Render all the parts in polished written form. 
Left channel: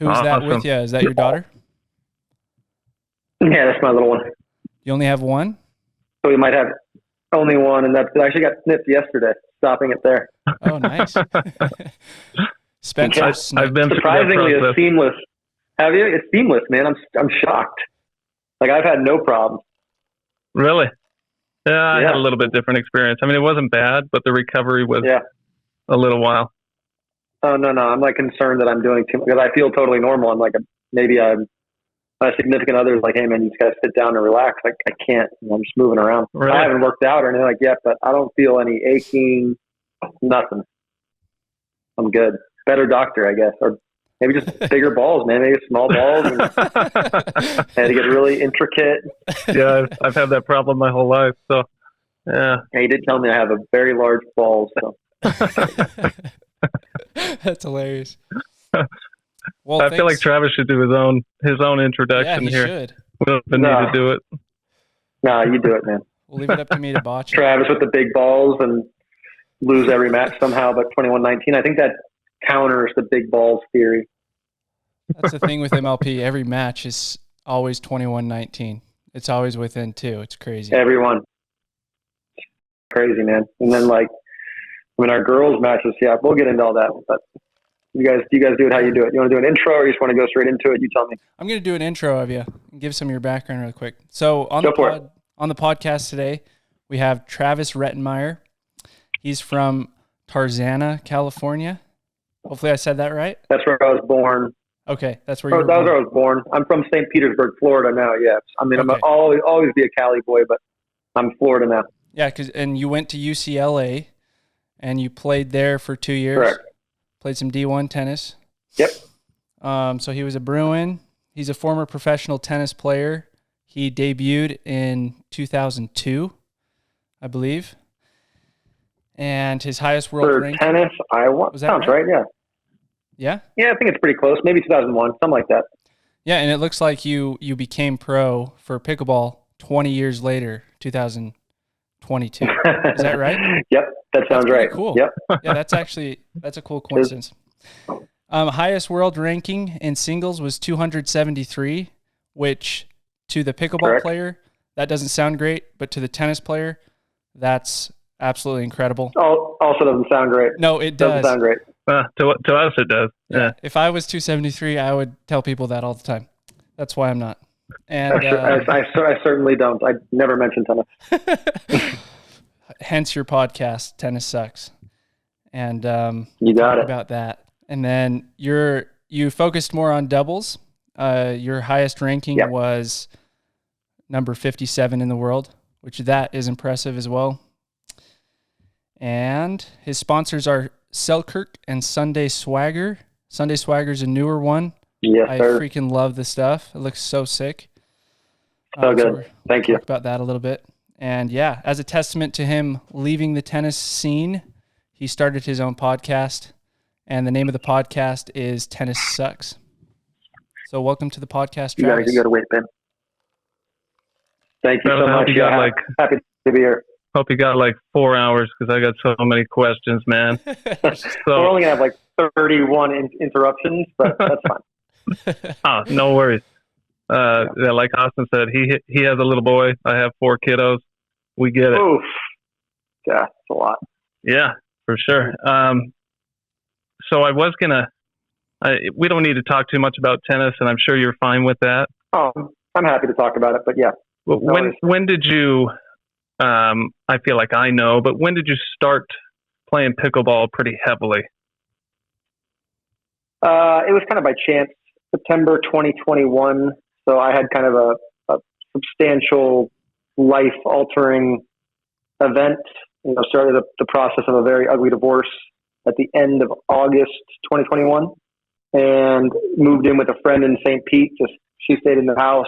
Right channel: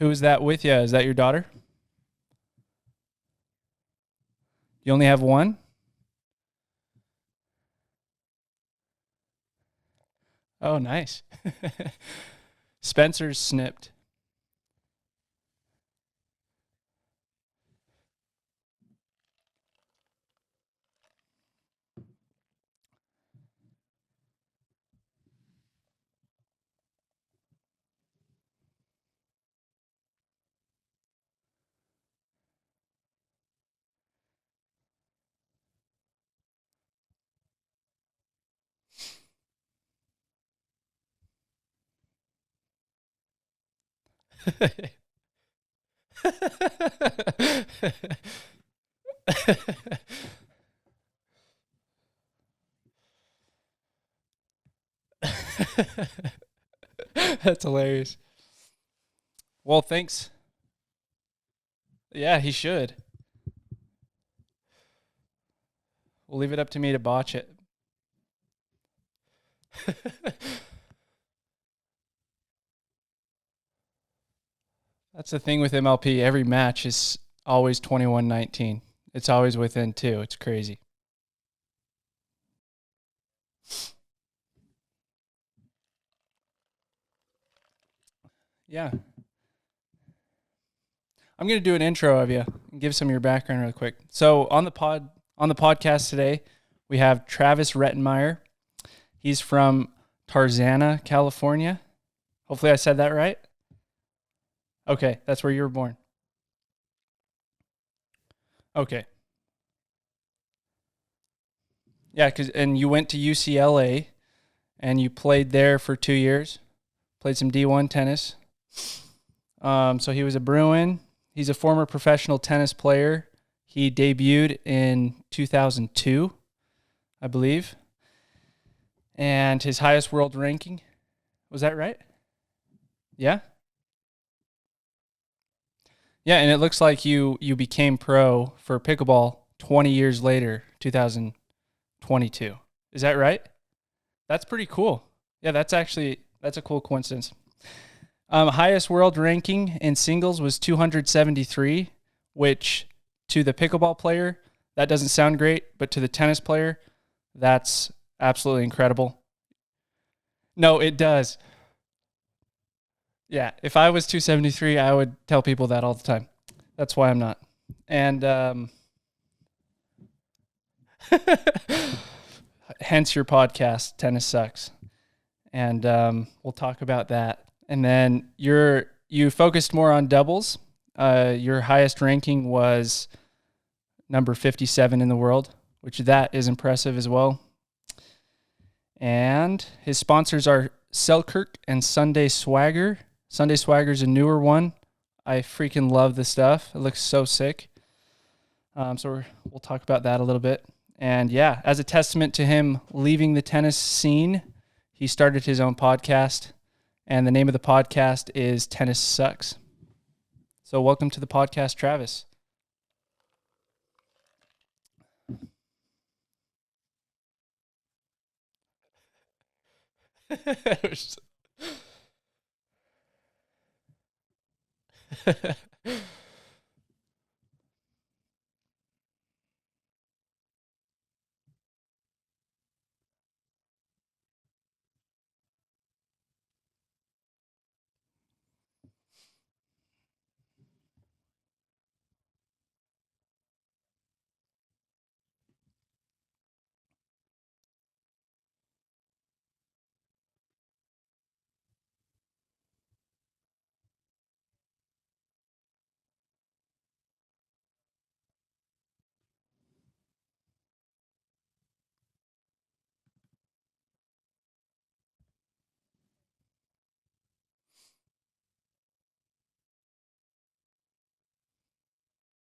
Who's that with you? Is that your daughter? Yeah, that's my little one. You only have one? So we might have only one, and that actually got snipped yesterday, stopping it there. Oh, nice. Spencer snipped. I've been surprisingly it's seamless. Have you? It's seamless, man. I'm shocked. Like, I've had no problems. Really? Yeah, I had a little bit different experience. I mean, it wasn't bad, but the recovery was a little while. Oh, no. I'm like concerned that I'm doing too much because I feel totally normal. I'm like, my significant other is like, hey, man, you just got to sit down and relax. Like, I can't. I'm just moving around. Really? I haven't worked out or anything like yet, but I don't feel any aching, nothing. I'm good. Better doctor, I guess. Or maybe just bigger balls, man. Maybe small balls. And they get really intricate. Yeah, I've had that problem my whole life. So, yeah. He did tell me I have a very large balls. So. That's hilarious. Well, I feel like Travis should do his own introduction. Yeah, he here. should. We don't need to do it. No, you do it, man. We'll leave it up to me to botch it. Travis with the big balls and lose every match somehow, but 21-19. I think that counters the big balls theory. That's the thing with MLP. Every match is always 21-19. It's always within 2. It's crazy. Everyone. Crazy, man. And then, like, I mean, our girls' matches, we'll get into all that. But you guys do it how you do it. You want to do an intro or you just want to go straight into it? You tell me. I'm going to do an intro of you and give some of your background real quick. So on the podcast today, we have Travis Rettenmaier. He's from Tarzana, California. Hopefully I said that right. That's where I was born. Okay, that's where you were born. That's where I was born. I'm from St. Petersburg, Florida now, yes. I mean, okay. I'll always be a Cali boy, but I'm Florida now. Yeah, and you went to UCLA, and you played there for 2 years. Correct. Played some D1 tennis. Yep. So he was a Bruin. He's a former professional tennis player. He debuted in 2002, I believe. And his highest world ranking. Tennis, Iowa. Was that Sounds right? Yeah. Yeah? Yeah, I think it's pretty close. Maybe 2001, something like that. Yeah, and it looks like you became pro for pickleball 20 years later, 2022. Is that right? Yep, that sounds right. Right. Cool. Yep. Yeah, that's a cool coincidence. Highest world ranking in singles was 273, which to the pickleball player, that doesn't sound great, but to the tennis player, that's absolutely incredible. Also doesn't sound great. No, it does. Doesn't sound great. To us, it does. Yeah. If I was 273, I would tell people that all the time. That's why I'm not. And I certainly don't. I never mention tennis. Hence your podcast, Tennis Sucks. And we'll talk about that. And then you focused more on doubles. Your highest ranking was number 57 in the world, which that is impressive as well. And his sponsors are Selkirk and Sunday Swagger. Sunday Swagger's a newer one. Yes, I sir. freaking love the stuff. It looks so sick. So good. Thank you. Talk about that a little bit. And yeah, as a testament to him leaving the tennis scene, he started his own podcast. And the name of the podcast is Tennis Sucks. So welcome to the podcast, Travis. You got to wait, Ben. Thank you so much. Happy to be here. Hope you got like 4 hours because I got so many questions, man. We're only going to have like 31 interruptions, but that's fine. No worries. Like Austin said, he has a little boy. I have 4 kiddos. We get it. Oof. Yeah, it's a lot. Yeah, for sure. So I was going to, we don't need to talk too much about tennis, and I'm sure you're fine with that. Oh, I'm happy to talk about it, but yeah. When did you, I feel like I know, but when did you start playing pickleball pretty heavily? It was kind of by chance, September 2021. So I had kind of a substantial life-altering event. Started the process of a very ugly divorce at the end of August 2021, and moved in with a friend in St. Pete. She stayed in the house.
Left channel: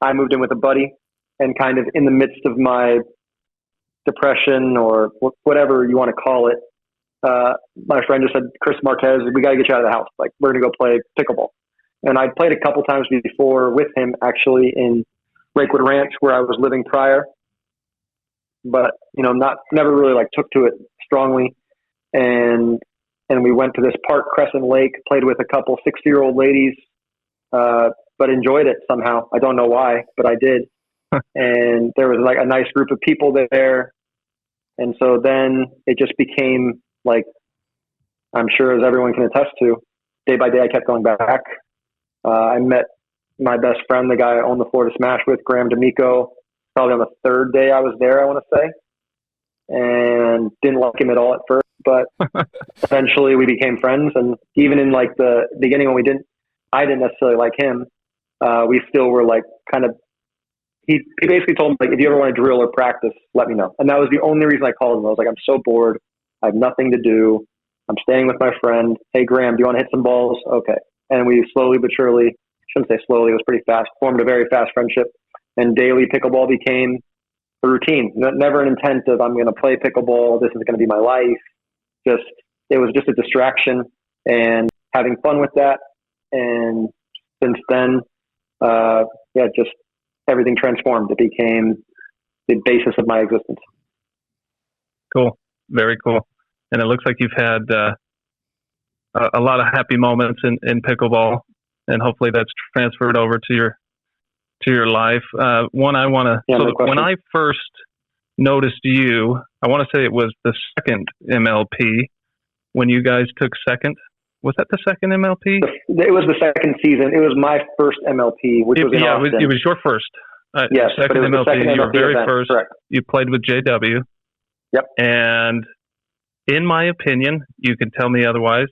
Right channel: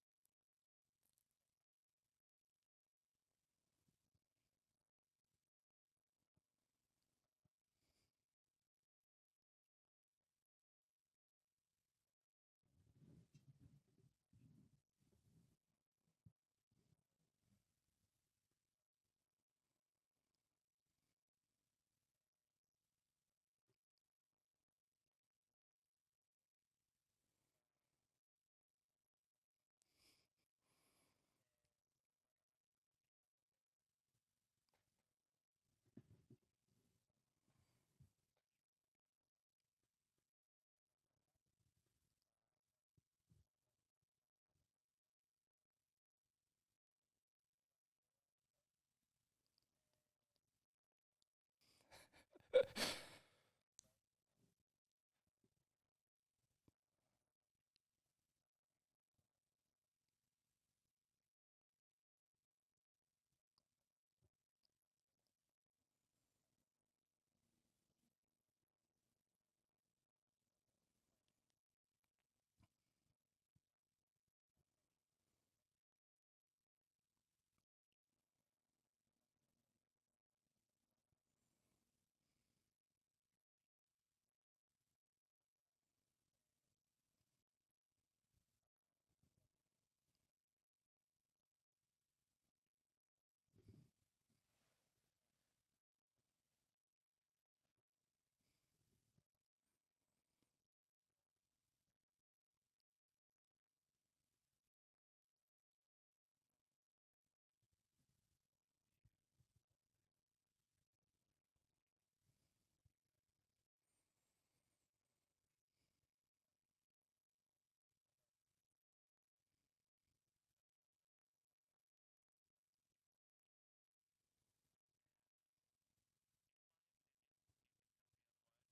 I moved in with a buddy, and kind of in the midst of my depression or whatever you want to call it, my friend just said, "Chris Marquez, we got to get you out of the house. Like, we're going to go play pickleball." And I played a couple times before with him, actually, in Lakewood Ranch, where I was living prior. But, never really like took to it strongly. And and we went to this park, Crescent Lake, played with a couple 60-year-old ladies, but enjoyed it somehow. I don't know why, but I did. And there was like a nice group of people there. And so then it just became like, I'm sure as everyone can attest to, day by day I kept going back. I met my best friend, the guy I owned the Florida Smash with, Graham D'Amico, probably on the third day I was there, I want to say. And didn't like him at all at first, but eventually we became friends. And even in like the beginning when I didn't necessarily like him, we still were like kind of, he basically told me, like, if you ever want to drill or practice, let me know. And that was the only reason I called him. I was like, I'm so bored. I have nothing to do. I'm staying with my friend. Hey, Graham, do you want to hit some balls? Okay. And we slowly but surely, shouldn't say slowly, it was pretty fast, formed a very fast friendship. And daily pickleball became a routine. Never an intent of I'm going to play pickleball. This is going to be my life. It was just a distraction and having fun with that. And since then, just everything transformed. It became the basis of my existence. Cool. Very cool. And it looks like you've had a lot of happy moments in pickleball, and hopefully that's transferred over to your life. One I want to, when I first noticed you, I want to say it was the second MLP when you guys took second. Was that the second MLP? It was the second season. It was my first MLP, which was in Austin. It was your first. Yes, second MLP. You were very event. first. Correct. You played with JW. Yep. And in my opinion, you can tell me otherwise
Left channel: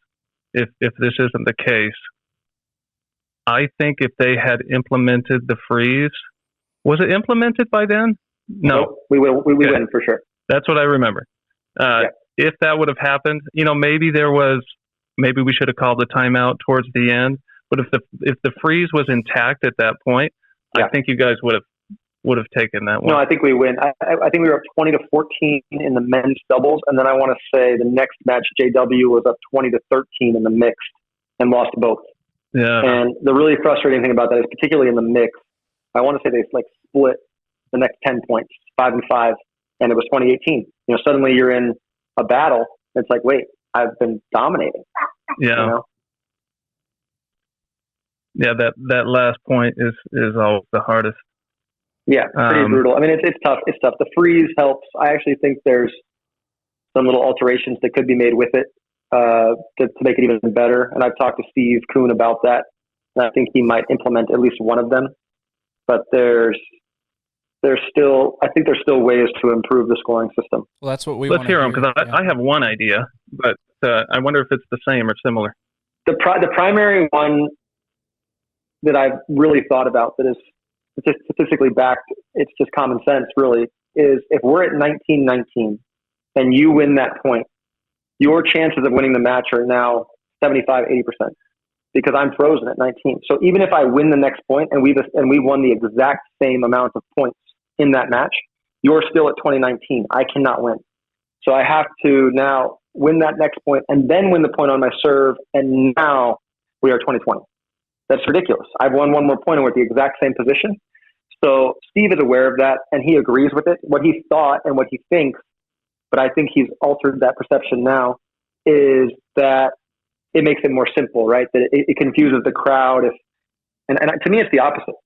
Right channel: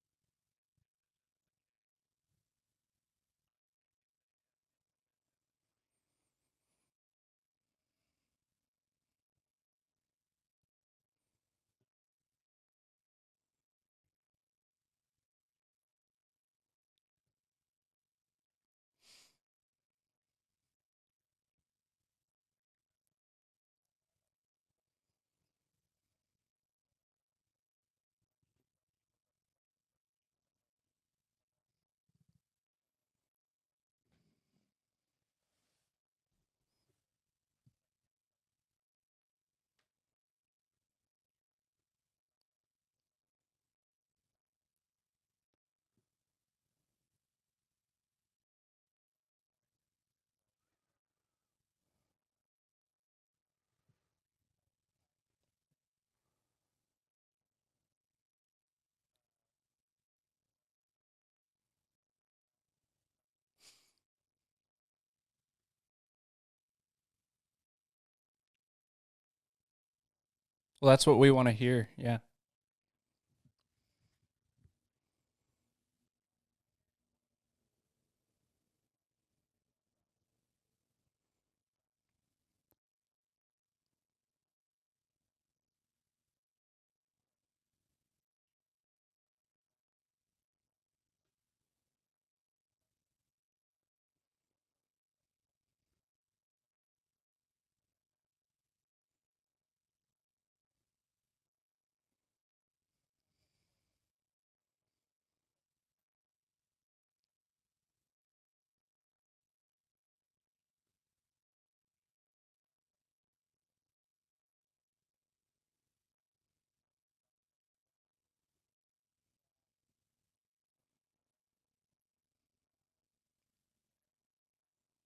if this isn't the case. I think if they had implemented the freeze, was it implemented by then? No. Nope. We win for sure. That's what I remember. If that would have happened, maybe we should have called the timeout towards the end. But if the freeze was intact at that point, I think you guys would have taken that one. No, I think we win. I think we were up 20-14 in the men's doubles, and then I want to say the next match JW was up 20-13 in the mixed and lost both. Yeah. And the really frustrating thing about that is, particularly in the mix, I want to say they like split the next 10 points, 5-5, and it was 2018. Suddenly you're in a battle. It's like, wait, I've been dominating. Yeah. Yeah, that last point is always the hardest. Yeah, pretty brutal. I mean, it's tough. It's tough. The freeze helps. I actually think there's some little alterations that could be made with it to make it even better. And I've talked to Steve Kuhn about that, and I think he might implement at least one of them. But there's still ways to improve the scoring system. Well, that's what we want to hear. Let's hear them, because I have one idea, but I wonder if it's the same or similar. The primary one that I've really thought about that is statistically backed, it's just common sense really, is if we're at 19-19 and you win that point, your chances of winning the match are now 75-80% because I'm frozen at 19. So even if I win the next point and we won the exact same amount of points in that match, you're still at 2019. I cannot win. So I have to now win that next point and then win the point on my serve, and now we are 2020. That's ridiculous. I've won one more point and we're at the exact same position. So Steve is aware of that and he agrees with it. What he thought and what he thinks, but I think he's altered that perception now, is that it makes it more simple, right? That it confuses the crowd. And to me, it's the opposite,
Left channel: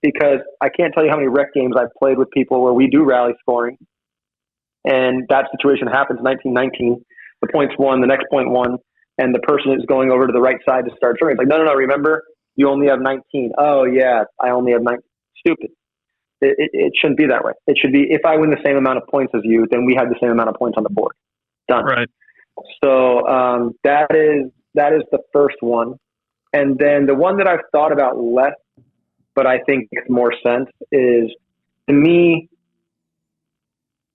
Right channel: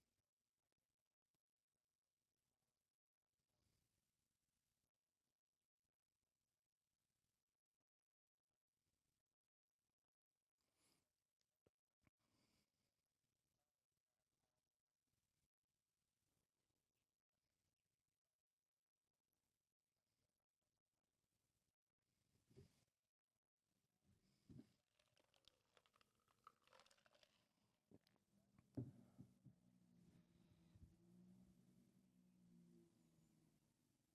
because I can't tell you how many rec games I've played with people where we do rally scoring and that situation happens 19-19. The point's won, the next point won, and the person is going over to the right side to start serving. It's like, no, remember, you only have 19. Oh, yeah, I only have 19. Stupid. It shouldn't be that way. It should be, if I win the same amount of points as you, then we have the same amount of points on the board. Done. Right. So that is the first one. And then the one that I've thought about less, but I think makes more sense, is, to me,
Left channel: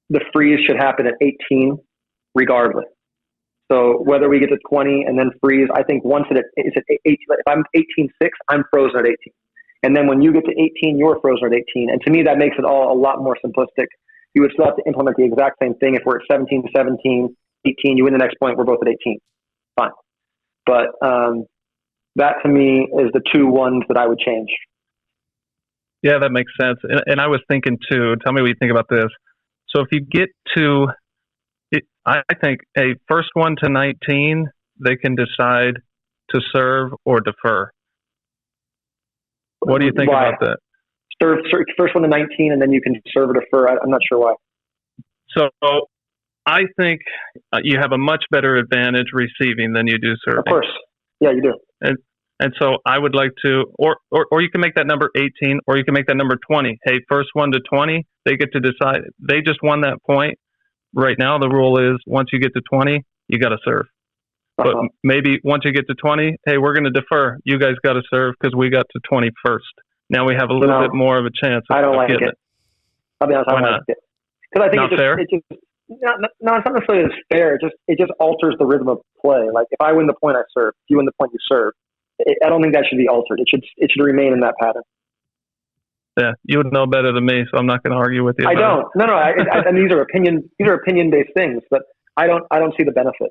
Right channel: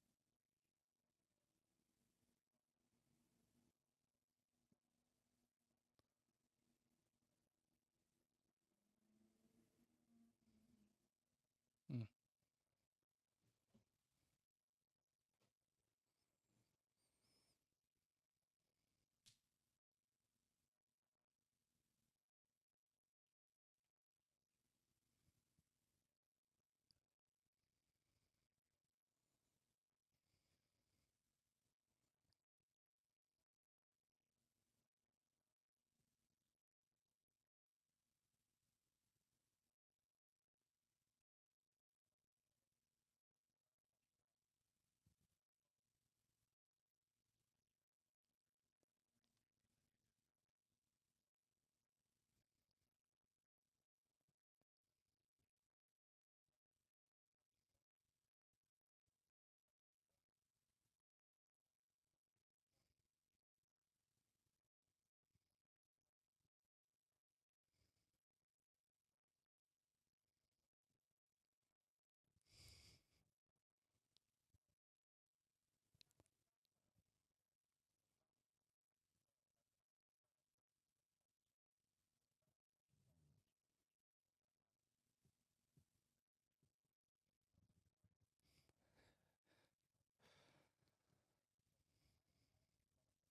the freeze should happen at 18 regardless. So whether we get to 20 and then freeze, I think once it's at 18, if I'm 18-6, I'm frozen at 18. And then when you get to 18, you're frozen at 18. And to me, that makes it all a lot more simplistic. You would still have to implement the exact same thing. If we're at 17-17, 18, you win the next point, we're both at 18. Fine. But that to me is the two ones that I would change. Yeah, that makes sense. And I was thinking too, tell me what you think about this. So if you get to, I think a first one to 19 they can decide to serve or defer. What do you think Why? about that? Serve first one to 19, and then you can serve or defer. I'm not sure why. So I think you have a much better advantage receiving than you do serving. Of course. Yeah, you do. And so I would like to, or you can make that number 18, or you can make that number 20. Hey, first one to 20, they get to decide. They just won that point. Right now, the rule is once you get to 20, you got to serve. But maybe once you get to 20, hey, we're going to defer. You guys got to serve because we got to 20 first. Now we have a little bit more of a chance of getting it. I'll be honest, I don't like it. Because I think it's not necessarily as fair. It just alters the rhythm of play. Like if I win the point, I serve. If you win the point, you serve. I don't think that should be altered. It should remain in that pattern. Yeah, you would know better than me, so I'm not going to argue with you. I don't. No. And these are opinion-based things, but I don't see the benefit.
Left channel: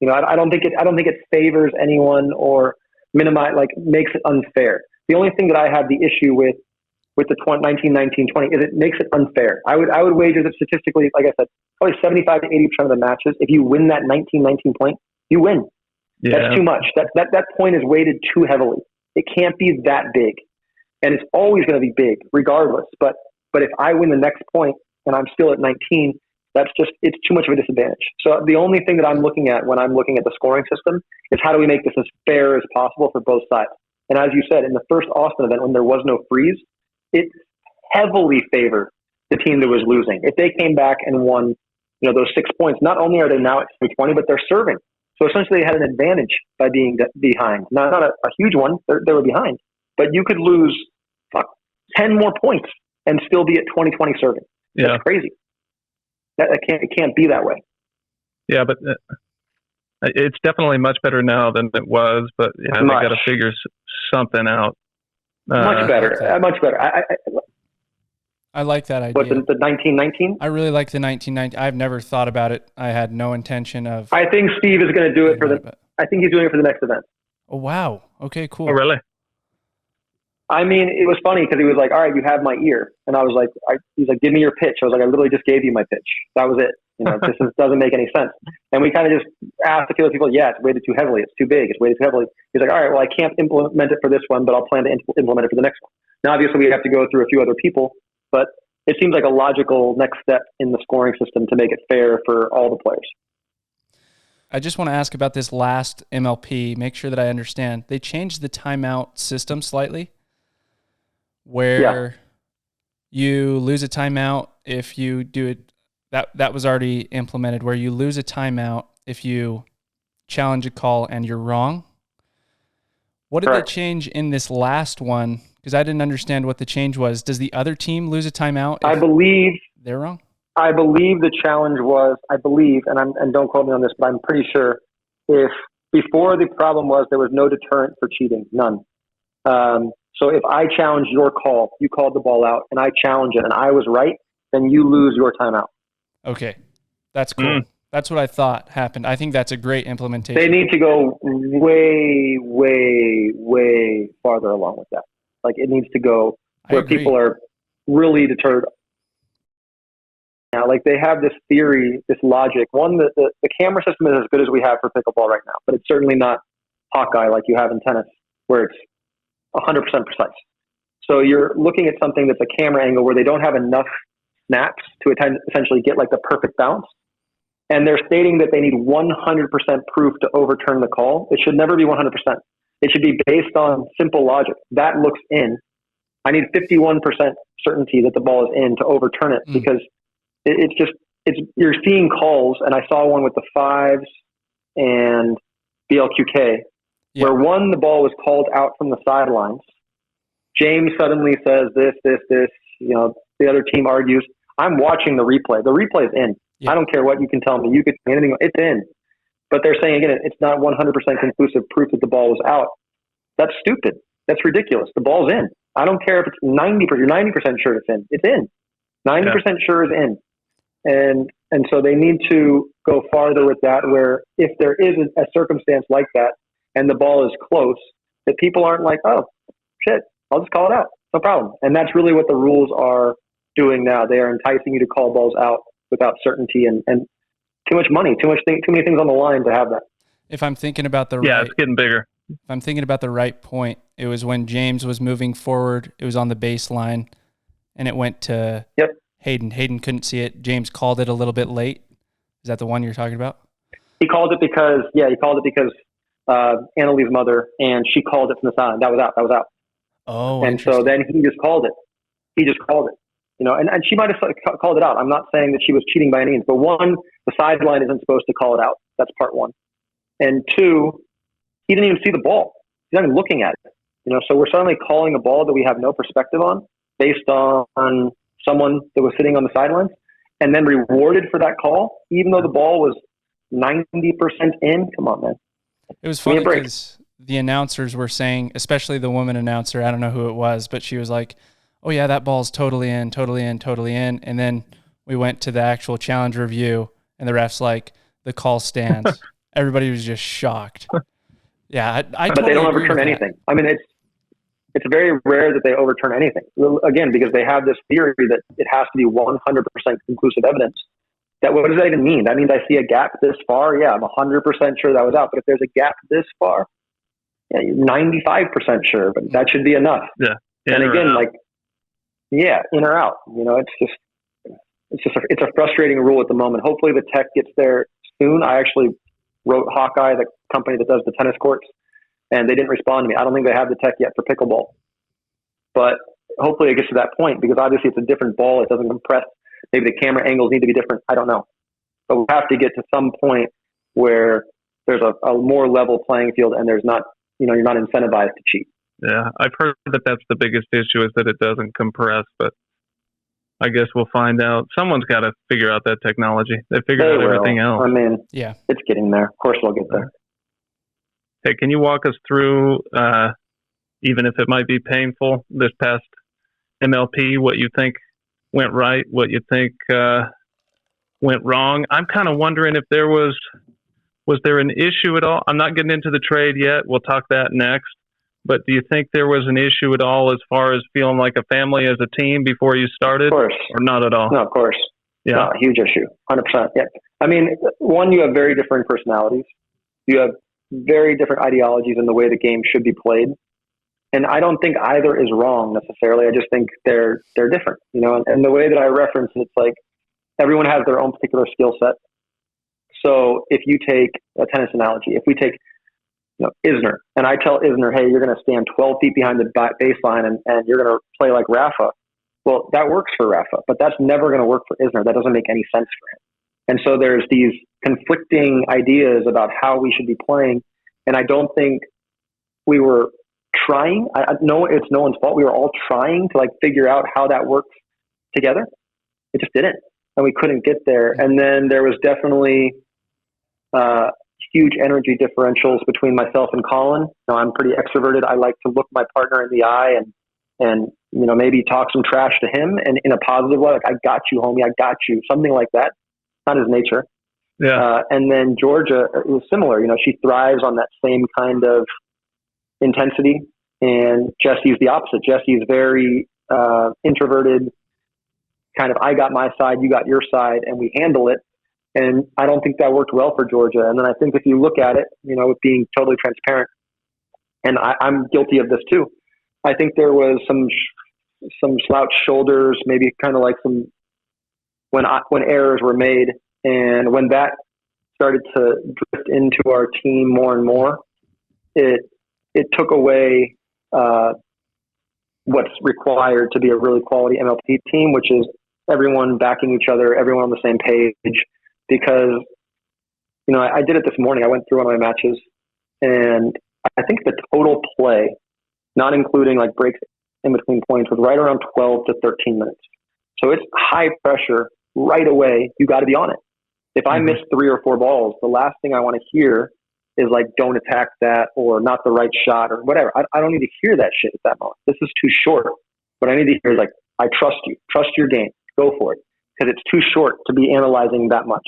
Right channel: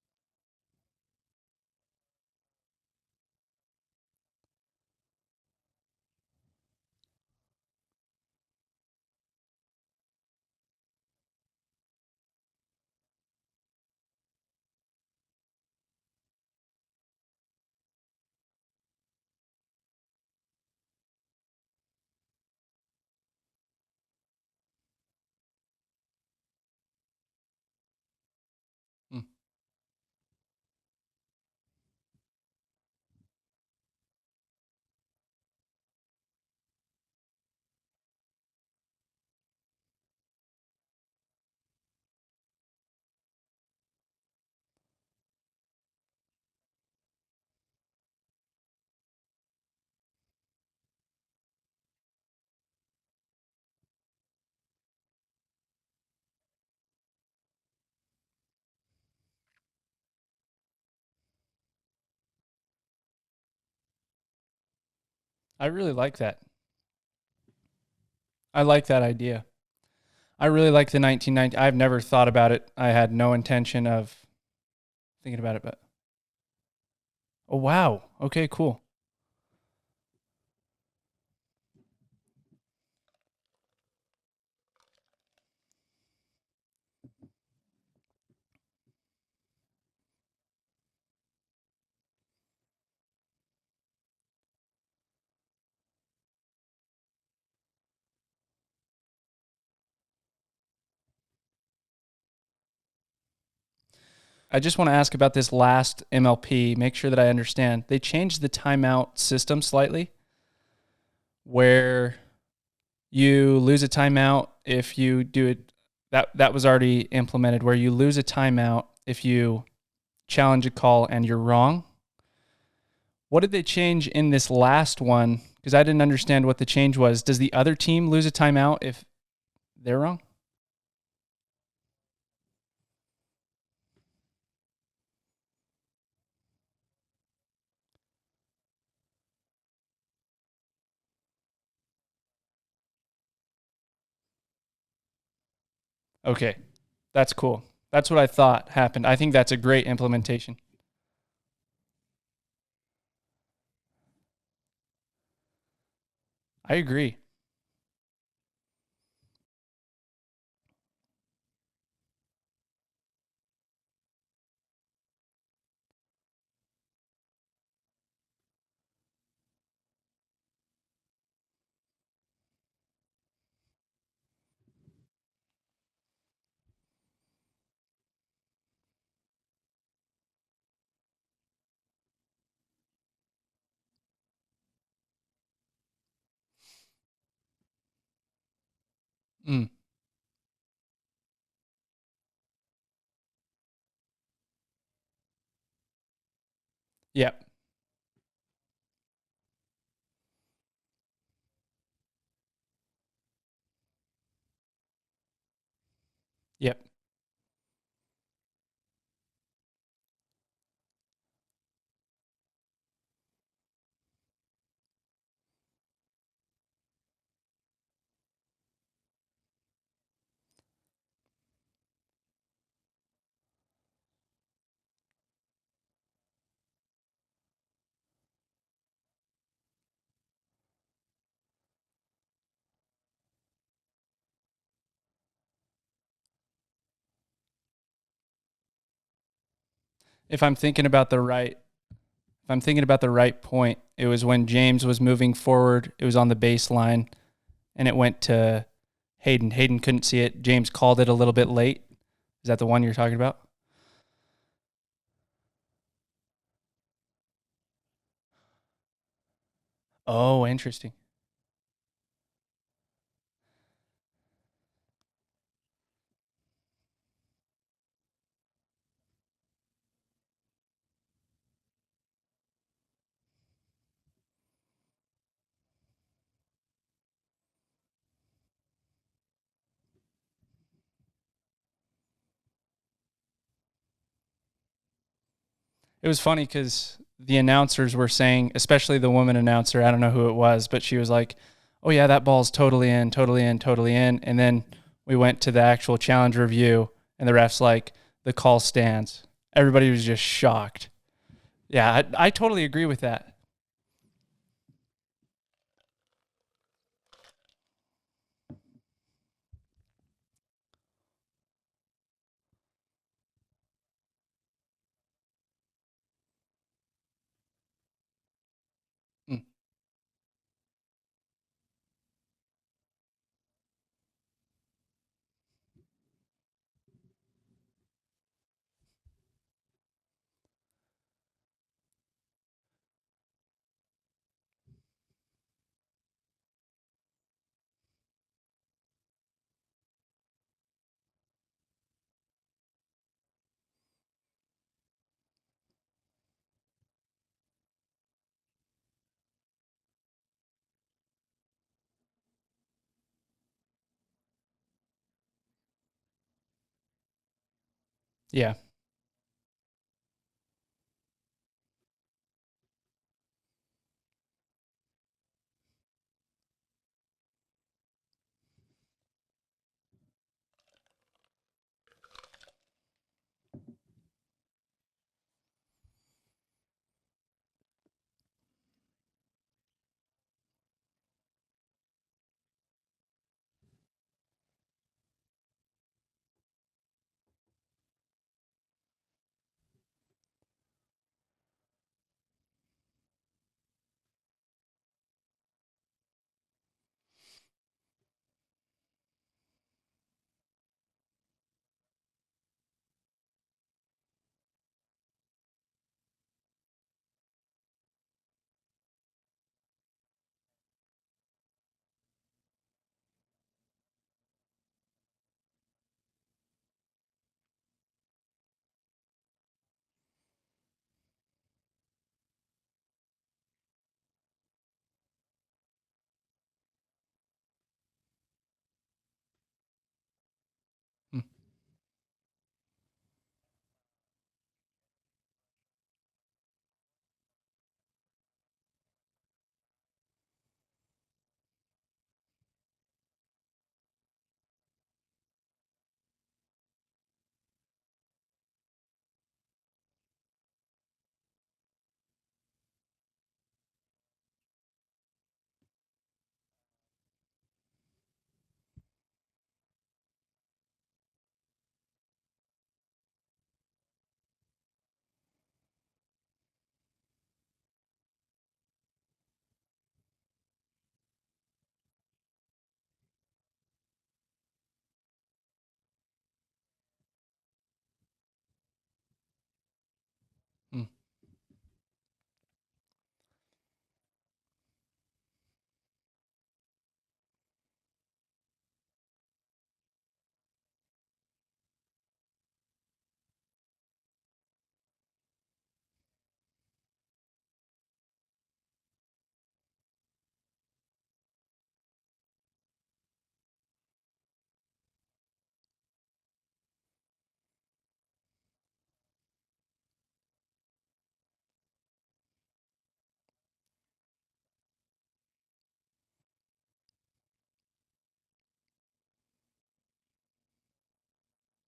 You know, I don't think it favors anyone or makes it unfair. The only thing that I have the issue with the 19-19-20 is it makes it unfair. I would wager that statistically, like I said, probably 75 to 80% of the matches, if you win that 19-19 point, you win. Yeah. That's too much. That point is weighted too heavily. It can't be that big, and it's always going to be big regardless. But if I win the next point and I'm still at 19, it's too much of a disadvantage. So the only thing that I'm looking at when I'm looking at the scoring system is how do we make this as fair as possible for both sides. And as you said, in the first Austin event, when there was no freeze, it heavily favored the team that was losing. If they came back and won, those 6 points, not only are they now at 20, but they're serving. So essentially, they had an advantage by being behind. Not a huge one; they were behind, but you could lose 10 more points and still be at 20-20 serving. Yeah. That's crazy. It can't be that way. Yeah, but it's definitely much better now than it was. But they got to figure something out. Much better. Much better. I like that idea. What, the 19-19? I really like the 19-19. I've never thought about it. I had no intention of. I think Steve is going to do it I think he's doing it for the next event. Oh, wow. Okay, cool. Oh, really? I mean, it was funny because he was like, all right, you have my ear. And I was like, he's like, give me your pitch. I was like, I literally just gave you my pitch. That was it. This doesn't make any sense. And we kind of just asked a few people, yeah, it's weighted too heavily. It's too big. It's weighted too heavily. He's like, all right, well, I can't implement it for this one, but I'll plan to implement it for the next one. Now, obviously, we have to go through a few other people, but it seems like a logical next step in the scoring system to make it fair for all the players. I just want to ask about this last MLP, make sure that I understand. They changed the timeout system slightly where you lose a timeout if you do it. That was already implemented, where you lose a timeout if you challenge a call and you're wrong. What did they change in this last one? Because I didn't understand what the change was. Does the other team lose a timeout if I believe they're wrong? I believe the challenge was, and don't quote me on this, but I'm pretty sure if before the problem was there was no deterrent for cheating, none. So if I challenge your call, you called the ball out, and I challenge it, and I was right, then you lose your timeout. Okay, that's cool. That's what I thought happened. I think that's a great implementation. They need to go way, way, way farther along with that. Like it needs to go where people are really deterred. Now, like they have this theory, this logic. One, the camera system is as good as we have for pickleball right now, but it's certainly not Hawkeye like you have in tennis, where it's 100% precise. So you're looking at something that's a camera angle where they don't have enough snaps to essentially get like the perfect bounce. And they're stating that they need 100% proof to overturn the call. It should never be 100%. It should be based on simple logic. That looks in. I need 51% certainty that the ball is in to overturn it because you're seeing calls, and I saw one with the fives and BLQK, where one, the ball was called out from the sidelines. James suddenly says this, the other team argues. I'm watching the replay. The replay is in. I don't care what you can tell me. You could say anything. It's in. But they're saying, again, it's not 100% conclusive proof that the ball was out. That's stupid. That's ridiculous. The ball's in. I don't care if it's 90%. You're 90% sure it's in. It's in. 90% sure is in. And so they need to go farther with that, where if there is a circumstance like that and the ball is close, that people aren't like, oh, shit, I'll just call it out. No problem. And that's really what the rules are doing now. They are enticing you to call balls out without certainty and too much money, too many things on the line to have that. If I'm thinking about the it's getting bigger. If I'm thinking about the right point, it was when James was moving forward. It was on the baseline, and it went to Hayden. Hayden couldn't see it. James called it a little bit late. Is that the one you're talking about? He called it because Annalie's mother, and she called it from the sideline. That was out. Oh, and interesting. So then he just called it. And she might have called it out. I'm not saying that she was cheating by any means, but one, the sideline isn't supposed to call it out. That's part one. And two, he didn't even see the ball. He's not even looking at it. So we're suddenly calling a ball that we have no perspective on based on someone that was sitting on the sidelines, and then rewarded for that call, even though the ball was 90% in. Come on, man. It was funny because the announcers were saying, especially the woman announcer, I don't know who it was, but she was like, oh yeah, that ball's totally in, totally in, totally in. And then we went to the actual challenge review, and the ref's like, the call stands. Everybody was just shocked. Yeah, I totally they don't agree with overturn anything. I mean, it's very rare that they overturn anything. Again, because they have this theory that it has to be 100% conclusive evidence. What does that even mean? That means I see a gap this far. Yeah, I'm 100% sure that was out. But if there's a gap this far, yeah, you're 95% sure. But that should be enough. Yeah. And again, in or out. It's a frustrating rule at the moment. Hopefully the tech gets there soon. I actually wrote Hawkeye, the company that does the tennis courts, and they didn't respond to me. I don't think they have the tech yet for pickleball. But hopefully it gets to that point, because obviously it's a different ball. It doesn't compress. Maybe the camera angles need to be different. I don't know. But we have to get to some point where there's a more level playing field, and there's not, you're not incentivized to cheat. Yeah, I've heard that that's the biggest issue, is that it doesn't compress, but I guess we'll find out. Someone's got to figure out that technology. They figured out everything else. I mean, yeah, it's getting there. Of course we'll get there. Hey, can you walk us through, even if it might be painful, this past MLP, what you think went right, what you think went wrong? I'm kind of wondering if there was there an issue at all? I'm not getting into the trade yet. We'll talk that next. But do you think there was an issue at all as far as feeling like a family as a team before you started? Of course. Or not at all? No, of course. Yeah. No, huge issue. 100%. Yeah. I mean, one, you have very different personalities. You have very different ideologies in the way the game should be played. And I don't think either is wrong necessarily. I just think they're different, and the way that I reference it, it's like everyone has their own particular skill set. So if you take a tennis analogy, if we take Isner, and I tell Isner, hey, you're going to stand 12 feet behind the baseline and you're going to play like Rafa. Well, that works for Rafa, but that's never going to work for Isner. That doesn't make any sense for him. And so there's these conflicting ideas about how we should be playing. And I don't think we were trying. I know it's no one's fault. We were all trying to figure out how that works together. It just didn't. And we couldn't get there. And then there was definitely huge energy differentials between myself and Collin. I'm pretty extroverted. I like to look my partner in the eye and maybe talk some trash to him, and in a positive way, like, I got you, homie, I got you, something like that. Not his nature. Yeah. And then Georgia is similar. She thrives on that same kind of intensity. And Jesse's the opposite. Jesse's very introverted, kind of, I got my side, you got your side, and we handle it. And I don't think that worked well for Georgia. And then I think if you look at it, with being totally transparent, and I'm guilty of this too, I think there was some slouched shoulders, maybe kind of like some, when errors were made, and when that started to drift into our team more and more, it took away what's required to be a really quality MLP team, which is everyone backing each other, everyone on the same page. Because, I did it this morning. I went through one of my matches, and I think the total play, not including breaks in between points, was right around 12 to 13 minutes. So it's high pressure right away. You got to be on it. If I miss 3 or 4 balls, the last thing I want to hear is don't attack that, or not the right shot, or whatever. I don't need to hear that shit at that moment. This is too short. What I need to hear is I trust you. Trust your game. Go for it. Because it's too short to be analyzing that much.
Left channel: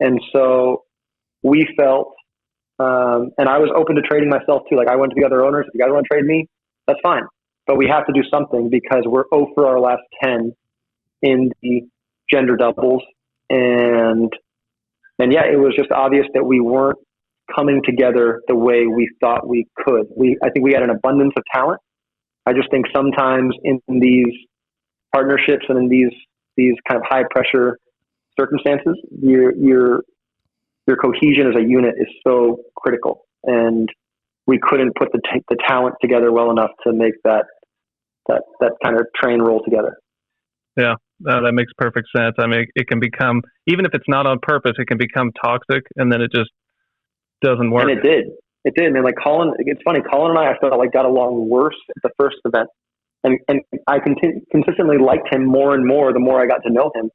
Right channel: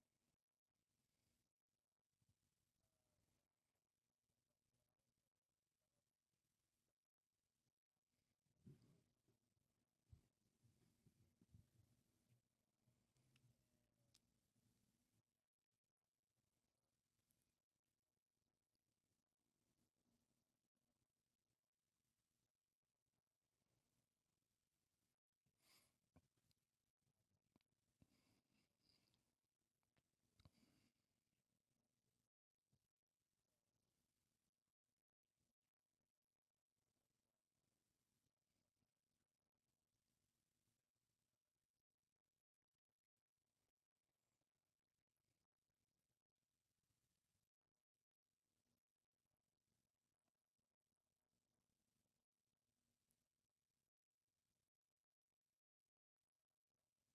And so we felt, and I was open to trading myself too. I went to the other owners. If you guys want to trade me, that's fine. But we have to do something, because we're 0 for our last 10 in the gender doubles. And yeah, it was just obvious that we weren't coming together the way we thought we could. I think we had an abundance of talent. I just think sometimes in these partnerships and in these kind of high pressure circumstances, your cohesion as a unit is so critical, and we couldn't put the talent together well enough to make that kind of train roll together. Yeah, that makes perfect sense. I mean, it can become, even if it's not on purpose, it can become toxic, and then it just doesn't work. And it did. Man, like Collin, it's funny, Collin and I felt like got along worse at the first event. And I consistently liked him more and more the more I got to know him.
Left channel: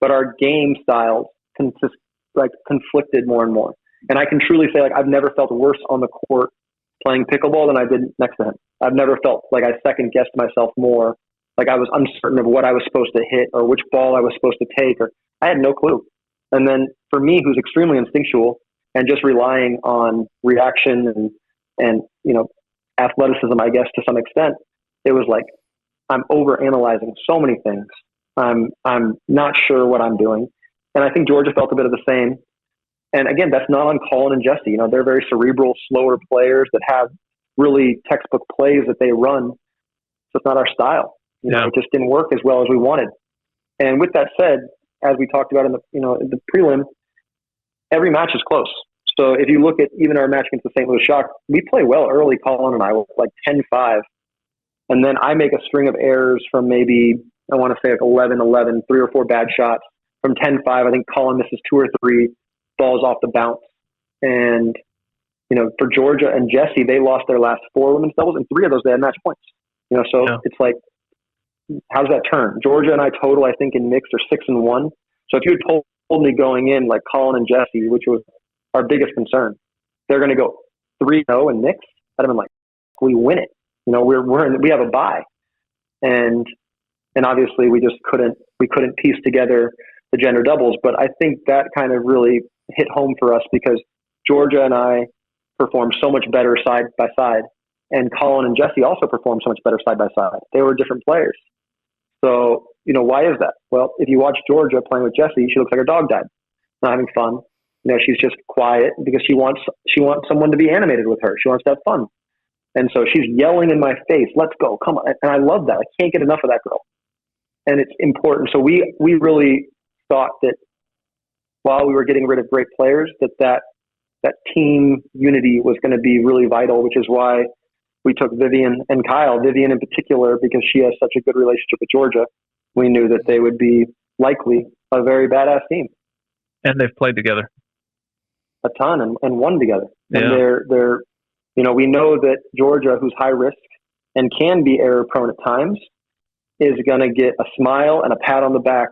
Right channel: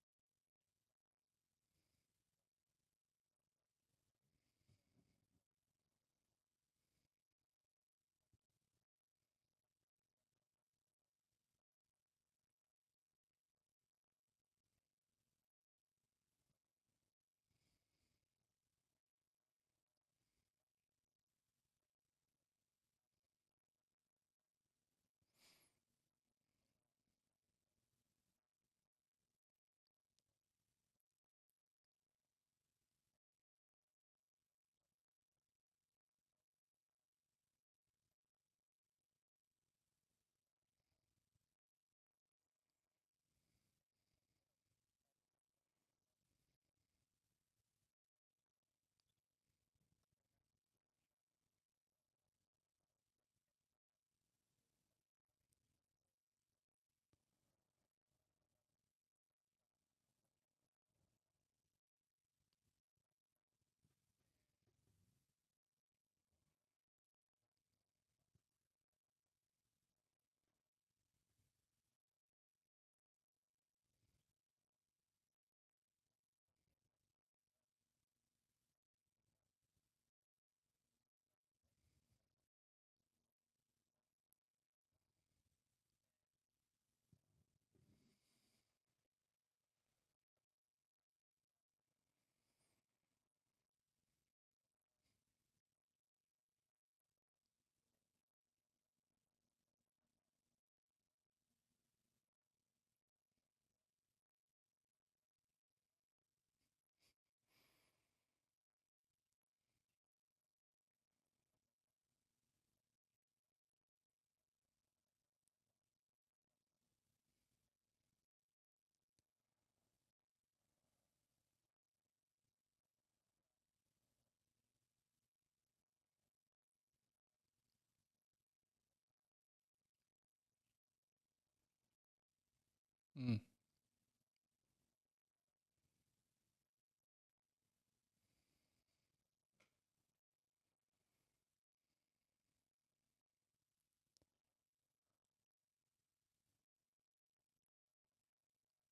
But our game styles conflicted more and more. And I can truly say, like, I've never felt worse on the court playing pickleball than I did next to him. I've never felt like I second guessed myself more, like I was uncertain of what I was supposed to hit or which ball I was supposed to take, or I had no clue. And then for me, who's extremely instinctual and just relying on reaction and athleticism, I guess, to some extent, it was like I'm over analyzing so many things. I'm not sure what I'm doing. And I think Georgia felt a bit of the same. And again, that's not on Collin and Jesse. They're very cerebral, slower players that have really textbook plays that they run. So it's not our style. It just didn't work as well as we wanted. And with that said, as we talked about in the prelim, every match is close. So if you look at even our match against the St. Louis Shock, we play well early, Collin and I, with like 10-5. And then I make a string of errors from maybe, I want to say like 11-11, 3 or 4 bad shots. From 10-5, I think Collin misses 2 or 3 balls off the bounce. And, for Georgia and Jesse, they lost their last 4 women's doubles, and 3 of those they had match points. It's like, how does that turn? Georgia and I total, I think, in mixed are 6-1. So if you had told me going in, like Collin and Jesse, which was our biggest concern, they're going to go 3-0 in mixed, I'd have been like, we win it. We have a bye. And obviously we just couldn't piece together the gender doubles. But I think that kind of really hit home for us because Georgia and I performed so much better side by side. And Collin and Jesse also performed so much better side by side. They were different players. So, why is that? Well, if you watch Georgia playing with Jesse, she looks like her dog died, not having fun. She's just quiet because she wants someone to be animated with her. She wants to have fun. And so she's yelling in my face, let's go, come on. And I love that. I can't get enough of that girl. And it's important. So we really thought that while we were getting rid of great players, that team unity was going to be really vital, which is why we took Vivian and Kyle. Vivian in particular, because she has such a good relationship with Georgia, we knew that they would be likely a very badass team. And they've played together a ton and won together. Yeah. And they're we know that Georgia, who's high risk and can be error prone at times, is going to get a smile and a pat on the back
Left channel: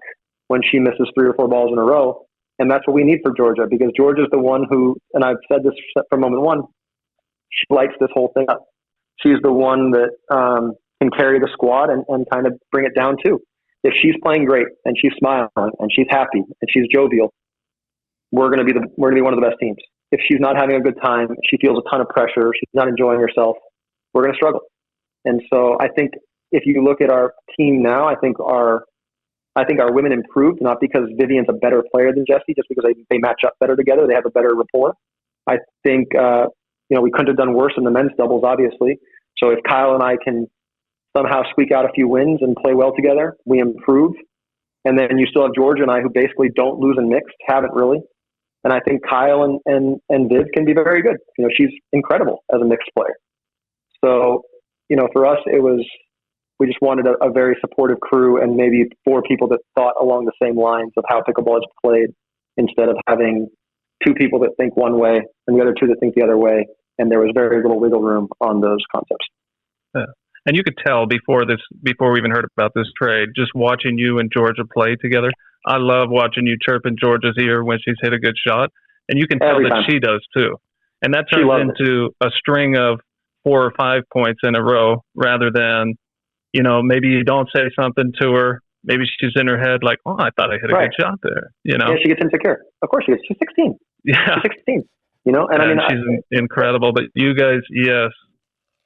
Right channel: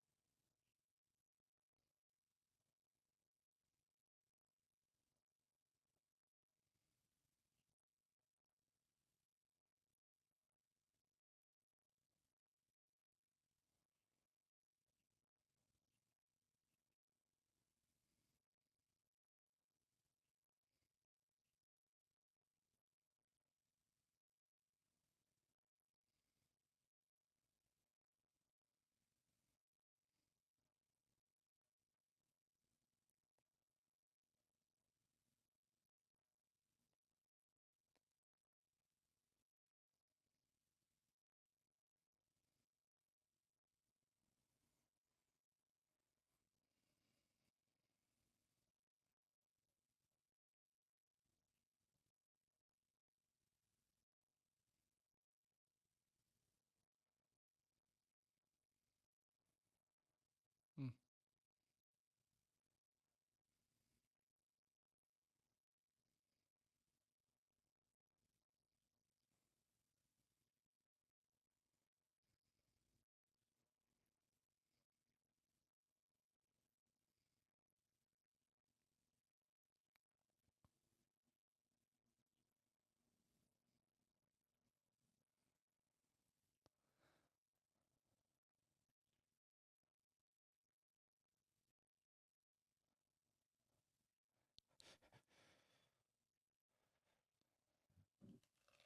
when she misses 3 or 4 balls in a row. And that's what we need for Georgia, because Georgia's the one who, and I've said this from moment one, she lights this whole thing up. She's the one that can carry the squad and kind of bring it down too. If she's playing great and she's smiling and she's happy and she's jovial, we're going to be one of the best teams. If she's not having a good time, she feels a ton of pressure, she's not enjoying herself, we're going to struggle. And so I think if you look at our team now, I think our women improved, not because Vivian's a better player than Jesse, just because they match up better together. They have a better rapport. I think, we couldn't have done worse in the men's doubles, obviously. So if Kyle and I can somehow squeak out a few wins and play well together, we improve. And then you still have Georgia and I, who basically don't lose in mixed, haven't really. And I think Kyle and Viv can be very good. She's incredible as a mixed player. So, for us, we just wanted a very supportive crew and maybe 4 people that thought along the same lines of how pickleball is played, instead of having 2 people that think one way and the other 2 that think the other way. And there was very little wiggle room on those concepts. Yeah. And you could tell before we even heard about this trade, just watching you and Georgia play together. I love watching you chirp in Georgia's ear when she's hit a good shot. And you can tell Every that time. She does too. And that turns into a string of 4 or 5 points in a row, rather than, maybe you don't say something to her. Maybe she's in her head like, oh, I thought I hit a good shot there. Yeah, she gets insecure. Of course she gets. She's 16. Yeah. She's 16. And she's incredible. But you guys, yes,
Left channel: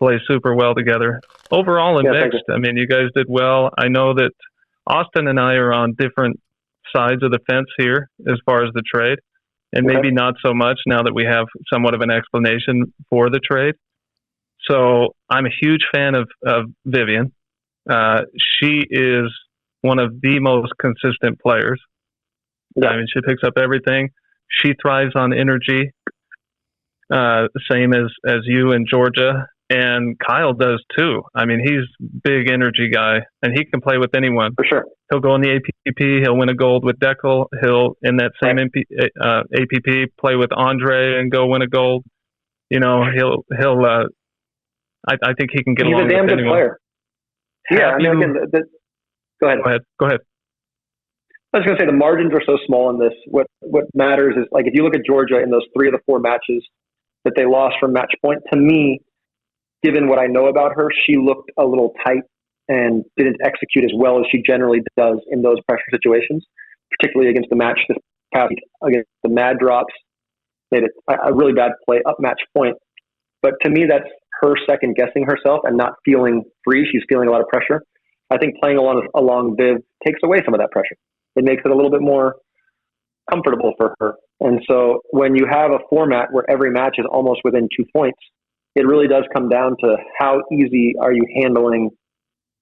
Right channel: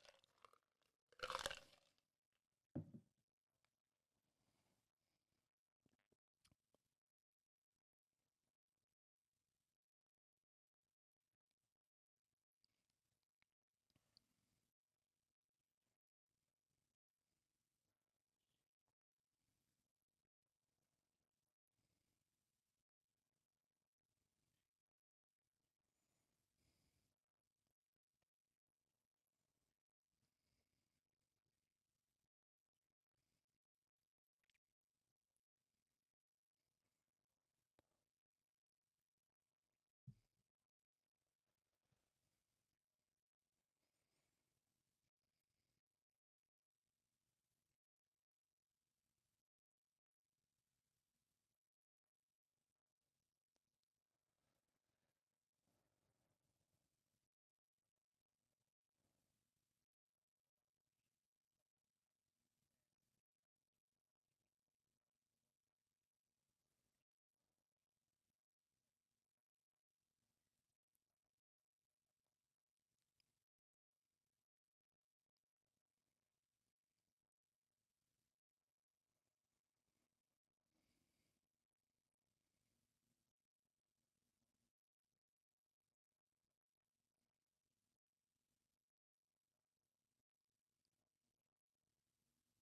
play super well together. Overall in mixed, you guys did well. I know that Austin and I are on different sides of the fence here as far as the trade. and maybe not so much now that we have somewhat of an explanation for the trade. So I'm a huge fan of Vivian. She is one of the most consistent players. I mean, she picks up everything. She thrives on energy, same as you and Georgia. And Kyle does too. I mean, he's a big energy guy, and he can play with anyone. For sure. He'll go in the APP. He'll win a gold with Deckel. He'll, in that same APP, play with Andre and go win a gold. You know, I think he can get along with anyone. He's a damn good player. Yeah, I mean, again, go ahead. Go ahead. I was going to say the margins are so small in this. What matters is, like, if you look at Georgia in those 3 of the 4 matches that they lost from match point, to me, given what I know about her, she looked a little tight and didn't execute as well as she generally does in those pressure situations, particularly against the match this past week against the Mad Drops. Made it a really bad play up match point. But to me, that's her second guessing herself and not feeling free. She's feeling a lot of pressure. I think playing along Viv takes away some of that pressure. It makes it a little bit more comfortable for her. And so when you have a format where every match is almost within 2 points, it really does come down to how easy are you handling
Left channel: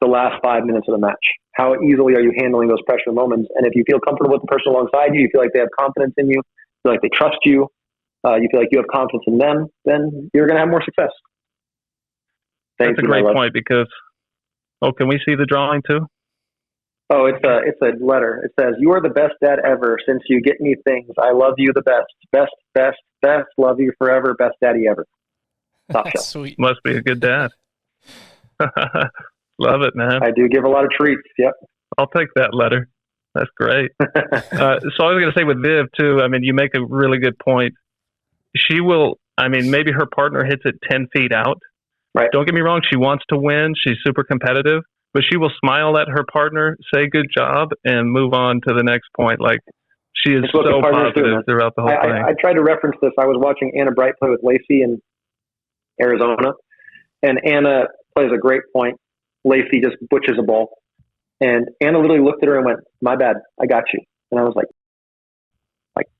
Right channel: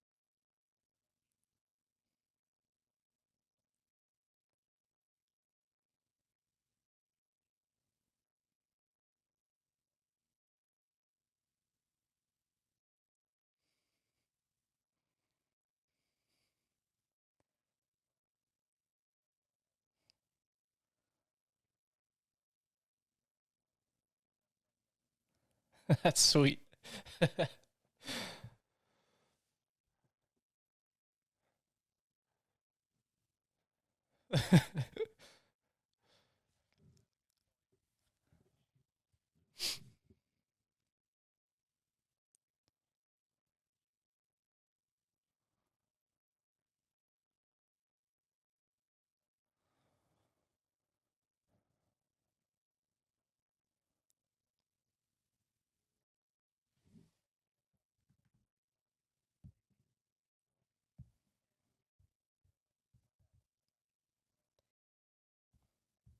the last 5 minutes of the match? How easily are you handling those pressure moments? And if you feel comfortable with the person alongside you, you feel like they have confidence in you, feel like they trust you, you feel like you have confidence in them, then you're going to have more success. That's a great point because, can we see the drawing too? Oh, it's a letter. It says, "You are the best dad ever. Since you get me things, I love you the best. Best, best, best. Love you forever. Best daddy ever." That's sweet. Must be a good dad. Love it, man. I do give a lot of treats. Yep. I'll take that letter. That's great. So I was going to say with Viv too, I mean, you make a really good point. She will, I mean, maybe her partner hits it 10 feet out. Right. Don't get me wrong. She wants to win. She's super competitive, but she will smile at her partner, say good job, and move on to the next point. Like, she is so positive throughout the whole thing. I tried to reference this. I was watching Anna Bright play with Lacey in Arizona, and Anna plays a great point. Lacey just butches a ball. And Anna literally looked at her and went, "My bad, I got you." And I was like,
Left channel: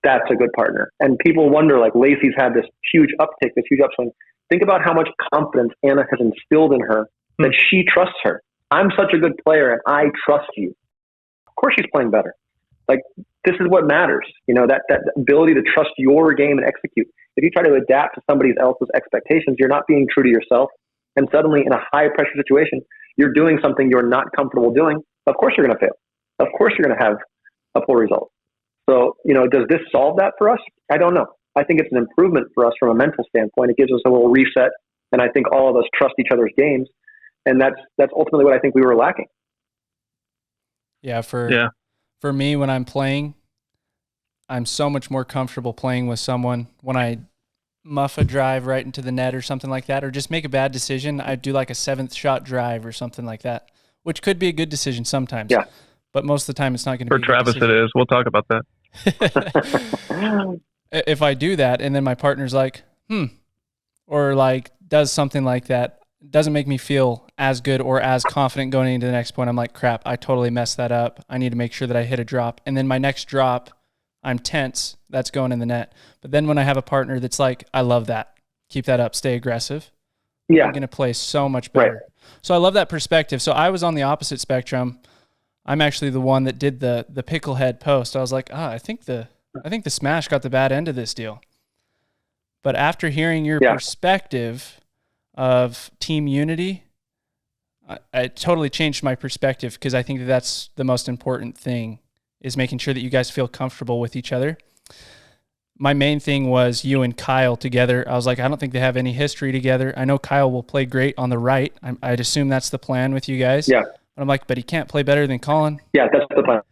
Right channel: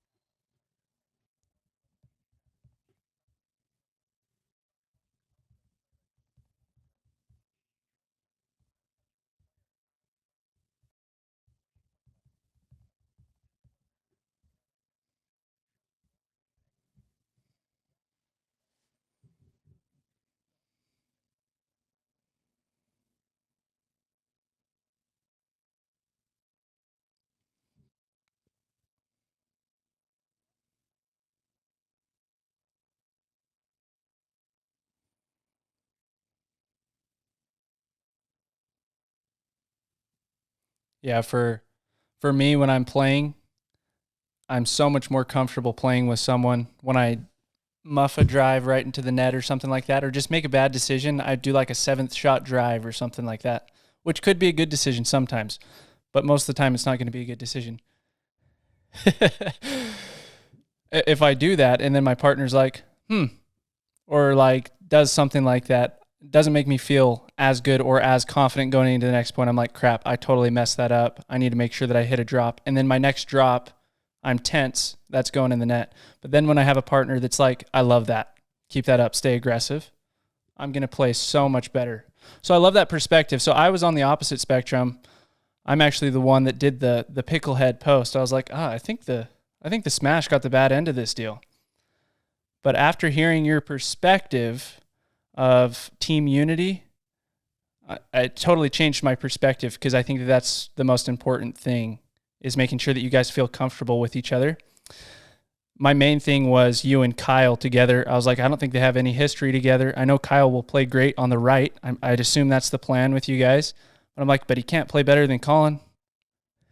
that's a good partner. And people wonder, like, Lacey's had this huge uptick, this huge upswing. Think about how much confidence Anna has instilled in her that she trusts her. I'm such a good player and I trust you. Of course she's playing better. Like, this is what matters. You know, that ability to trust your game and execute. If you try to adapt to somebody else's expectations, you're not being true to yourself. And suddenly in a high pressure situation, you're doing something you're not comfortable doing. Of course you're going to fail. Of course you're going to have a poor result. So, you know, does this solve that for us? I don't know. I think it's an improvement for us from a mental standpoint. It gives us a little reset. And I think all of us trust each other's games. And that's ultimately what I think we were lacking. Yeah. For me, when I'm playing, I'm so much more comfortable playing with someone. When I muff a drive right into the net or something like that, or just make a bad decision, I do like a 7th shot drive or something like that, which could be a good decision sometimes. Yeah. But most of the time, it's not going to be a good decision. For Travis, it is. We'll talk about that. If I do that and then my partner's like, or like does something like that, doesn't make me feel as good or as confident going into the next point. I'm like, crap, I totally messed that up. I need to make sure that I hit a drop. And then my next drop, I'm tense. That's going in the net. But then when I have a partner that's like, I love that. Keep that up. Stay aggressive. Yeah. I'm going to play so much better. Right. So I love that perspective. So I was on the opposite spectrum. I'm actually the one that did the picklehead post. I was like, I think the Smash got the bad end of this deal. But after hearing your perspective of team unity, I totally changed my perspective, because I think that's the most important thing, is making sure that you guys feel comfortable with each other. My main thing was you and Kyle together. I was like, I don't think they have any history together. I know Kyle will play great on the right. I'd assume that's the plan with you guys. Yeah. But I'm like, but he can't play better than Collin. Yeah, that's the plan.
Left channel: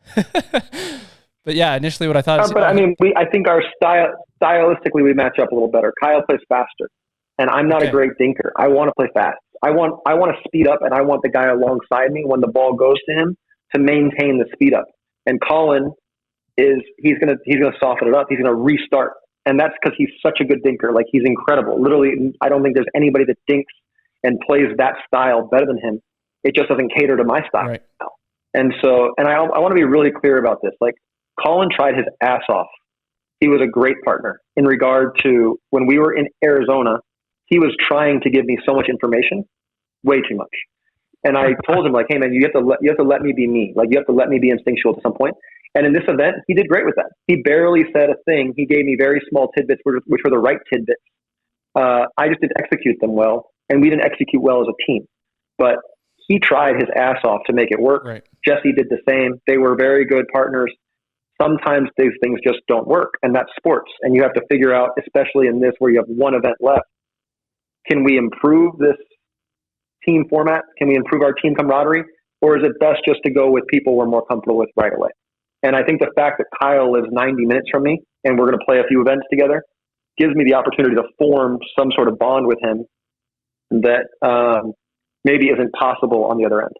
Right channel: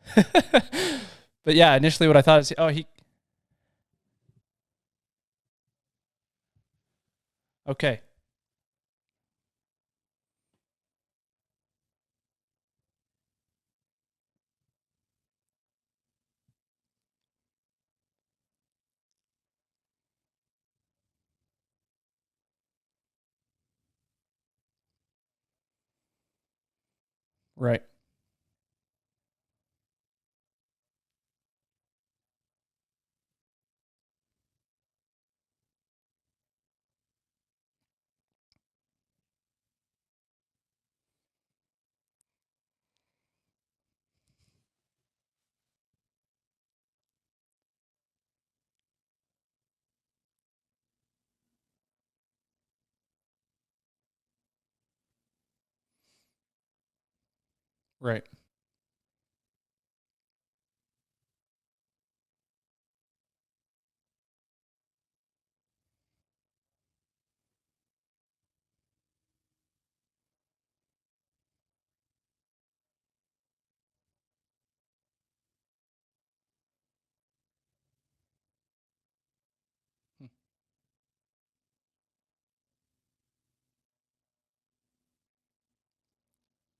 But yeah, initially what I thought is... But I mean, I think our stylistically we match up a little better. Kyle plays faster, and I'm not a great dinker. I want to play fast. I want to speed up, and I want the guy alongside me when the ball goes to him to maintain the speed up. And Collin he's gonna soften it up. He's gonna restart, and that's because he's such a good dinker. Like, he's incredible. Literally, I don't think there's anybody that dinks and plays that style better than him. It just doesn't cater to my style. Right. And so, and I want to be really clear about this. Like, Collin tried his ass off he was a great partner in regard to when we were in Arizona, he was trying to give me so much information, way too much. And I told him, like, hey man, you have to let me be me. Like, you have to let me be instinctual to some point. And in this event, he did great with that. He barely said a thing. He gave me very small tidbits, which were the right tidbits. I just didn't execute them well, and we didn't execute well as a team. But he tried his ass off to make it work. Right. Jesse did the same. They were very good partners. Sometimes these things just don't work, and that's sports. And you have to figure out, especially in this where you have one event left, can we improve this team format? Can we improve our team camaraderie? Or is it best just to go with people we're more comfortable with right away? And I think the fact that Kyle lives 90 minutes from me and we're going to play a few events together gives me the opportunity to form some sort of bond with him that maybe isn't possible on the other end.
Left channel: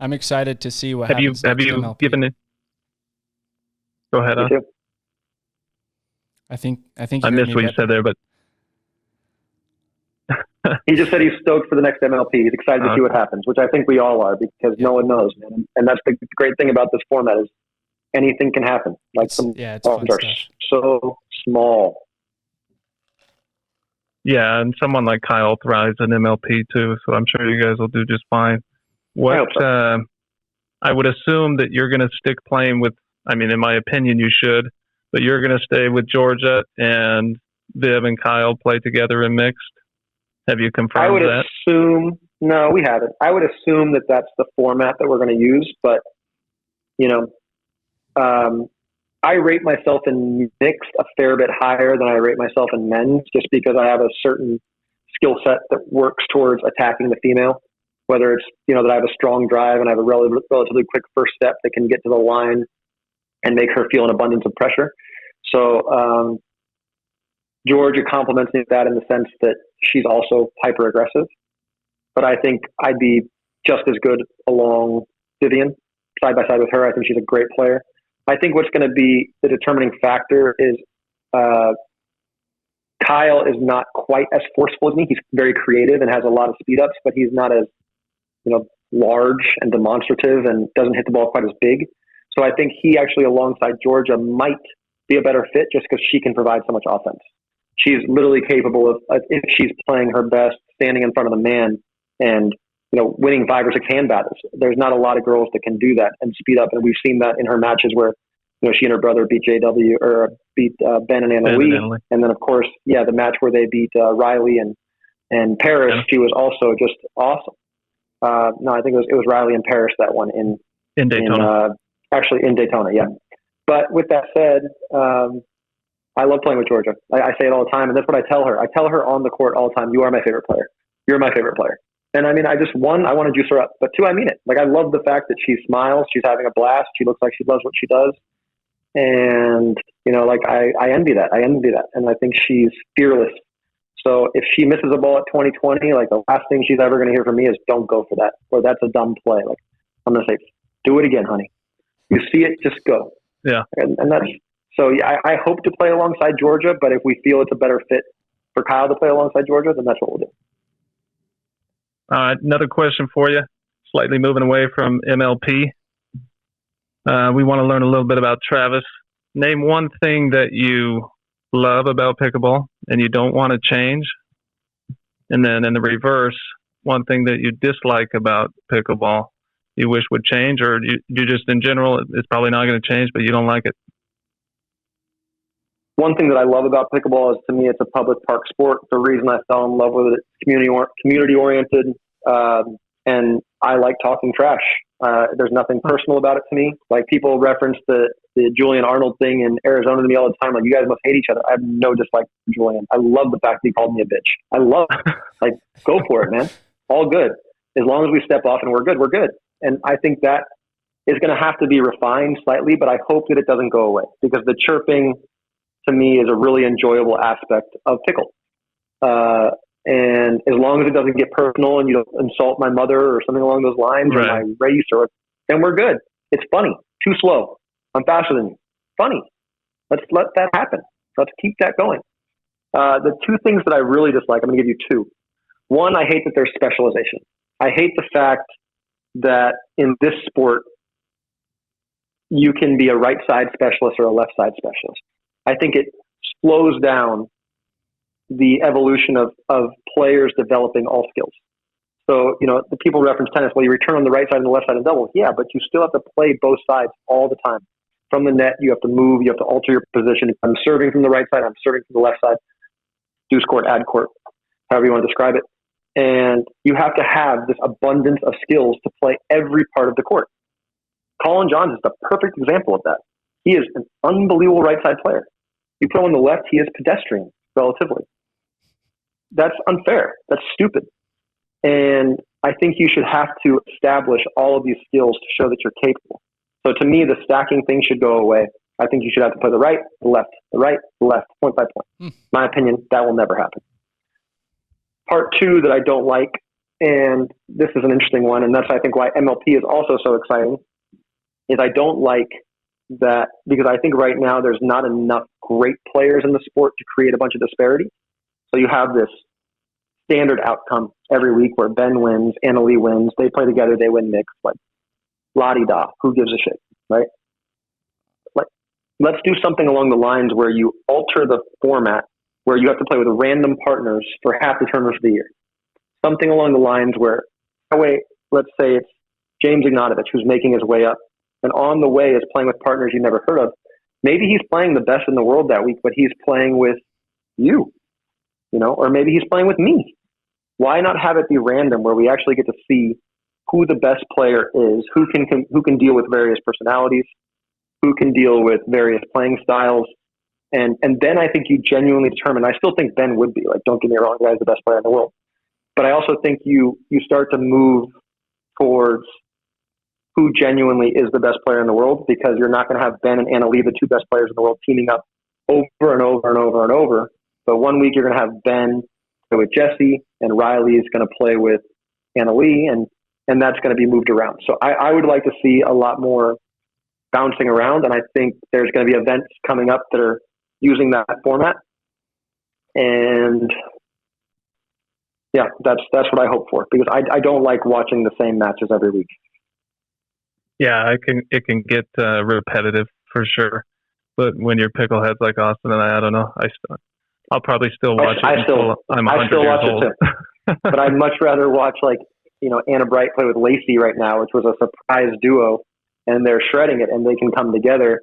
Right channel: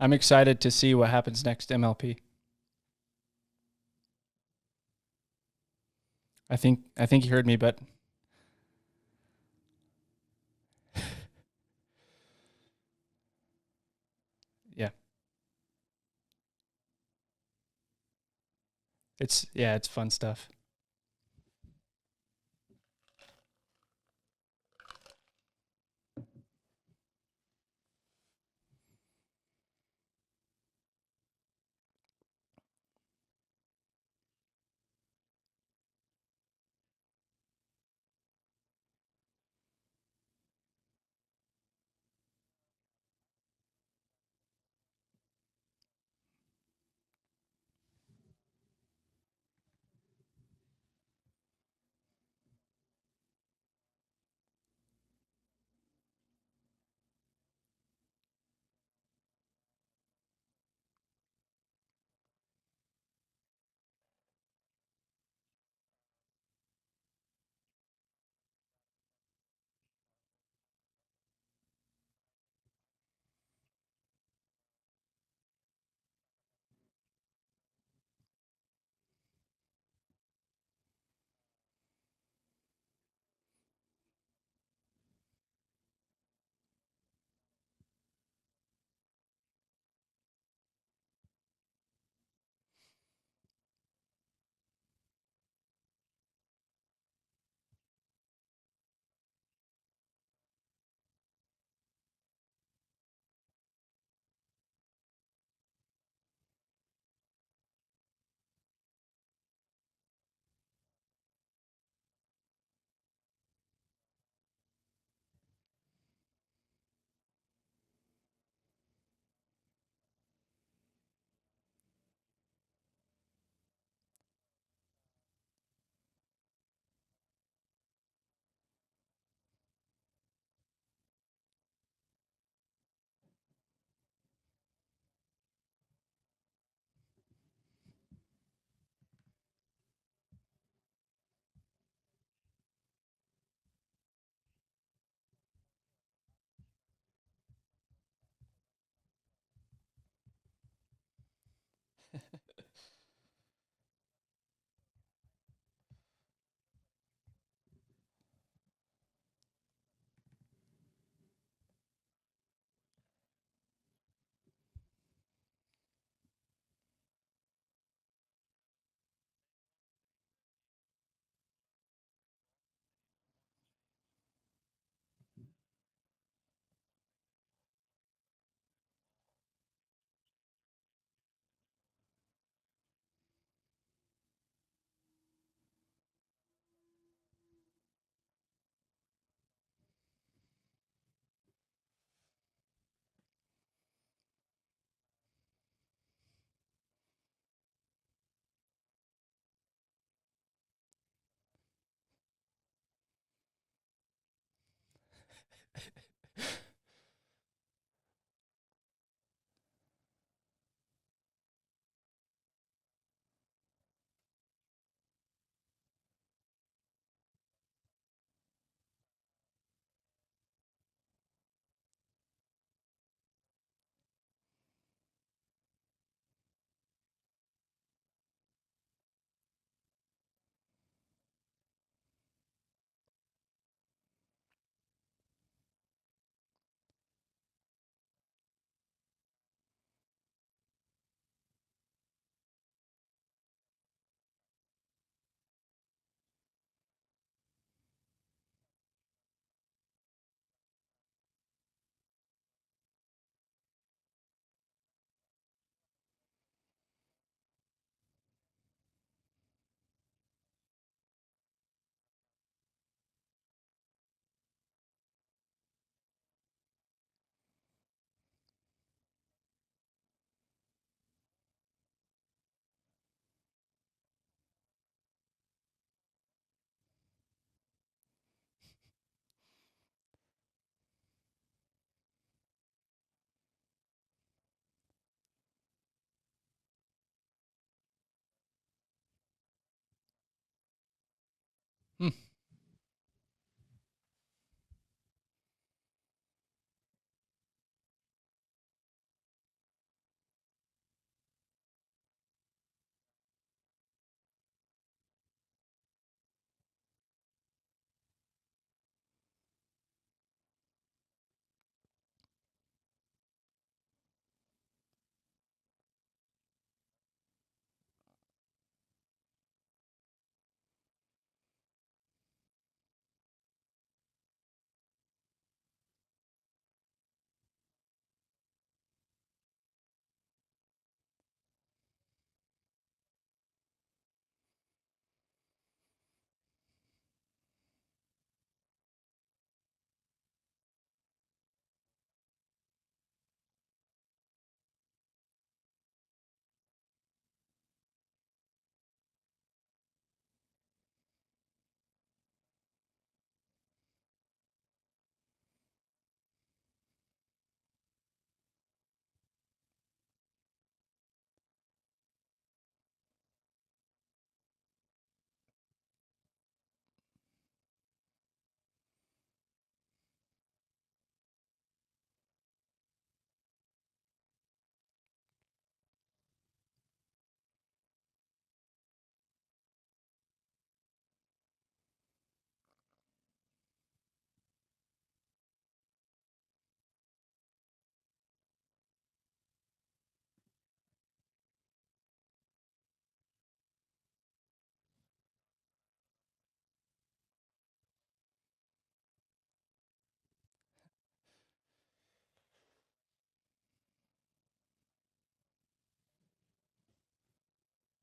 I'm excited to see what happens next MLP. Given it? Go ahead. Me too. I think you I heard missed me, what you said there, but he just said he's stoked for the next MLP. He's excited to see what happens, which I think we all are, because no one knows, man. And that's the great thing about this format is anything can happen. Like it's fun stuff. So small. Yeah, and someone like Kyle thrives in MLP too, so I'm sure you guys will do just fine. I hope so. I would assume that you're going to stick playing with, I mean, in my opinion, you should, but you're going to stay with Georgia and Viv and Kyle play together in mixed. Have you confirmed that? I would assume, no, we haven't. I would assume that that's the format that we're going to use, but, you know, I rate myself in mixed a fair bit higher than I rate myself in men's, just because I have a certain skill set that works towards attacking the female, whether it's, you know, that I have a strong drive and I have a relatively quick first step that can get to the line and make her feel an abundance of pressure. So Georgia complements me with that in the sense that she's also hyper aggressive, but I think I'd be just as good along Vivian side by side with her. I think she's a great player. I think what's going to be the determining factor is Kyle is not quite as forceful as me. He's very creative and has a lot of speed ups, but he's not as, you know, large and demonstrative and doesn't hit the ball quite as big. So I think he actually, alongside Georgia, might be a better fit just because she can provide so much offense. She's literally capable of, if she's playing her best, standing in front of the man and, you know, winning 5 or 6 hand battles. There's not a lot of girls that can do that and speed up. And we've seen that in her matches where, you know, she and her brother beat Ben and Anna Lee. And then, of course, the match where they beat Riley and Paris, she was also just awesome. No, I think it was Riley and Paris, that one in Daytona. Actually in Daytona, yeah. But with that said, I love playing with Georgia. I say it all the time, and that's what I tell her. I tell her on the court all the time, you are my favorite player. You're my favorite player. And I mean, I just, 1, I want to juice her up. But 2, I mean it. Like, I love the fact that she smiles. She's having a blast. She looks like she loves what she does. And, you know, like, I envy that. I envy that. And I think she's fearless. So if she misses a ball at 2020, like, the last thing she's ever going to hear from me is don't go for that. Or that's a dumb play. Like, I'm going to say, do it again, honey. You see it, just go. Yeah. And that's, so yeah, I hope to play alongside Georgia, but if we feel it's a better fit for Kyle to play alongside Georgia, then that's what we'll do. Another question for you, slightly moving away from MLP. We want to learn a little bit about Travis. Name one thing that you love about pickleball and you don't want to change. And then in the reverse, one thing that you dislike about pickleball you wish would change, or you just in general, it's probably not going to change, but you don't like it. One thing that I love about pickleball is, to me, it's a public park sport. The reason I fell in love with it, community oriented, and I like talking trash. There's nothing personal about it to me. Like, people reference the Julian Arnold thing in Arizona to me all the time. Like, you guys must hate each other. I have no dislike for Julian. I love the fact that he called me a bitch. I love it. Like, go for it, man. All good. As long as we step off and we're good, we're good. And I think that is going to have to be refined slightly, but I hope that it doesn't go away, because the chirping to me is a really enjoyable aspect of pickle. And as long as it doesn't get personal and you don't insult my mother or something along those lines, or my race, then we're good. It's funny. Too slow. I'm faster than you. Funny. Let's let that happen. Let's keep that going. The 2 things that I really dislike, I'm going to give you 2. 1, I hate that there's specialization. I hate the fact that in this sport, you can be a right side specialist or a left side specialist. I think it slows down the evolution of players developing all skills. So, the people reference tennis, well, you return on the right side and the left side in doubles. Yeah, but you still have to play both sides all the time. From the net, you have to move, you have to alter your position. If I'm serving from the right side, I'm serving from the left side. Deuce court, ad court, however you want to describe it. And you have to have this abundance of skills to play every part of the court. Collin Johns is the perfect example of that. He is an unbelievable right side player. You put him on the left, he is pedestrian, relatively. That's unfair. That's stupid. And I think you should have to establish all of these skills to show that you're capable. So to me, the stacking thing should go away. I think you should have to play the right, the left, the right, the left, point by point. My opinion, that will never happen. Part two that I don't like, and this is an interesting one, and that's I think why MLP is also so exciting, is I don't like that because I think right now there's not enough great players in the sport to create a bunch of disparity. So you have this standard outcome every week where Ben wins, Anna Leigh wins, they play together, they win mixed, like la-di-da, who gives a shit, right? Like, let's do something along the lines where you alter the format where you have to play with random partners for half the tournaments of the year. Something along the lines where, let's say it's James Ignatovich who's making his way up, and on the way is playing with partners you never heard of. Maybe he's playing the best in the world that week, but he's playing with you, or maybe he's playing with me. Why not have it be random where we actually get to see who the best player is, who can deal with various personalities, who can deal with various playing styles. And then I think you genuinely determine, I still think Ben would be, like, don't get me wrong, the guy's the best player in the world. But I also think you start to move towards who genuinely is the best player in the world, because you're not going to have Ben and Anna Leigh, the two best players in the world, teaming up over and over and over and over. But one week you're going to have Ben play with Jessie, and Riley is going to play with Anna Leigh, and that's going to be moved around. So I would like to see a lot more bouncing around, and I think there's going to be events coming up that are using that format. And yeah, that's what I hope for, because I don't like watching the same matches every week. Yeah, it can get repetitive for sure. But when you're pickleheads like Austin and I don't know. I'll probably still watch it until I'm 100 years old. It too. But I'd much rather watch, like, Anna Bright play with Lacey right now, which was a surprise duo, and they're shredding it, and they can come together.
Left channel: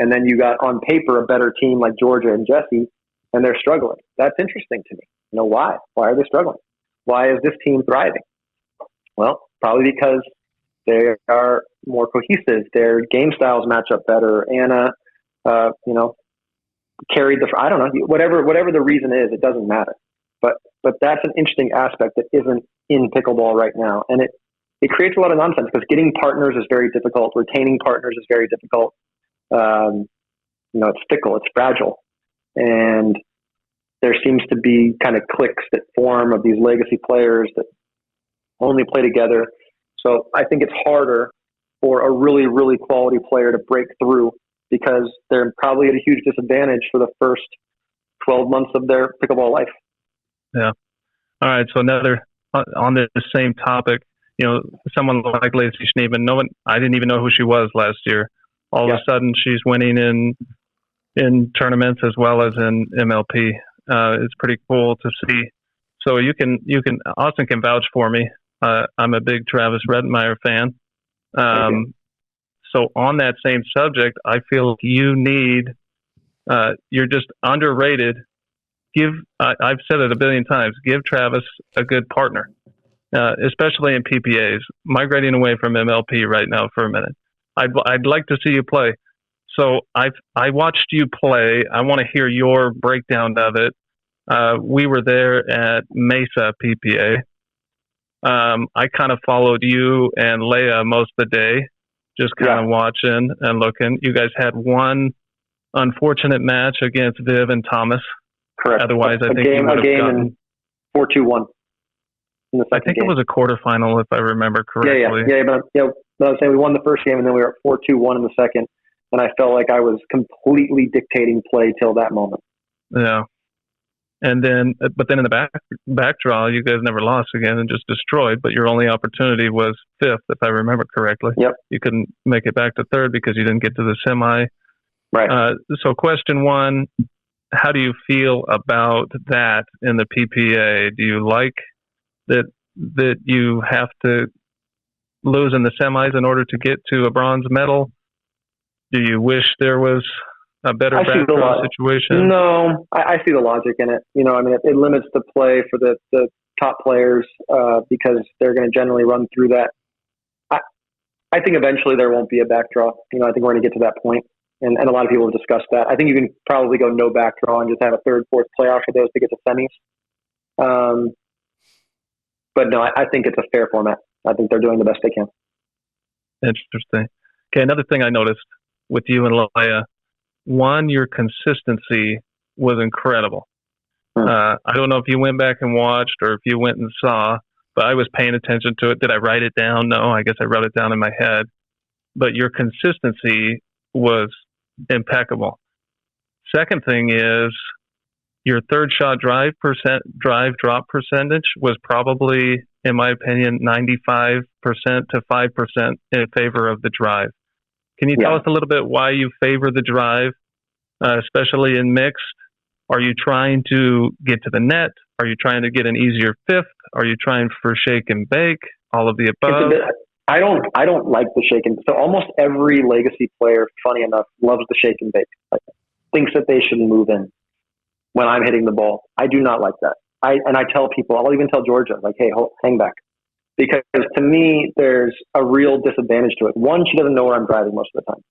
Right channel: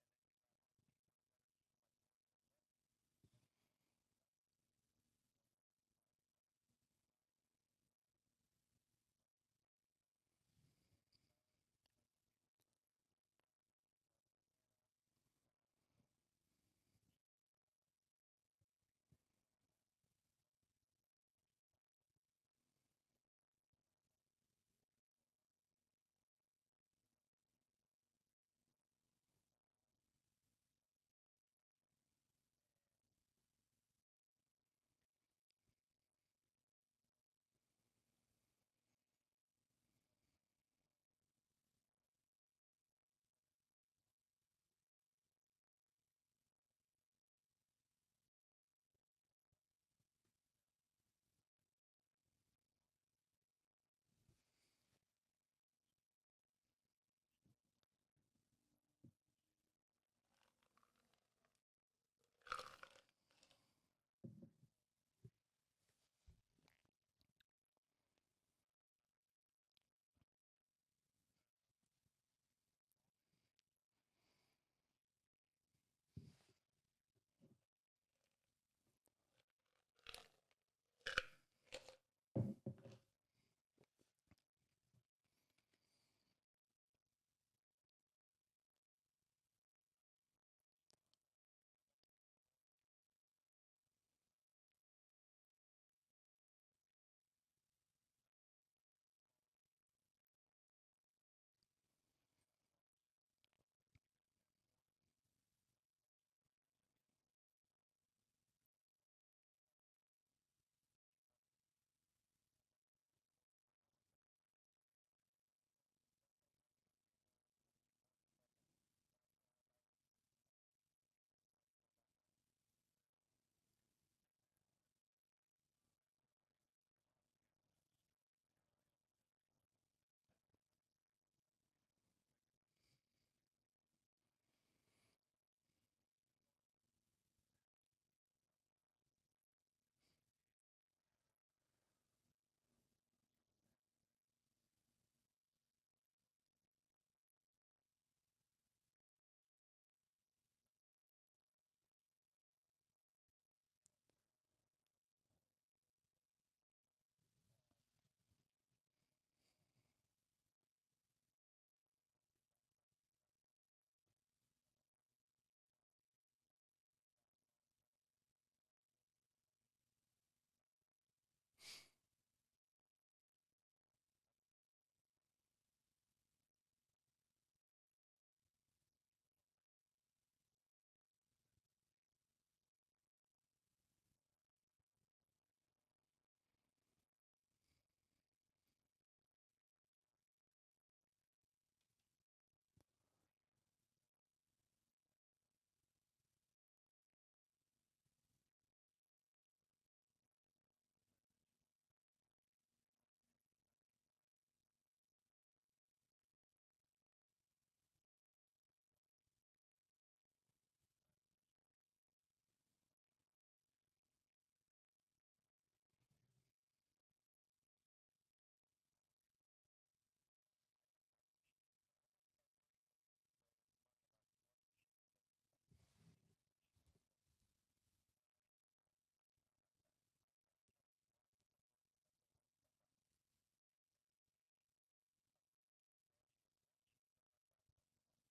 And then you got on paper a better team like Georgia and Jessie, and they're struggling. That's interesting to me. Why? Why are they struggling? Why is this team thriving? Well, probably because they are more cohesive. Their game styles match up better. Anna, carried I don't know, whatever the reason is, it doesn't matter. But that's an interesting aspect that isn't in pickleball right now. And it creates a lot of nonsense, because getting partners is very difficult. Retaining partners is very difficult. It's fickle, it's fragile. And there seems to be kind of cliques that form of these legacy players that only play together. So I think it's harder for a really, really quality player to break through, because they're probably at a huge disadvantage for the first 12 months of their pickleball life. Yeah. All right. So another on this same topic, someone like Lacey Schneeman, I didn't even know who she was last year. All of a sudden she's winning in tournaments as well as in MLP. It's pretty cool to see. So Austin can vouch for me. I'm a big Travis Rettenmaier fan. So on that same subject, I feel you need, you're just underrated. I've said it a billion times, give Travis a good partner, especially in PPAs. Migrating away from MLP right now for a minute. I'd like to see you play. So I watched you play. I want to hear your breakdown of it. We were there at Mesa PPA. I kind of followed you and Leia most of the day, just kind of watching and looking. You guys had one unfortunate match against Viv and Thomas. Correct. Otherwise, I think you would have gotten 4-2-1 in the second I think game. It was a quarterfinal, if I remember correctly. But I was saying we won the first game, and then we were at 4-2-1 in the second, and I felt like I was completely dictating play till that moment. Yeah. And then, but then in the back draw, you guys never lost again and just destroyed. But your only opportunity was fifth, if I remember correctly. Yep. You couldn't make it back to third because you didn't get to the semi. Right. So question one, how do you feel about that in the PPA? Do you like that you have to lose in the semis in order to get to a bronze medal? Do you wish there was a better backdraw situation? No, I see the logic in it. I mean, it limits the play for the top players because they're going to generally run through that. I think eventually there won't be a backdraw. I think we're going to get to that point. And a lot of people have discussed that. I think you can probably go no backdraw and just have a third, fourth playoff for those to get to semis. But no, I think it's a fair format. I think they're doing the best they can. Interesting. Okay, another thing I noticed with you and Leia, one, your consistency was incredible. I don't know if you went back and watched or if you went and saw, but I was paying attention to it. Did I write it down? No, I guess I wrote it down in my head. But your consistency was impeccable. Second thing is your third shot drive drop percentage was probably, in my opinion, 95% to 5% in favor of the drive. Can you tell us a little bit why you favor the drive, especially in mixed? Are you trying to get to the net? Are you trying to get an easier fifth? Are you trying for shake and bake? All of the above? I don't like the shake and bake. So almost every legacy player, funny enough, loves the shake and bake. Like, thinks that they should move in when I'm hitting the ball. I do not like that. I tell people, I'll even tell Georgia, like, hey, hang back. Because to me, there's a real disadvantage to it. One, she doesn't know where I'm driving most of the time.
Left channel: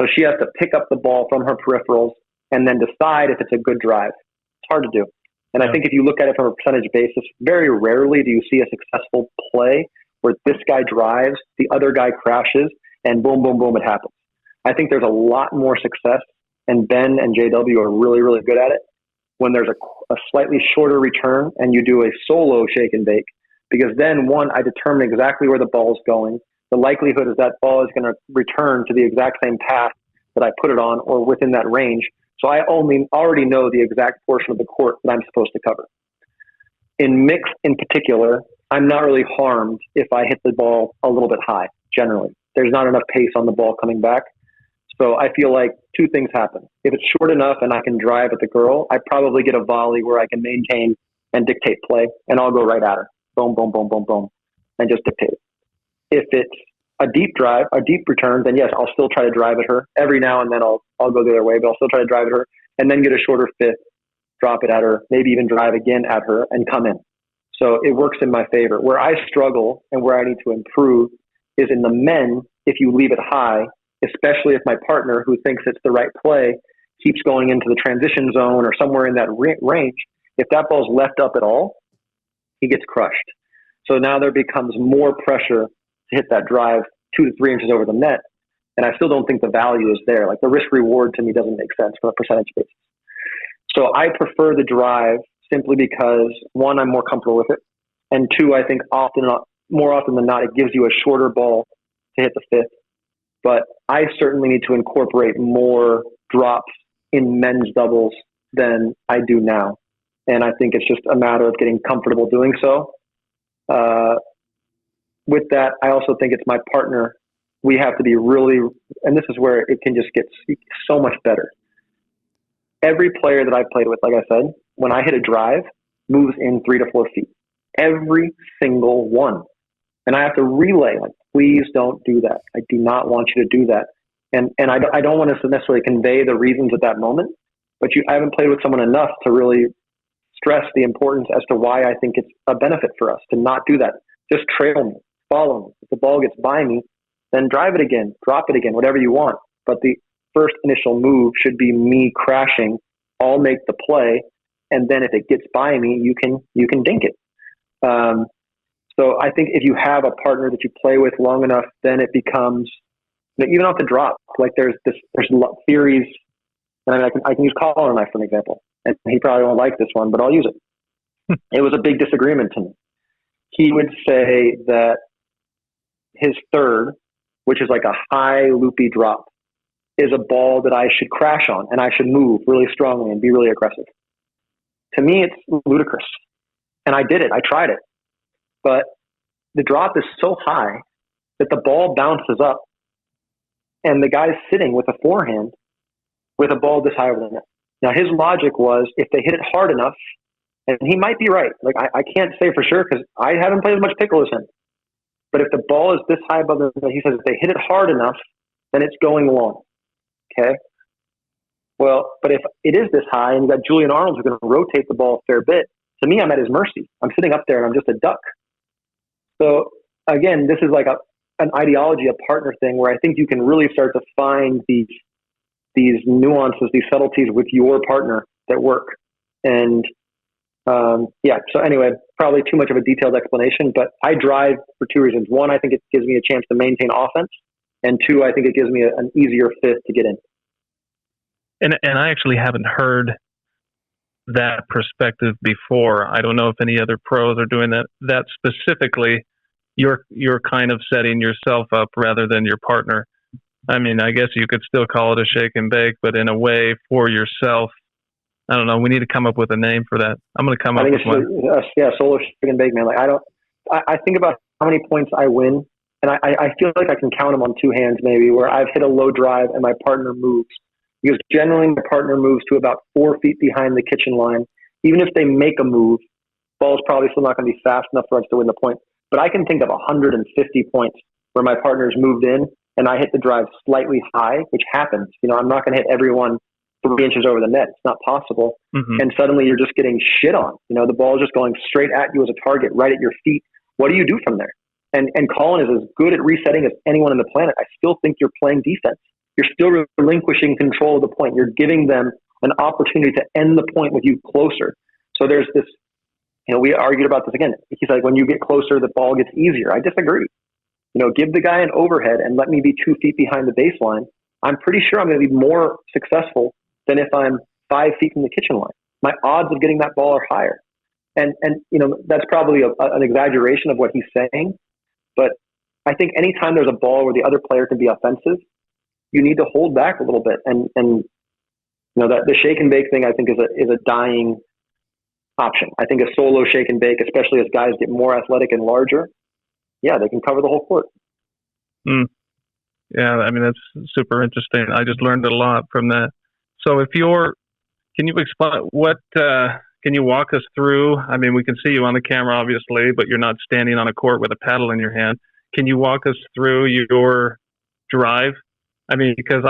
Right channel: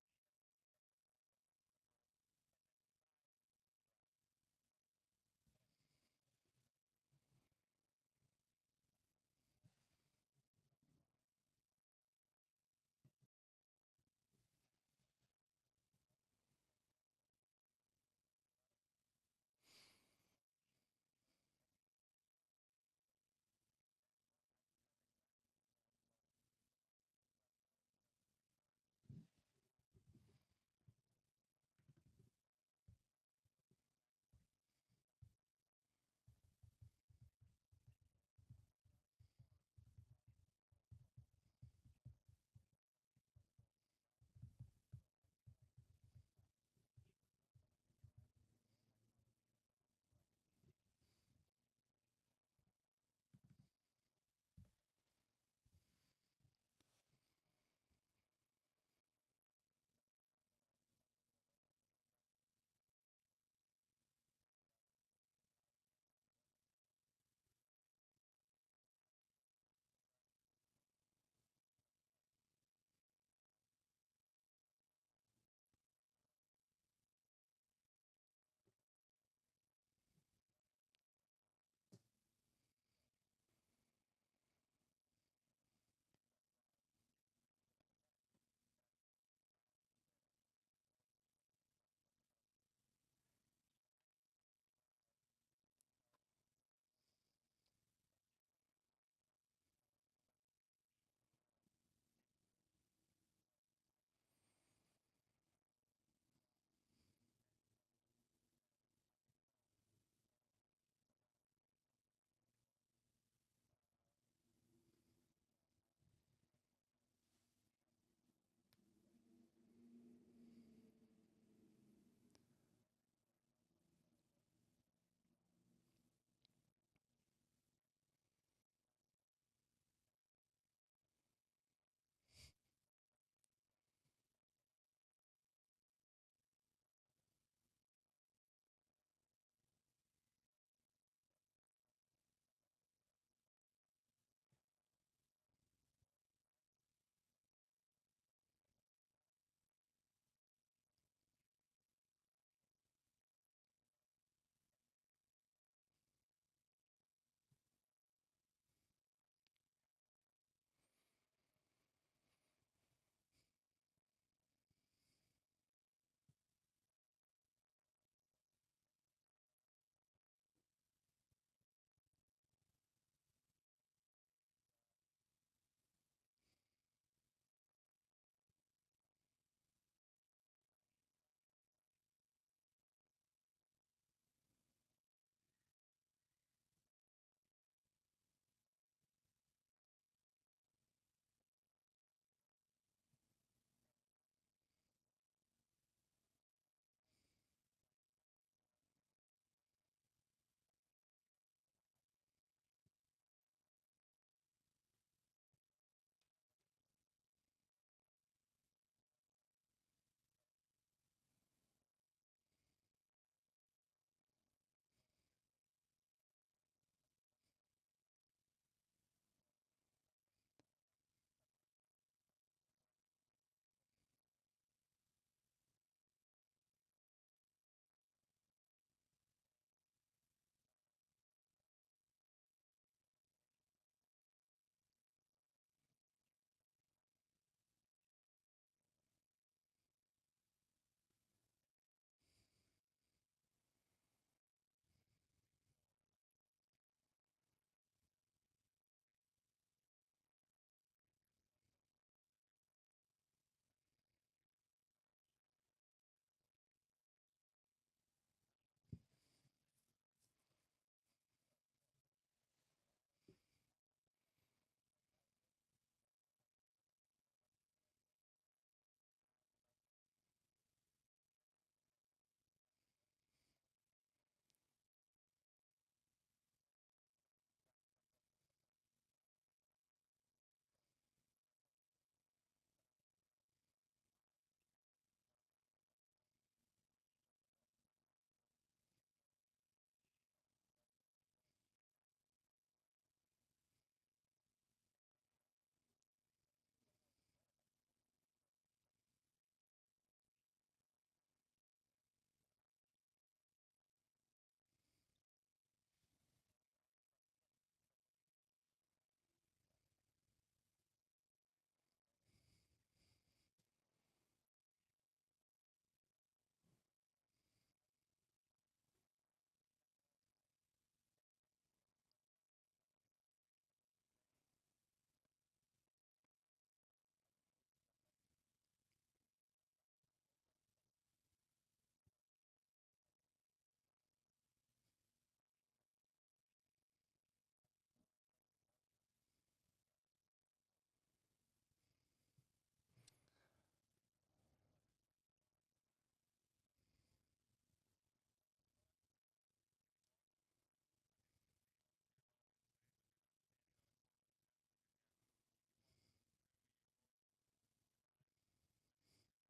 So she has to pick up the ball from her peripherals and then decide if it's a good drive. It's hard to do. And I think if you look at it from a percentage basis, very rarely do you see a successful play where this guy drives, the other guy crashes, and boom, boom, boom, it happens. I think there's a lot more success, and Ben and JW are really, really good at it, when there's a slightly shorter return and you do a solo shake and bake. Because then, one, I determine exactly where the ball is going. The likelihood is that ball is going to return to the exact same path that I put it on or within that range. So I already know the exact portion of the court that I'm supposed to cover. In mixed in particular, I'm not really harmed if I hit the ball a little bit high, generally. There's not enough pace on the ball coming back. So I feel like two things happen. If it's short enough and I can drive at the girl, I probably get a volley where I can maintain and dictate play, and I'll go right at her. Boom, boom, boom, boom, boom, and just dictate it. If it's a deep drive, a deep return, then yes, I'll still try to drive at her. Every now and then I'll go the other way, but I'll still try to drive at her and then get a shorter fifth, drop it at her, maybe even drive again at her and come in. So it works in my favor. Where I struggle and where I need to improve is in the men. If you leave it high, especially if my partner who thinks it's the right play keeps going into the transition zone or somewhere in that range, if that ball's left up at all, he gets crushed. So now there becomes more pressure to hit that drive 2 to 3 inches over the net. And I still don't think the value is there. Like the risk reward to me doesn't make sense from a percentage basis. So I prefer the drive simply because, one, I'm more comfortable with it. And two, I think more often than not, it gives you a shorter ball to hit the fifth. But I certainly need to incorporate more drops in men's doubles than I do now. And I think it's just a matter of getting comfortable doing so. With that, I also think it's my partner. We have to be really, and this is where it can just get so much better. Every player that I've played with, like I said, when I hit a drive, moves in 3 to 4 feet. Every single one. And I have to relay, like, please don't do that. I do not want you to do that. And I don't want to necessarily convey the reasons at that moment, but I haven't played with someone enough to really stress the importance as to why I think it's a benefit for us to not do that. Just trail me, follow me. If the ball gets by me, then drive it again, drop it again, whatever you want. But the first initial move should be me crashing. I'll make the play, and then if it gets by me, you can dink it. So I think if you have a partner that you play with long enough, then it becomes, even off the drop, like there's theories, and I mean, I can use Collin and I for an example, and he probably won't like this one, but I'll use it. It was a big disagreement to me. He would say that his third, which is like a high loopy drop, is a ball that I should crash on and I should move really strongly and be really aggressive. To me, it's ludicrous. And I did it. I tried it. But the drop is so high that the ball bounces up and the guy's sitting with a forehand with a ball this high over the net. Now, his logic was if they hit it hard enough, and he might be right. Like, I can't say for sure because I haven't played as much pickle as him. But if the ball is this high above the net, he says if they hit it hard enough, then it's going long. Okay? Well, but if it is this high and you got Julian Arnold who's going to rotate the ball a fair bit, to me, I'm at his mercy. I'm sitting up there and I'm just a duck. So, again, this is like an ideology, a partner thing where I think you can really start to find these nuances, these subtleties with your partner that work. And so anyway, probably too much of a detailed explanation, but I drive for two reasons. One, I think it gives me a chance to maintain offense. And two, I think it gives me an easier fifth to get in. And I actually haven't heard that perspective before. I don't know if any other pros are doing that specifically. You're kind of setting yourself up rather than your partner. I mean, I guess you could still call it a shake and bake, but in a way for yourself. I don't know. We need to come up with a name for that. I'm going to come up with one. Solo shake and bake, man. Like I think about how many points I win, and I feel like I can count them on two hands maybe, where I've hit a low drive and my partner moves. Because generally my partner moves to about 4 feet behind the kitchen line. Even if they make a move, ball's probably still not going to be fast enough for us to win the point. But I can think of 150 points where my partner's moved in and I hit the drive slightly high, which happens. You know, I'm not going to hit everyone 3 inches over the net. It's not possible. Mm-hmm. And suddenly you're just getting shit on. You know, the ball is just going straight at you as a target, right at your feet. What do you do from there? And Collin is as good at resetting as anyone on the planet. I still think you're playing defense. You're still relinquishing control of the point. You're giving them an opportunity to end the point with you closer. So there's this, you know, we argued about this again. He's like, when you get closer, the ball gets easier. I disagree. You know, give the guy an overhead and let me be 2 feet behind the baseline. I'm pretty sure I'm going to be more successful than if I'm 5 feet from the kitchen line. My odds of getting that ball are higher. And you know, that's probably an exaggeration of what he's saying. But I think anytime there's a ball where the other player can be offensive, you need to hold back a little bit. And you know, that the shake and bake thing, I think is a dying option. I think a solo shake and bake, especially as guys get more athletic and larger, yeah, they can cover the whole court. Yeah, I mean, that's super interesting. I just learned a lot from that. So can you explain can you walk us through, I mean, we can see you on the camera, obviously, but you're not standing on a court with a paddle in your hand. Can you walk us through your drive? I mean, because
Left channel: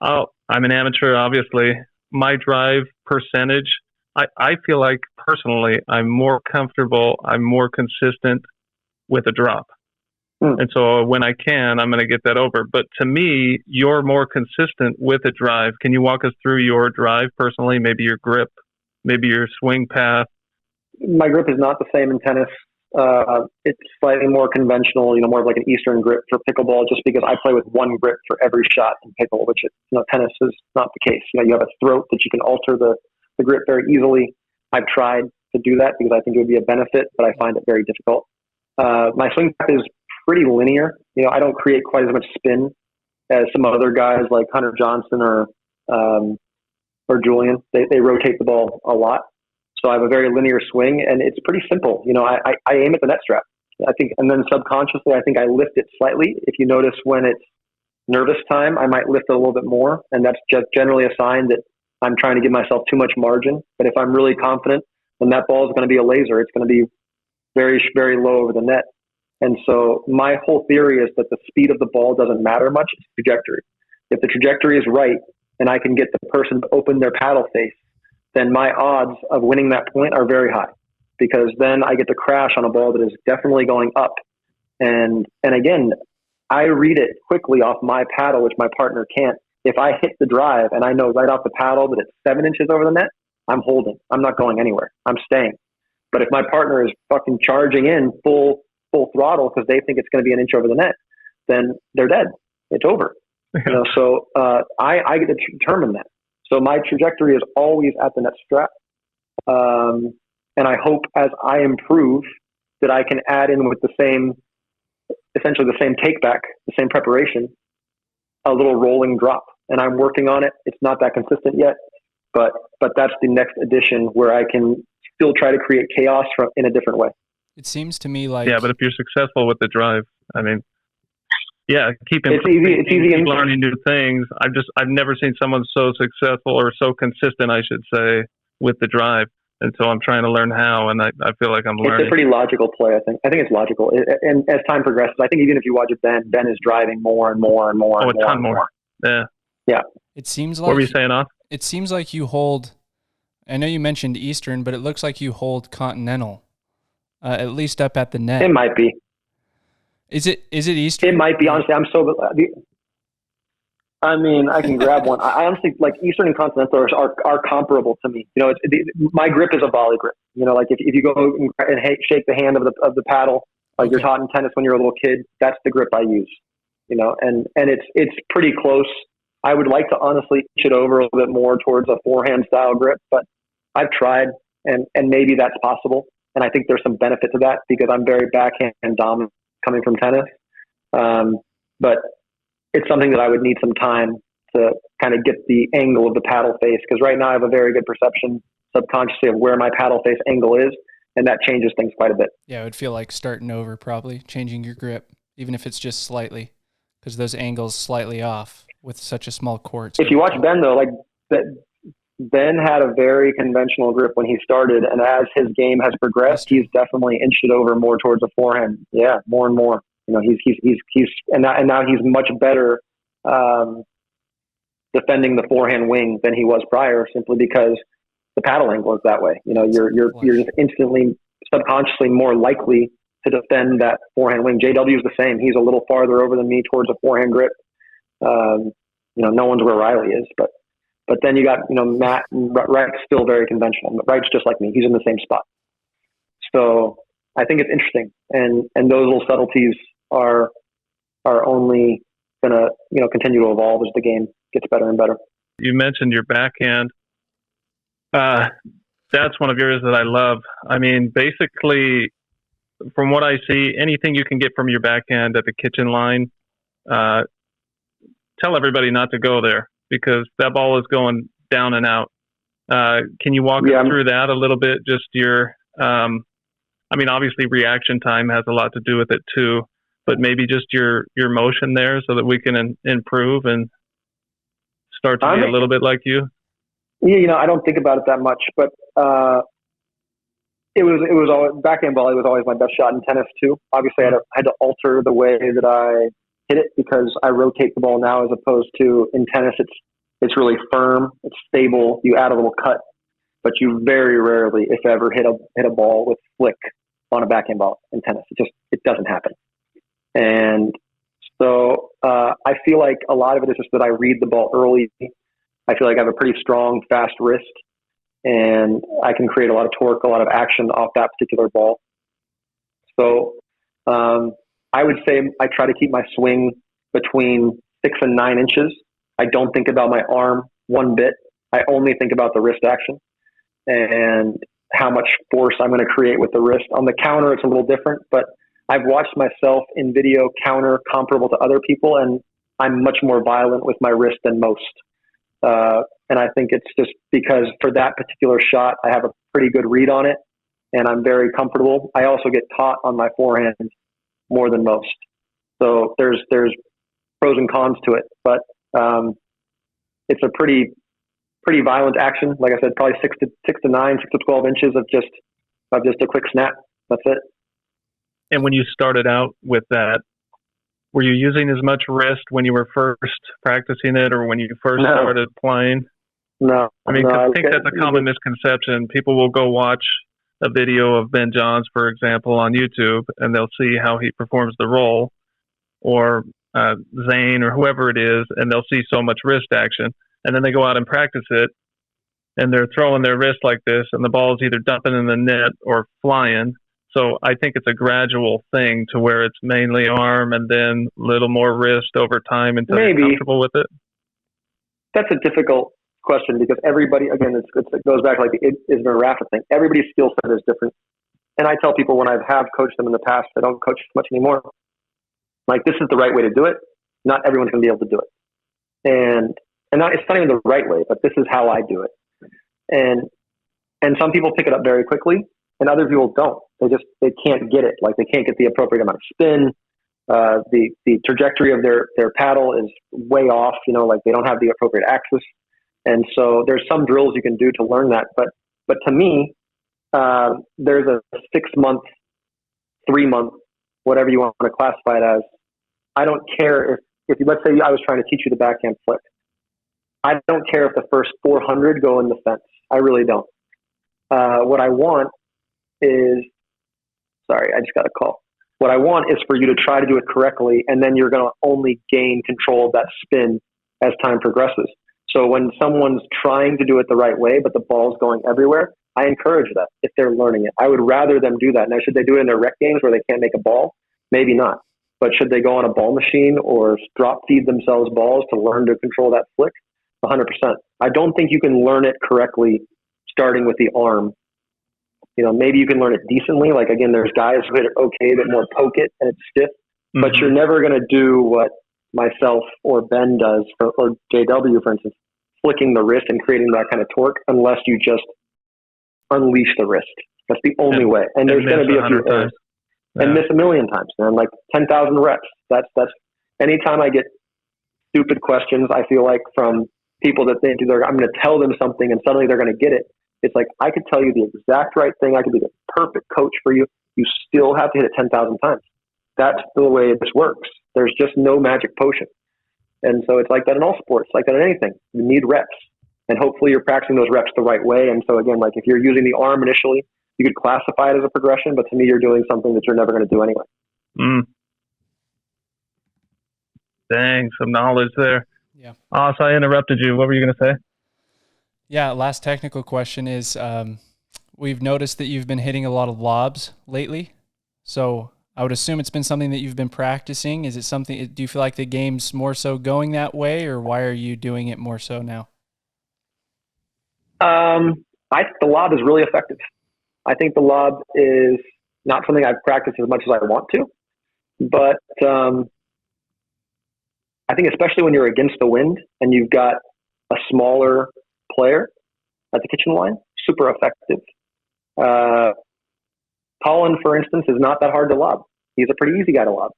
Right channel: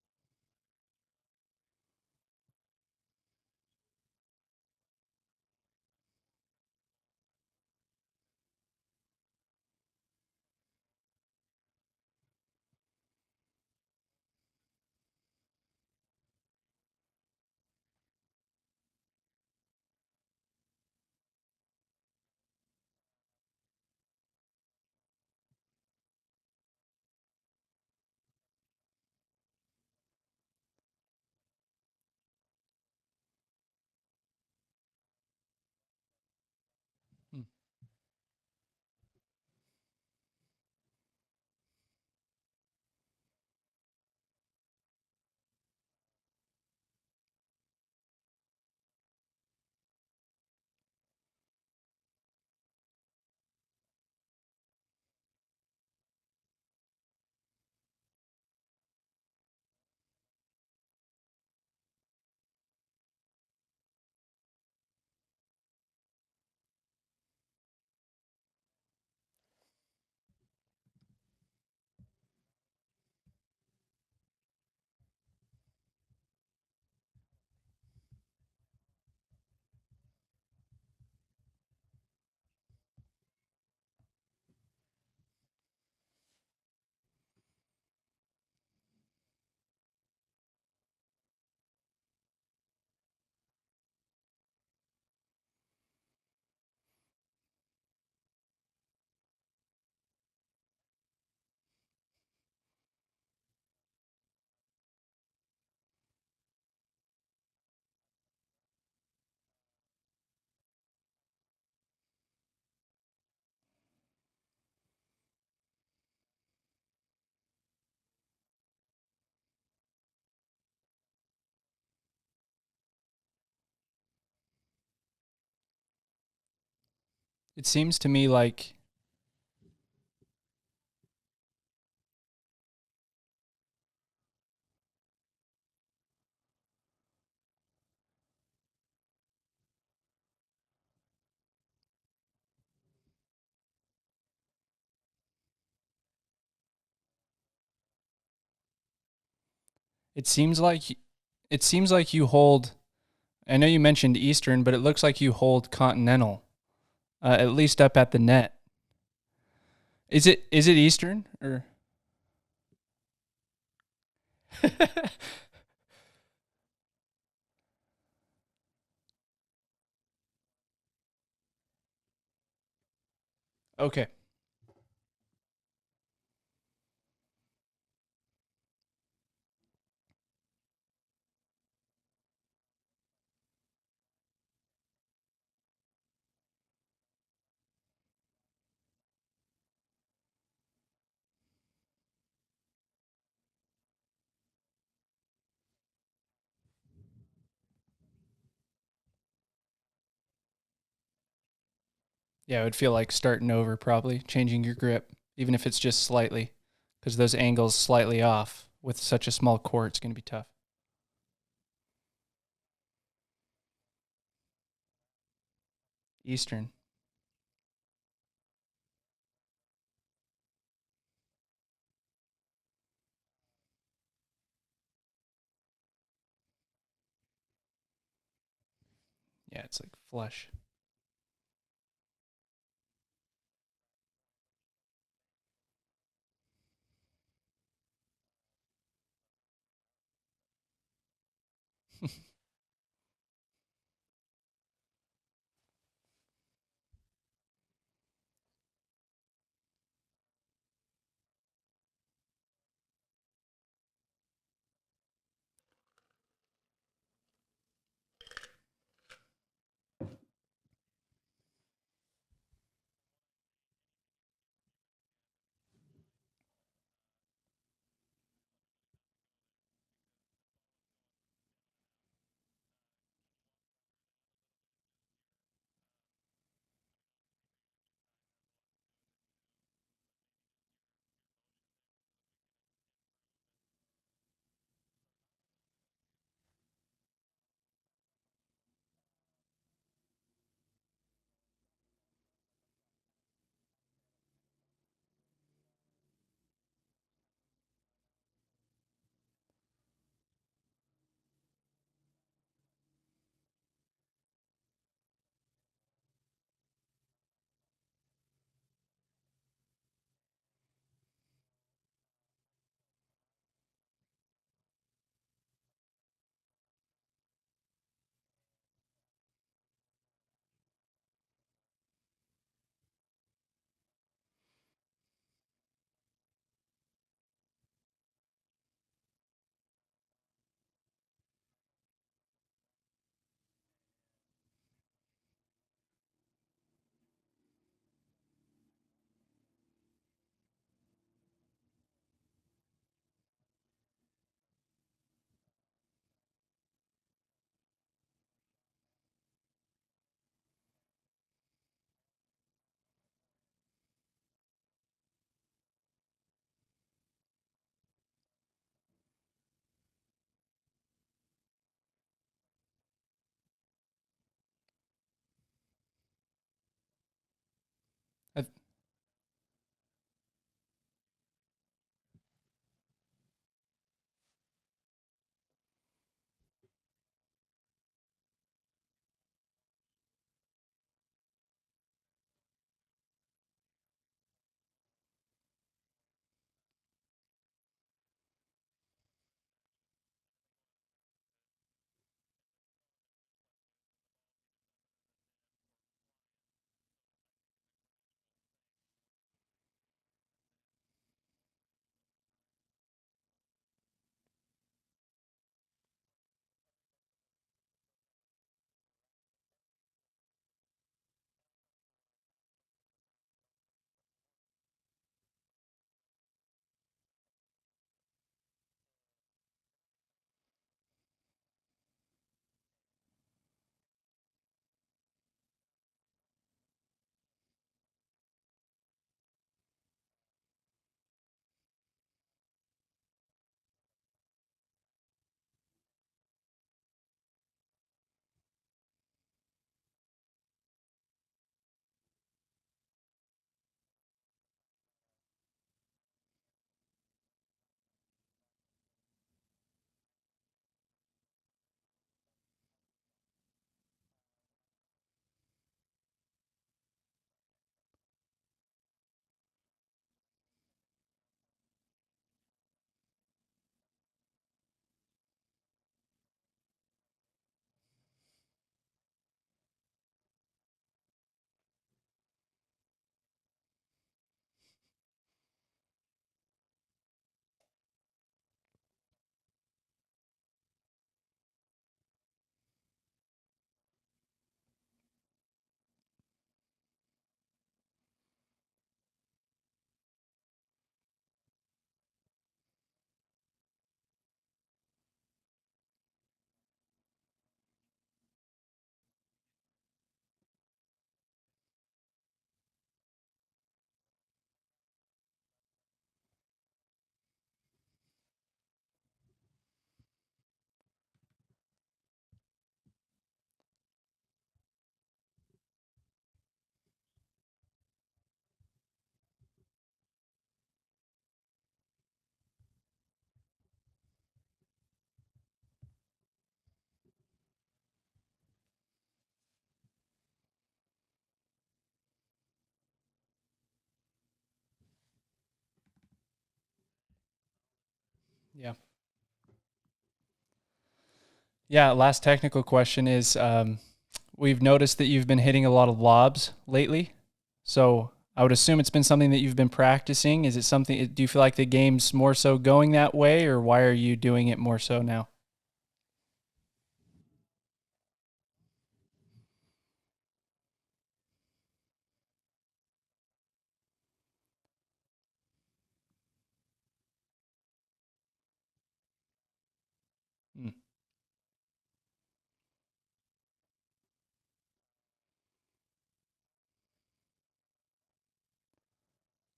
I'm an amateur, obviously. My drive percentage, I feel like personally I'm more comfortable, I'm more consistent with a drop. And so when I can, I'm going to get that over. But to me, you're more consistent with a drive. Can you walk us through your drive personally? Maybe your grip, maybe your swing path? My grip is not the same in tennis. It's slightly more conventional, you know, more of like an Eastern grip for pickleball, just because I play with one grip for every shot in pickle, which, you know, tennis is not the case. You know, you have a throat that you can alter the grip very easily. I've tried to do that because I think it would be a benefit, but I find it very difficult. My swing path is pretty linear. You know, I don't create quite as much spin as some other guys like Hunter Johnson or Julian. They rotate the ball a lot. So I have a very linear swing, and it's pretty simple. You know, I aim at the net strap, I think, and then subconsciously, I think I lift it slightly. If you notice when it's nervous time, I might lift it a little bit more, and that's just generally a sign that I'm trying to give myself too much margin. But if I'm really confident, then that ball is going to be a laser. It's going to be very, very low over the net. And so my whole theory is that the speed of the ball doesn't matter much. It's trajectory. If the trajectory is right, and I can get the person to open their paddle face, then my odds of winning that point are very high, because then I get to crash on a ball that is definitely going up. And again, I read it quickly off my paddle, which my partner can't. If I hit the drive and I know right off the paddle that it's 7 inches over the net, I'm holding. I'm not going anywhere. I'm staying. But if my partner is fucking charging in full throttle because they think it's going to be an inch over the net, then they're dead. It's over. You know, so I get to determine that. So my trajectory is always at the net strap. And I hope as I improve that I can add in with essentially the same take back, the same preparation, a little rolling drop. And I'm working on it. It's not that consistent yet, but that's the next addition where I can still try to create chaos in a different way. It seems to me like... Yeah, but if you're successful with the drive, I mean... keep improving, it's easy keep learning new things. I've never seen someone so successful or so consistent, I should say, with the drive. And so I'm trying to learn how, and I feel like I'm learning. It's a pretty logical play, I think. I think it's logical. And as time progresses, I think even if you watch it, Ben is driving more and more and more. Oh, a ton more. Yeah. It seems like. What were you saying, Off? It seems like you hold. I know you mentioned Eastern, but it looks like you hold Continental, at least up at the net. It might be. Is it Eastern? It might be. Honestly, I'm so. I mean, I can grab one. I honestly like Eastern and Continental are comparable to me. You know, my grip is a volley grip. You know, like if you go and shake the hand of the paddle, like you're taught in tennis when you're a little kid, that's the grip I use. You know, and it's pretty close. I would like to honestly pitch it over a little bit more towards a forehand style grip, but I've tried, and maybe that's possible. And I think there's some benefit to that because I'm very backhand dominant coming from tennis. But it's something that I would need some time to kind of get the angle of the paddle face, because right now I have a very good perception subconsciously of where my paddle face angle is, and that changes things quite a bit. Yeah, it would feel like starting over, probably changing your grip, even if it's just slightly, because those angles slightly off with such a small court. If you watch Ben though, like Ben had a very conventional grip when he started, and as his game has progressed, he's definitely inched it over more towards a forehand. Yeah, more and more. You know, he's and now he's much better defending the forehand wing than he was prior, simply because the paddle angle is that way. You know, you're just instantly subconsciously more likely to defend that forehand wing. JW is the same. He's a little farther over than me towards a forehand grip. You know, no one's where Riley is, but then you got, you know, Matt and Wright's still very conventional. Wright's just like me. He's in the same spot. So I think it's interesting, and those little subtleties are only gonna, you know, continue to evolve as the game gets better and better. You mentioned your backhand. That's one of yours that I love. I mean, basically, from what I see, anything you can get from your backhand at the kitchen line, tell everybody not to go there, because that ball is going down and out. Can you walk us through that a little bit? Just your, I mean, obviously reaction time has a lot to do with it too, but maybe just your motion there so that we can improve and start to be a little bit like you. Yeah, you know, I don't think about it that much, but it was always, backhand volley was always my best shot in tennis too. Obviously, I had to alter the way that I hit it because I rotate the ball now, as opposed to in tennis, it's really firm, it's stable. You add a little cut, but you very rarely, if ever, hit a ball with flick on a backhand ball in tennis. It doesn't happen. And so I feel like a lot of it is just that I read the ball early. I feel like I have a pretty strong, fast wrist, and I can create a lot of torque, a lot of action off that particular ball. So I would say I try to keep my swing between 6 and 9 inches. I don't think about my arm one bit. I only think about the wrist action and how much force I'm going to create with the wrist. On the counter, it's a little different, but I've watched myself in video counter comparable to other people, and I'm much more violent with my wrist than most. And I think it's just because for that particular shot, I have a pretty good read on it, and I'm very comfortable. I also get taught on my forehand more than most. So there's pros and cons to it, but it's a pretty violent action. Like I said, probably 6 to 9, 6 to 12 inches of just a quick snap. That's it. And when you started out with that, were you using as much wrist when you were first practicing it, or when you first started playing? No. I mean, I think that's a common misconception. People will go watch a video of Ben Johns, for example, on YouTube, and they'll see how he performs the roll, or Zane, or whoever it is, and they'll see so much wrist action. And then they go out and practice it, and they're throwing their wrist like this, and the ball is either dumping in the net or flying. So I think it's a gradual thing to where it's mainly arm and then a little more wrist over time until you're comfortable with it. That's a difficult question because everybody, again, it goes back like it is a Rafa thing. Everybody's skill set is different. And I tell people when I have coached them in the past, I don't coach much anymore. Like, this is the right way to do it. Not everyone's going to be able to do it. And it's not even the right way, but this is how I do it. And some people pick it up very quickly, and other people don't. They can't get it. Like, they can't get the appropriate amount of spin. The trajectory of their paddle is way off, like they don't have the appropriate axis. And so there's some drills you can do to learn that. But to me, there's a 6 month, 3 month, whatever you want to classify it as. I don't care if let's say I was trying to teach you the backhand flick. I don't care if the first 400 go in the fence. I really don't. What I want is, sorry, I just got a call. What I want is for you to try to do it correctly, and then you're going to only gain control of that spin as time progresses. So when someone's trying to do it the right way, but the ball's going everywhere, I encourage that if they're learning it. I would rather them do that. Now, should they do it in their rec games where they can't make a ball? Maybe not. But should they go on a ball machine or drop feed themselves balls to learn to control that flick? 100%. I don't think you can learn it correctly starting with the arm. Maybe you can learn it decently. Like, again, there's guys who hit it okay, but more poke it and it's stiff. Mm-hmm. But you're never going to do what myself or Ben does, or JW, for instance, flicking the wrist and creating that kind of torque unless you just unleash the wrist. That's the only way. And there's going to be a few errors. Yeah. And miss a million times, man. Like 10,000 reps. That's anytime I get stupid questions, I feel like, from people that think I'm going to tell them something and suddenly they're going to get it. It's like, I could tell you the exact right thing. I could be the perfect coach for you. You still have to hit it 10,000 times. That's the way this works. There's just no magic potion. And so it's like that in all sports, like that in anything. You need reps. And hopefully you're practicing those reps the right way. And so again, like if you're using the arm initially, you could classify it as a progression, but to me, you're doing something that you're never going to do anyway. Dang, some knowledge there. Yeah. So I interrupted you. What were you going to say? Yeah, last technical question is, we've noticed that you've been hitting a lot of lobs lately. So I would assume it's been something that you've been practicing. Is it something, do you feel like the game's more so going that way, or why are you doing it more so now? I think the lob is really effective. I think the lob is not something I've practiced as much as I want to, but I think especially when you're against the wind and you've got a smaller player at the kitchen line, super effective. Collin, for instance, is not that hard to lob. He's a pretty easy guy to lob.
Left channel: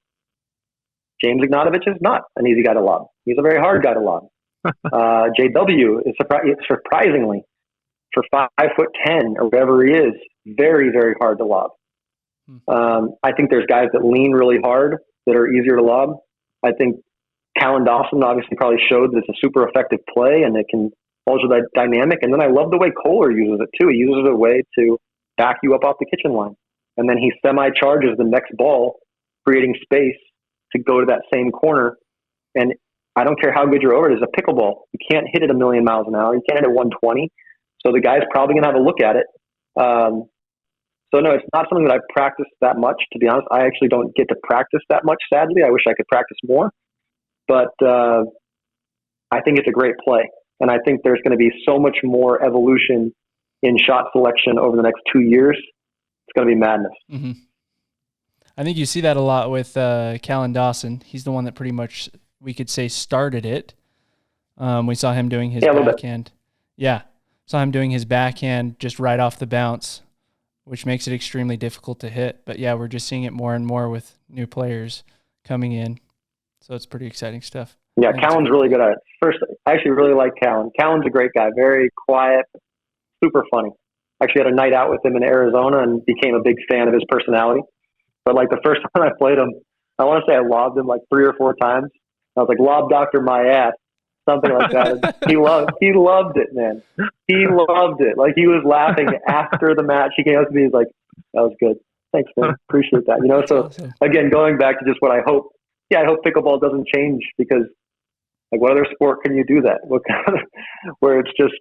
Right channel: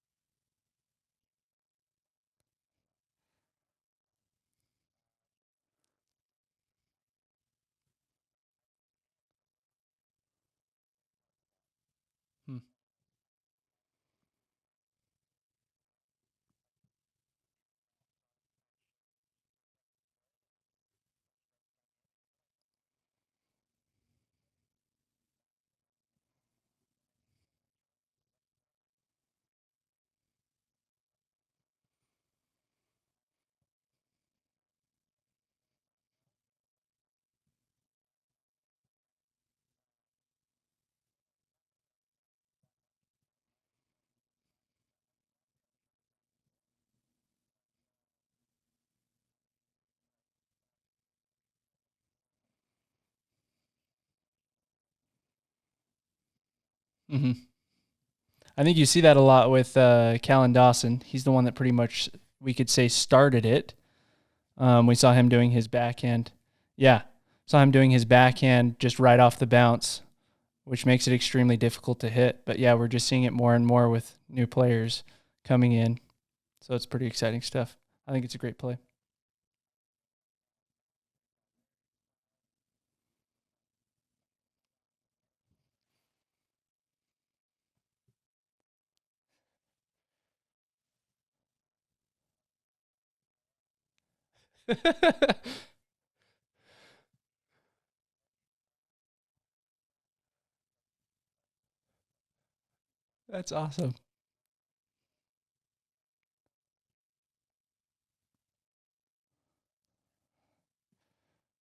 James Ignatovich is not an easy guy to lob. He's a very hard guy to lob. JW is surprisingly, for 5'10" or whatever he is, very, very hard to lob. I think there's guys that lean really hard that are easier to lob. I think Collin Dawson obviously probably showed that it's a super effective play and it can alter that dynamic. And then I love the way Kohler uses it too. He uses it a way to back you up off the kitchen line. And then he semi-charges the next ball, creating space to go to that same corner. And I don't care how good your over is, a pickleball. You can't hit it a million miles an hour. You can't hit it 120. So the guy's probably going to have a look at it. So no, it's not something that I've practiced that much, to be honest. I actually don't get to practice that much, sadly. I wish I could practice more. But I think it's a great play. And I think there's going to be so much more evolution in shot selection over the next 2 years. It's going to be madness. Mm-hmm. I think you see that a lot with Collin Dawson. He's the one that pretty much, we could say, started it. We saw him doing his backhand. Yeah, saw him doing his backhand just right off the bounce, which makes it extremely difficult to hit. But yeah, we're just seeing it more and more with new players coming in. So it's pretty exciting stuff. Yeah, Callan's really good at it. First, I actually really like Collin. Callan's a great guy, very quiet, super funny. Actually had a night out with him in Arizona and became a big fan of his personality. But like the first time I played him, I want to say I lobbed him like 3 or 4 times. I was like, lob doctor my ass, something like that. He loved it, man. He loved it. Like he was laughing after the match. He came up to me, he's like, that was good. Thanks, man. Appreciate that. That's so awesome. Again, going back to just what I hope. Yeah, I hope pickleball doesn't change because like what other sport can you do that? Where it's just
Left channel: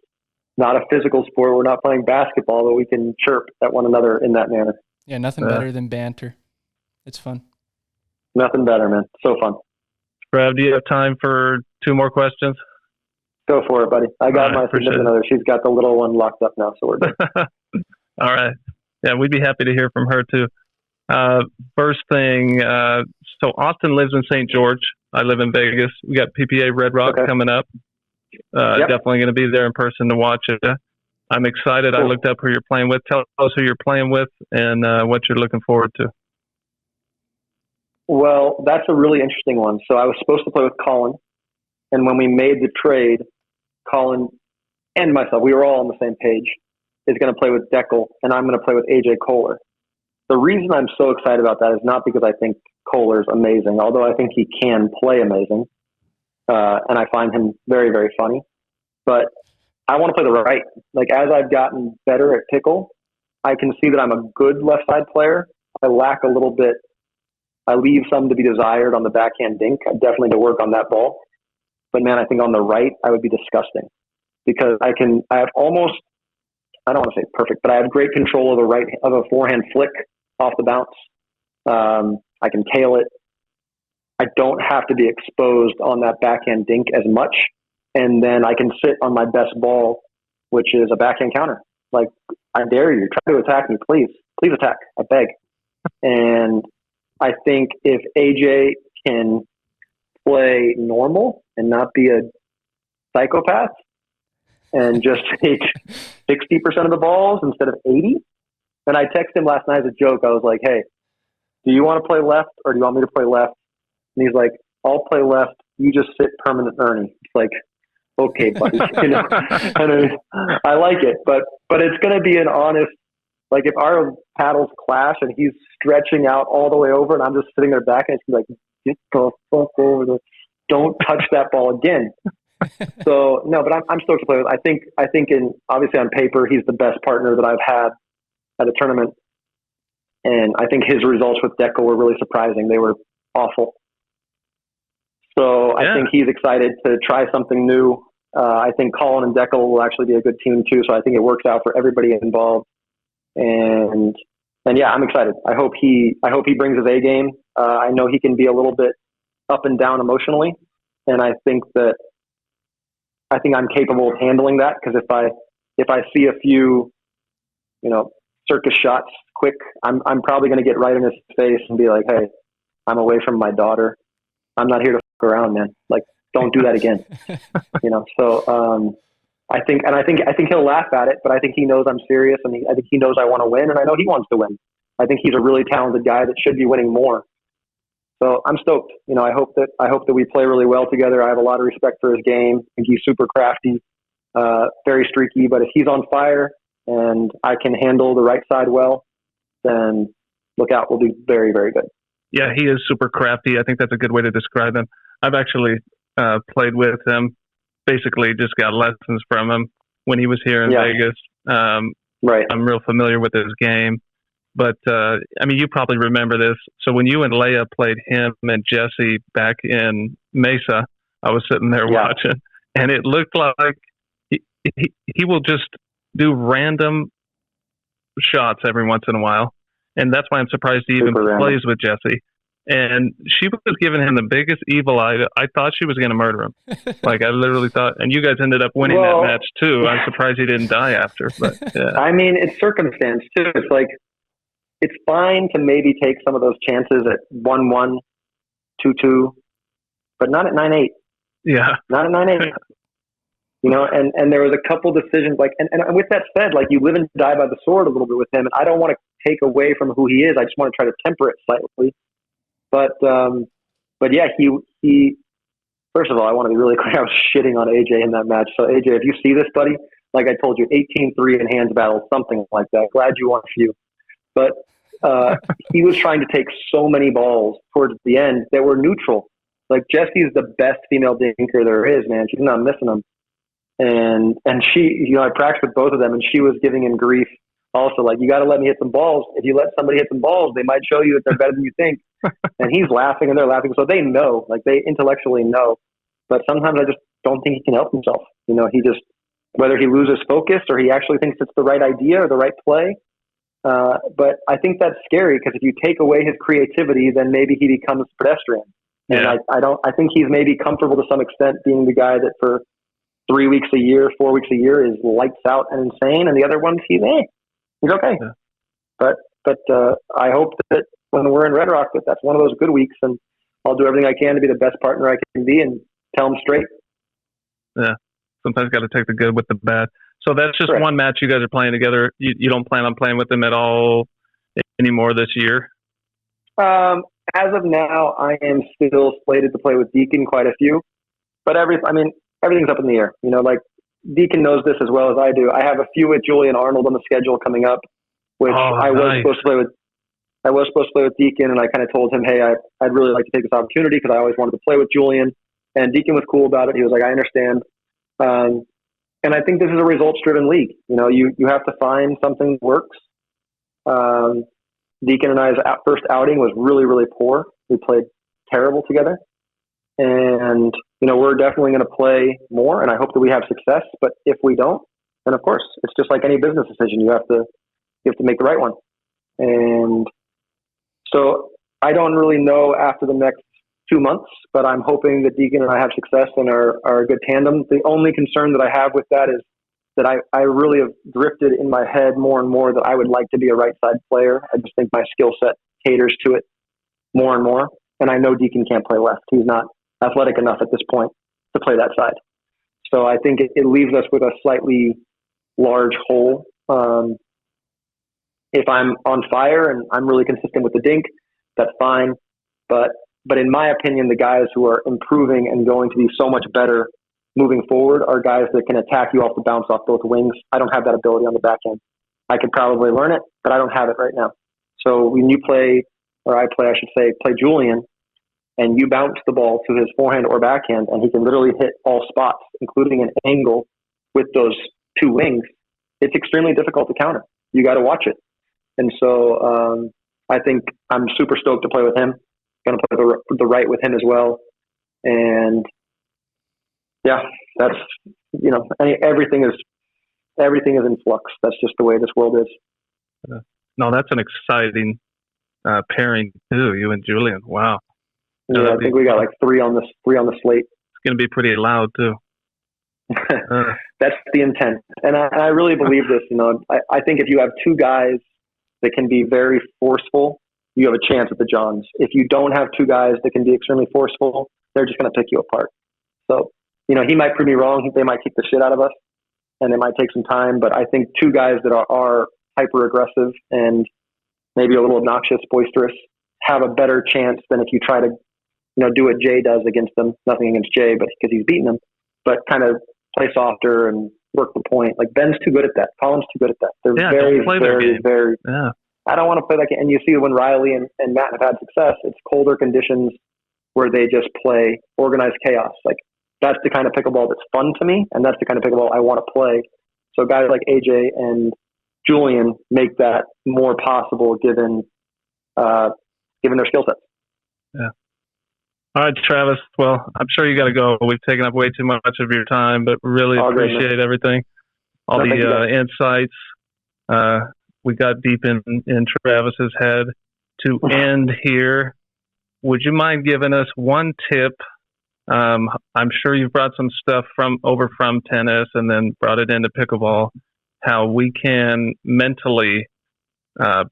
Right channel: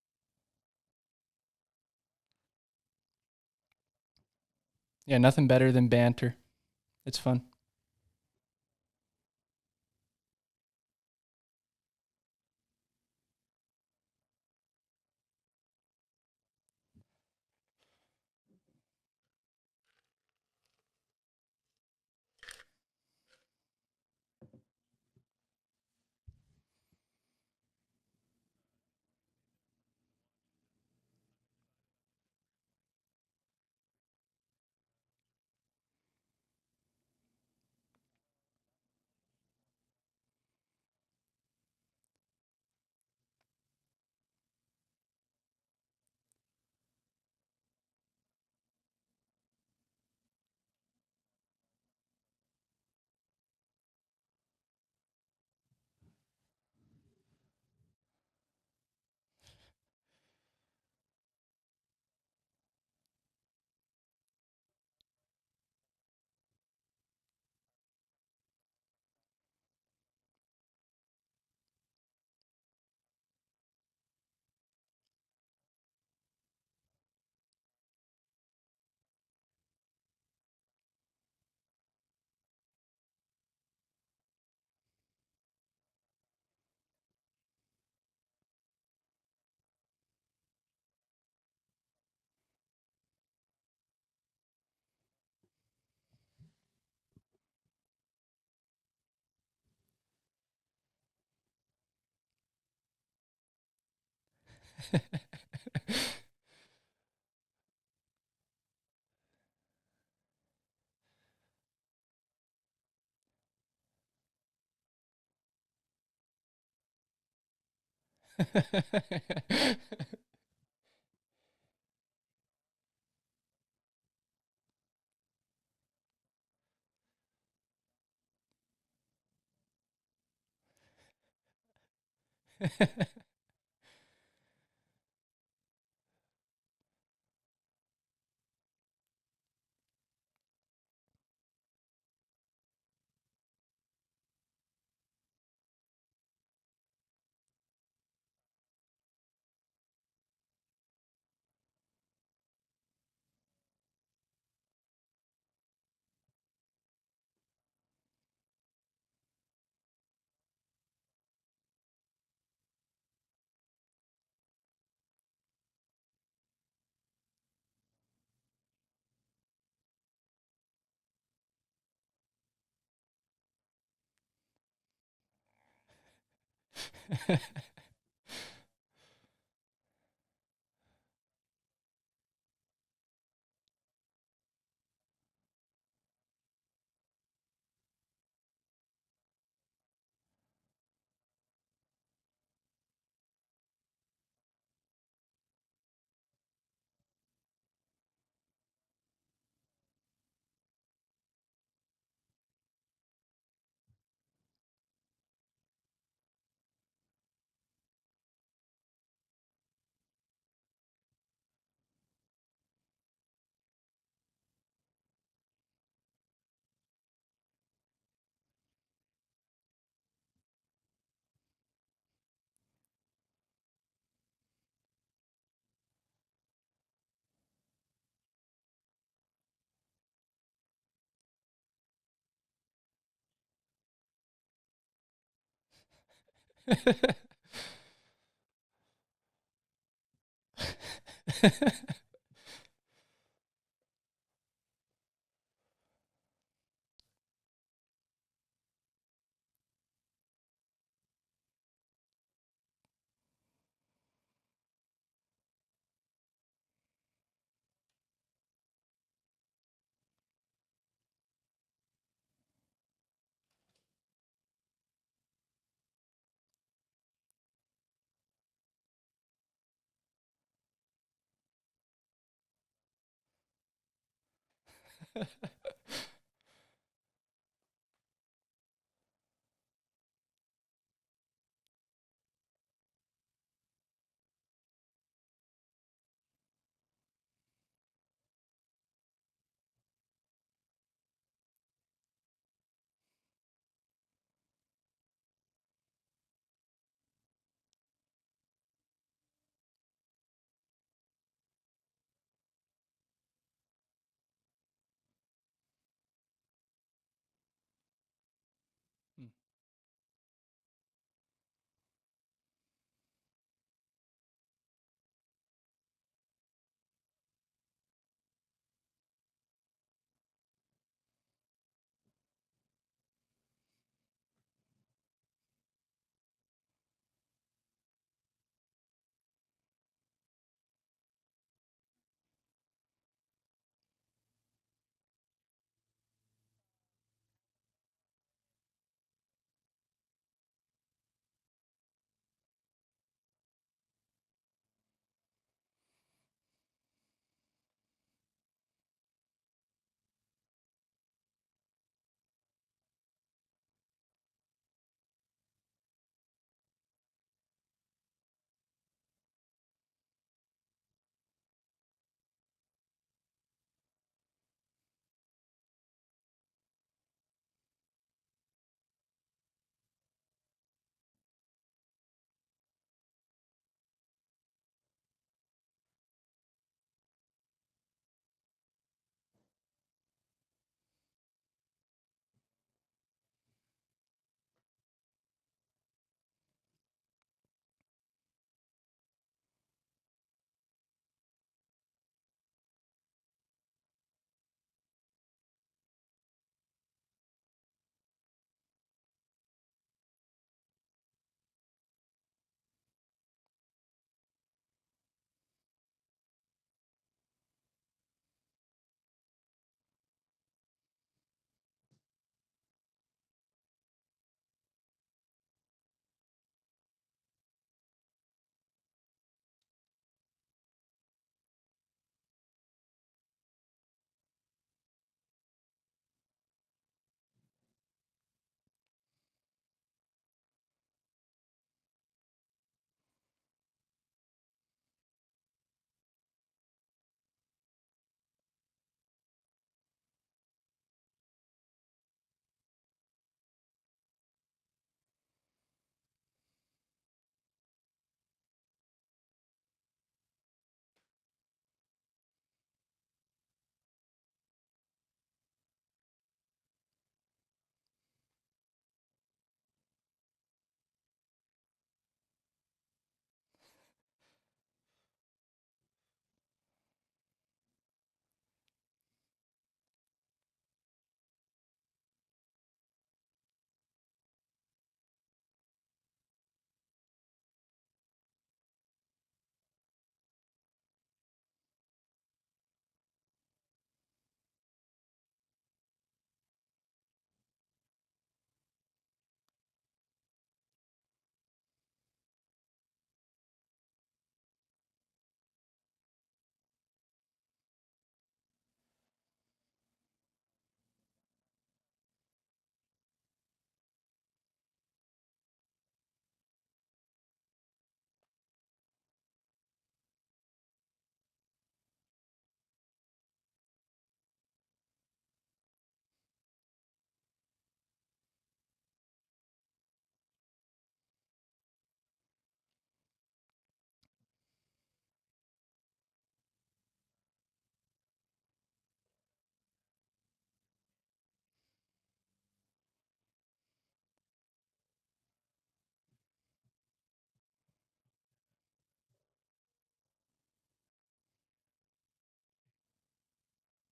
not a physical sport. We're not playing basketball, but we can chirp at one another in that manner. Yeah, nothing better than banter. It's fun. Nothing better, man. So fun. Brad, do you have time for 2 more questions? Go for it, buddy. I got my significant other. She's got the little one locked up now, so we're good. All right. Yeah, we'd be happy to hear from her too. First thing, so Austin lives in St. George. I live in Vegas. We got PPA Red Rock coming up. Definitely going to be there in person to watch it. I'm excited. Cool. I looked up who you're playing with. Tell us who you're playing with and what you're looking forward to. Well, that's a really interesting one. So I was supposed to play with Collin, and when we made the trade, Collin and myself, we were all on the same page, is going to play with Deckel, and I'm going to play with AJ Kohler. The reason I'm so excited about that is not because I think Kohler's amazing, although I think he can play amazing, and I find him very, very funny. But I want to play the right. Like, as I've gotten better at pickle, I can see that I'm a good left side player. I lack a little bit. I leave some to be desired on the backhand dink. I definitely need to work on that ball. But man, I think on the right, I would be disgusting because I have almost, I don't want to say perfect, but I have great control of a forehand flick off the bounce. I can tail it. I don't have to be exposed on that backhand dink as much. And then I can sit on my best ball, which is a backhand counter. Like, I dare you, try to attack me, please. Please attack, I beg. And I think if AJ can play normal and not be a psychopath and just take 60% of the balls instead of 80. And I texted him last night as a joke. I was like, hey, do you want to play left or do you want me to play left? And he's like, I'll play left. You just sit permanent Ernie. It's like, okay, buddy. You know, I like it, but it's going to be an honest, like if our paddles clash and he's stretching out all the way over and I'm just sitting there back and it's like, get the fuck over there. Don't touch that ball again. So no, but I'm stoked to play with. I think obviously on paper, he's the best partner that I've had at a tournament. And I think his results with Deckel were really surprising. They were awful. So I think he's excited to try something new. I think Collin and Deckel will actually be a good team too. So I think it works out for everybody involved. And yeah, I'm excited. I hope he brings his A game. I know he can be a little bit up and down emotionally. And I think I'm capable of handling that. Cause if I see a few, circus shots quick, I'm probably going to get right in his face and be like, hey, I'm away from my daughter. I'm not here to fuck around, man. Like, don't do that again. So I think he'll laugh at it, but I think he knows I'm serious, and I think he knows I want to win, and I know he wants to win. I think he's a really talented guy that should be winning more. So I'm stoked. I hope that we play really well together. I have a lot of respect for his game. I think he's super crafty, very streaky. But if he's on fire and I can handle the right side well, then look out. We'll be very, very good. Yeah, he is super crafty. I think that's a good way to describe him. I've actually played with him, basically just got lessons from him when he was here in Vegas. Right. I'm real familiar with his game. But, you probably remember this. So when you and Leia played him and Jesse back in Mesa, I was sitting there watching, and it looked like he will just do random shots every once in a while. And that's why I'm surprised he even plays with Jesse. And she was giving him the biggest evil eye. I thought she was going to murder him. Like, I literally thought, and you guys ended up winning that match too. I'm surprised he didn't die after. But, yeah. It's circumstance too. It's like, it's fine to maybe take some of those chances at 1-1, 2-2, but not at 9-8. Yeah. Not at 9-8. And there was a couple decisions, like, and with that said, like, you live and die by the sword a little bit with him, and I don't want to take away from who he is. I just want to try to temper it slightly. But yeah, he first of all, I want to be really clear. I was shitting on AJ in that match. So AJ, if you see this, buddy, like I told you, 18-3 in hands battle, something like that. Glad you won a few. But he was trying to take so many balls towards the end that were neutral. Like, Jessie's the best female dinker there is, man. She's not missing them. And she, I practiced with both of them, and she was giving him grief also, like, you got to let me hit some balls. If you let somebody hit some balls, they might show you that they're better than you think. And he's laughing and they're laughing. So they know, like, they intellectually know. But sometimes I just don't think he can help himself. He just, whether he loses focus or he actually thinks it's the right idea or the right play. But I think that's scary, because if you take away his creativity, then maybe he becomes pedestrian. Yeah. And I think he's maybe comfortable to some extent being the guy that for 3 weeks a year, 4 weeks a year is lights out and insane. And the other ones, he's okay. Yeah. But I hope that when we're in Red Rock, that's one of those good weeks, and I'll do everything I can to be the best partner I can be and tell him straight. Yeah. Sometimes got to take the good with the bad. So that's just one match you guys are playing together. You don't plan on playing with them at all anymore this year? As of now, I am still slated to play with Deacon quite a few, but everything's up in the air. Like Deacon knows this as well as I do. I have a few with Julian Arnold on the schedule coming up, which I was supposed to play with. I was supposed to play with Deacon, and I kind of told him, hey, I'd really like to take this opportunity because I always wanted to play with Julian. And Deacon was cool about it. He was like, I understand. And I think this is a results-driven league. You have to find something that works. Deacon and I's first outing was really, really poor. We played terrible together. And, we're definitely going to play more, and I hope that we have success. But if we don't, then, of course, it's just like any business decision. You have to make the right one. And so I don't really know after the next 2 months, but I'm hoping that Deacon and I have success and are a good tandem. The only concern that I have with that is that I really have drifted in my head more and more that I would like to be a right side player. I just think my skill set caters to it more and more. And I know Deacon can't play left. He's not athletic enough at this point to play that side. So I think it leaves us with a slightly large hole. If I'm on fire and I'm really consistent with the dink, that's fine. But in my opinion, the guys who are improving and going to be so much better moving forward are guys that can attack you off the bounce off both wings. I don't have that ability on the back end. I could probably learn it, but I don't have it right now. So when you play Julian, and you bounce the ball to his forehand or backhand, and he can literally hit all spots, including an angle with those two wings, it's extremely difficult to counter. You got to watch it. And so I think I'm super stoked to play with him. Going to play the right with him as well. And yeah, that's, everything is in flux. That's just the way this world is. No, that's an exciting pairing too. You and Julian. Wow. Yeah, I think we got like three on the slate. It's going to be pretty loud too. That's the intent. And I really believe this, I think if you have two guys that can be very forceful, you have a chance at the Johns. If you don't have two guys that can be extremely forceful, they're just going to pick you apart. So, he might prove me wrong. They might kick the shit out of us, and it might take some time. But I think two guys that are hyper aggressive and maybe a little obnoxious, boisterous, have a better chance than if you try to, do what Jay does against them. Nothing against Jay, but because he's beaten them, but kind of play softer and work the point. Like Ben's too good at that. Colin's too good at that. They're very. Yeah. I don't want to play that game. And you see when Riley and Matt have had success, it's colder conditions where they just play organized chaos. Like that's the kind of pickleball that's fun to me, and that's the kind of pickleball I want to play. So guys like AJ and Julian make that more possible given their skill sets. Yeah. All right, Travis. Well, I'm sure you got to go. We've taken up way too much of your time, but really appreciate everything, all the insights. We got deep in Travis's head. To end here, would you mind giving us one tip? I'm sure you've brought some stuff from tennis and then brought it into pickleball, how we can mentally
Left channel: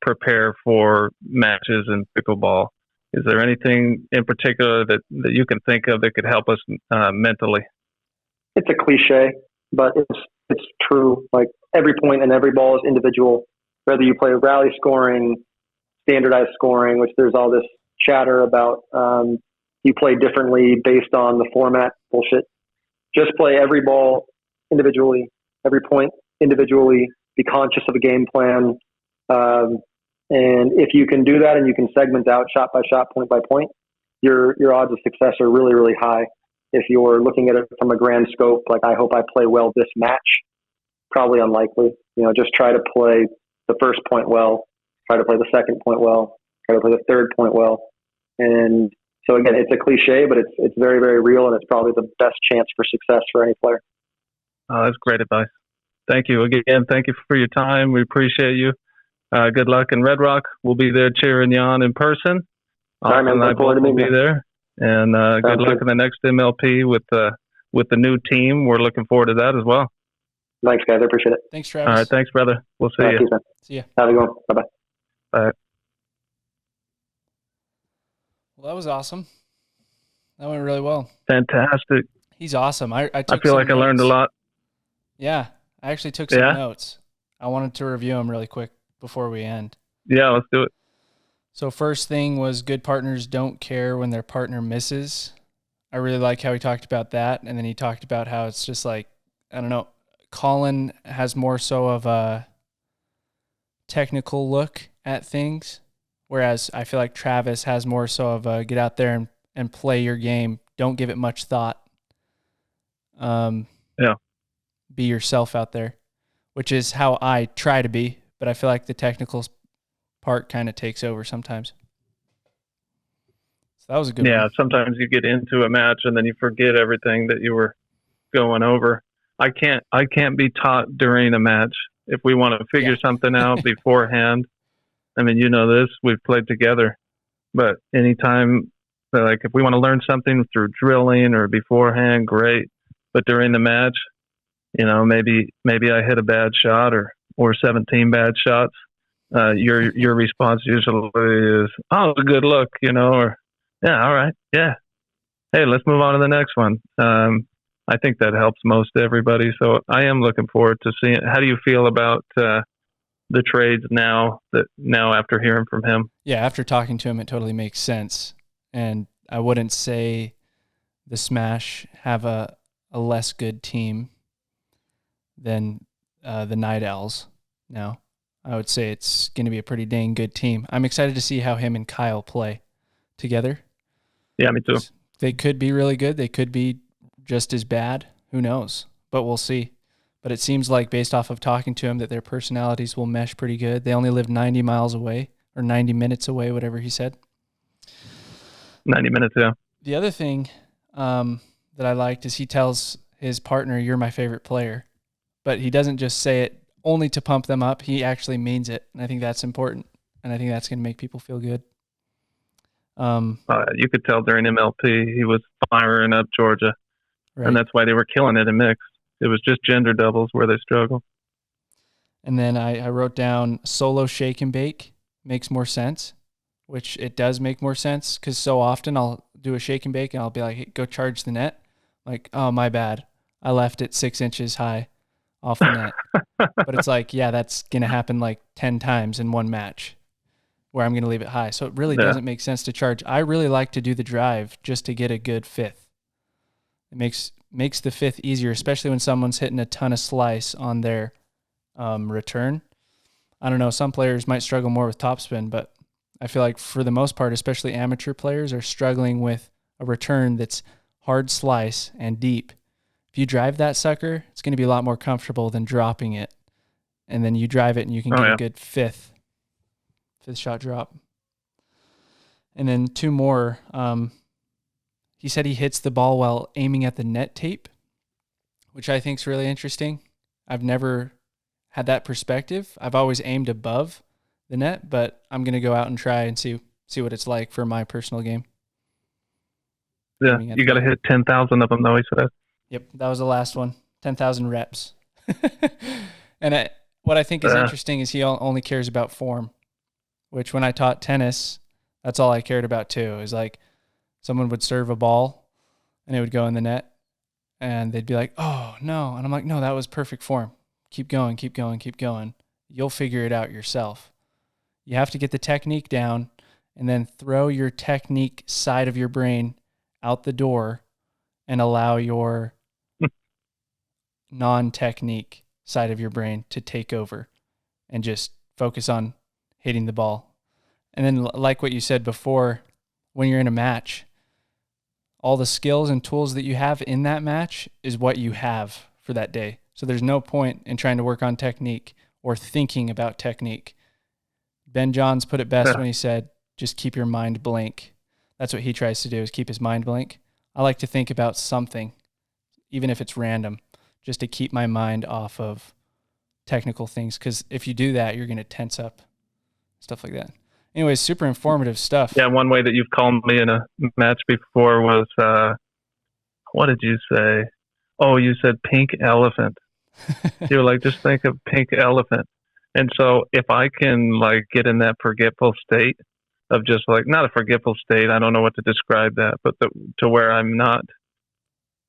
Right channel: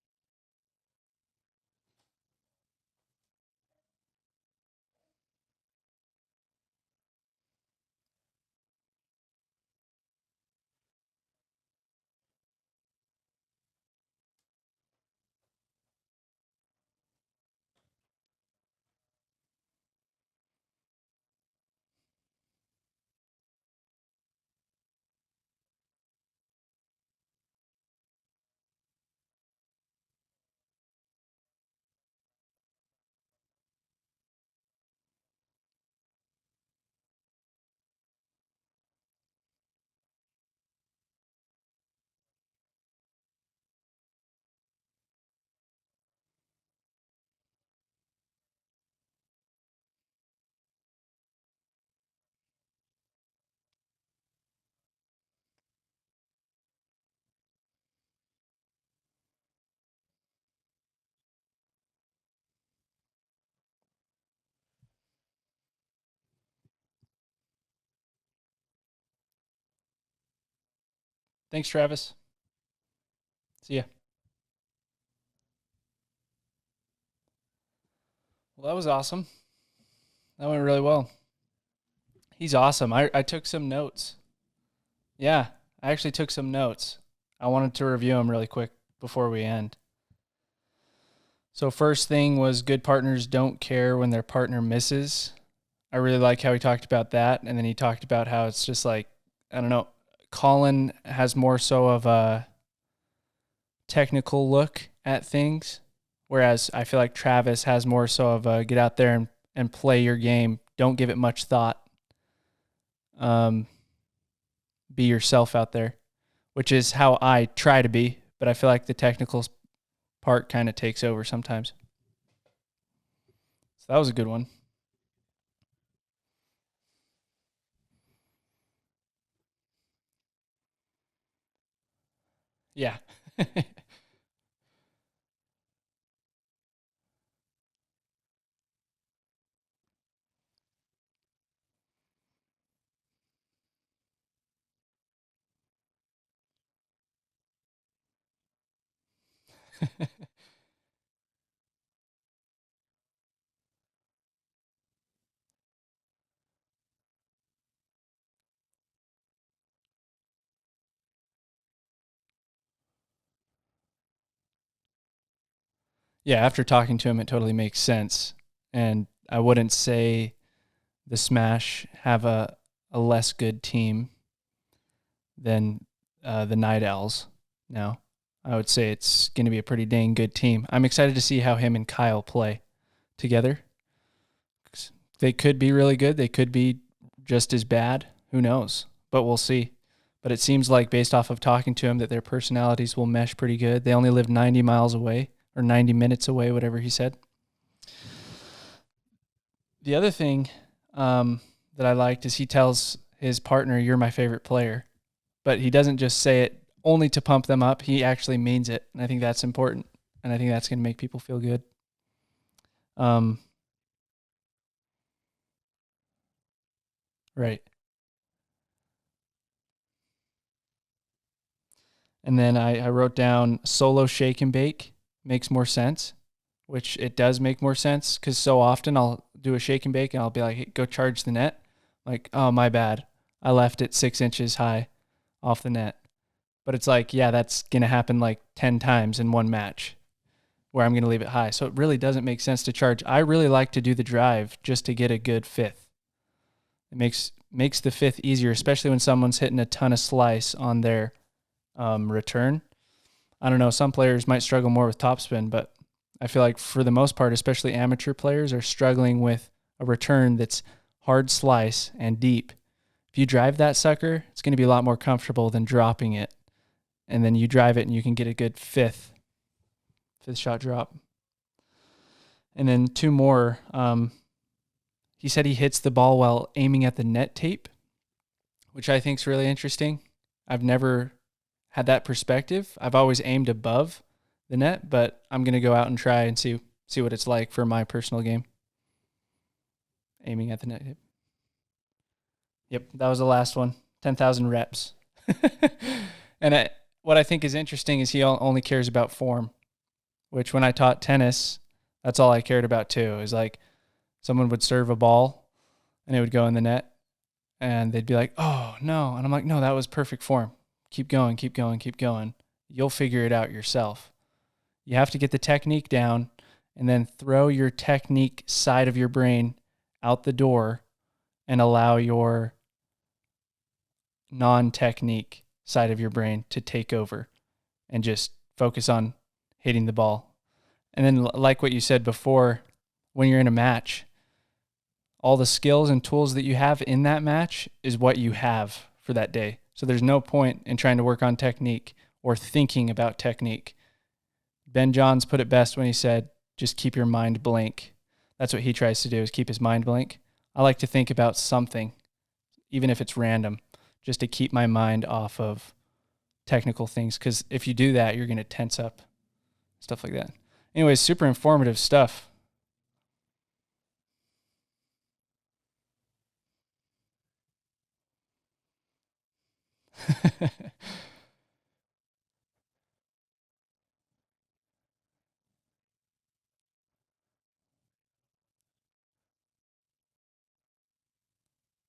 prepare for matches in pickleball. Is there anything in particular that you can think of that could help us mentally? It's a cliche, but it's true. Like every point and every ball is individual. Whether you play rally scoring, standardized scoring, which there's all this chatter about, you play differently based on the format bullshit. Just play every ball individually, every point individually, be conscious of a game plan. And if you can do that and you can segment out shot by shot, point by point, your odds of success are really, really high. If you're looking at it from a grand scope, like I hope I play well this match, probably unlikely. Just try to play the first point well, try to play the second point well, try to play the third point well. And so again, it's a cliche, but it's very, very real, and it's probably the best chance for success for any player. Oh, that's great advice. Thank you again. Thank you for your time. We appreciate you. Good luck in Red Rock. We'll be there cheering you on in person. All right, man. I will be there. And good luck in the next MLP with the new team. We're looking forward to that as well. Thanks, guys. I appreciate it. Thanks, Travis. All right. Thanks, brother. We'll see you. See ya. Have a good one. Bye-bye. Bye. Well, that was awesome. That went really well. Fantastic. He's awesome. I feel like I learned a lot. Yeah. I actually took some notes. I wanted to review them really quick before we end. Yeah, let's do it. So first thing was good partners don't care when their partner misses. I really like how he talked about that. And then he talked about how it's just like, I don't know, Collin has more so of a technical look at things, whereas I feel like Travis has more so of a get out there and play your game. Don't give it much thought. Be yourself out there, which is how I try to be, but I feel like the technical part kind of takes over sometimes. So that was a good one. Yeah, sometimes you get into a match and then you forget everything that you were going over. I can't be taught during a match. If we want to figure something out beforehand, I mean, you know this, we've played together. But anytime, like if we want to learn something through drilling or beforehand, great. But during the match, you know, maybe I hit a bad shot or 17 bad shots. Your response usually is, "Oh, it was a good look," you know, or "Yeah, all right, yeah, hey, let's move on to the next one." I think that helps most everybody. So I am looking forward to seeing. How do you feel about the trades now after hearing from him? Yeah, after talking to him, it totally makes sense. And I wouldn't say the Smash have a less good team than the Night Owls now. I would say it's going to be a pretty dang good team. I'm excited to see how him and Kyle play together. Yeah, me too. They could be really good. They could be just as bad. Who knows? But we'll see. But it seems like based off of talking to him that their personalities will mesh pretty good. They only live 90 miles away or 90 minutes away, whatever he said. 90 minutes, yeah. The other thing that I liked is he tells his partner, "You're my favorite player." But he doesn't just say it only to pump them up. He actually means it. And I think that's important. And I think that's going to make people feel good. You could tell during MLP he was firing up Georgia. Right. And that's why they were killing it in mixed. It was just gender doubles where they struggled. And then I wrote down solo shake and bake makes more sense, which it does make more sense because so often I'll do a shake and bake and I'll be like, hey, go charge the net. Like, oh, my bad. I left it 6 inches high off the net. But it's like, yeah, that's going to happen like 10 times in one match where I'm going to leave it high. So it really doesn't make sense to charge. I really like to do the drive just to get a good fifth. It makes the fifth easier, especially when someone's hitting a ton of slice on their return. I don't know, some players might struggle more with topspin, but I feel like for the most part, especially amateur players, are struggling with a return that's hard slice and deep. If you drive that sucker, it's going to be a lot more comfortable than dropping it. And then you drive it and you can get a good fifth shot drop. And then two more. He said he hits the ball while aiming at the net tape, which I think is really interesting. I've never had that perspective. I've always aimed above the net, but I'm going to go out and try and see what it's like for my personal game. Yeah, you got to hit 10,000 of them, though, he said. Yep, that was the last one. 10,000 reps. And what I think is interesting is he only cares about form, which when I taught tennis, that's all I cared about too. Is like someone would serve a ball and it would go in the net and they'd be like, oh, no. And I'm like, no, that was perfect form. Keep going, keep going, keep going. You'll figure it out yourself. You have to get the technique down and then throw your technique side of your brain out the door and allow your non-technique side of your brain to take over and just focus on hitting the ball. And then like what you said before, when you're in a match, all the skills and tools that you have in that match is what you have for that day. So there's no point in trying to work on technique or thinking about technique. Ben Johns put it best when he said, just keep your mind blank. That's what he tries to do, is keep his mind blank. I like to think about something, even if it's random, just to keep my mind off of technical things. Because if you do that, you're going to tense up, stuff like that. Anyways, super informative stuff. Yeah, one way that you've called me in a match before was, what did you say? Oh, you said pink elephant. You were like, just think of pink elephant. And so if I can like get in that forgetful state of just like, not a forgetful state, I don't know what to describe that, but to where I'm not,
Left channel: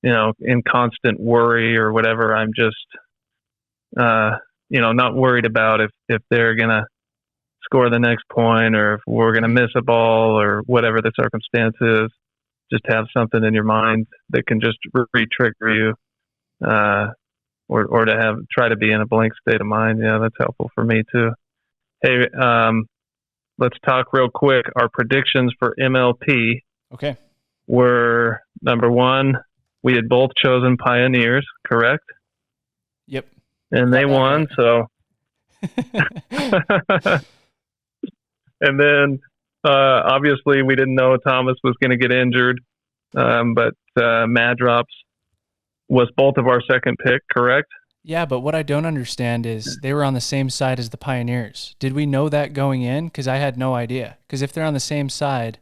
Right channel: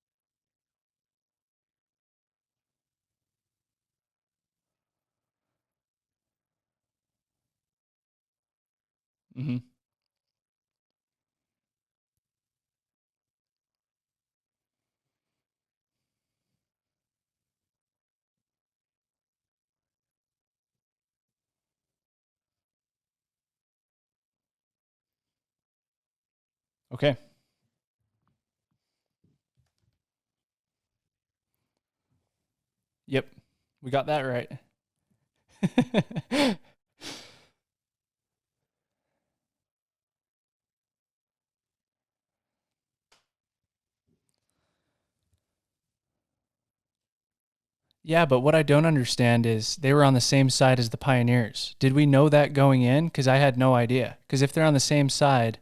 in constant worry or whatever. I'm just, not worried about if they're going to score the next point, or if we're going to miss a ball, or whatever the circumstance is. Just have something in your mind that can just re-trigger you, or to try to be in a blank state of mind. Yeah, that's helpful for me too. Hey, let's talk real quick. Our predictions for MLP were, number one, we had both chosen Pioneers, correct? Yep. And they won, right. So. And then, obviously, we didn't know Thomas was going to get injured, but Madrops was both of our second pick, correct? Yeah, but what I don't understand is they were on the same side as the Pioneers. Did we know that going in? Because I had no idea. Because if they're on the same side,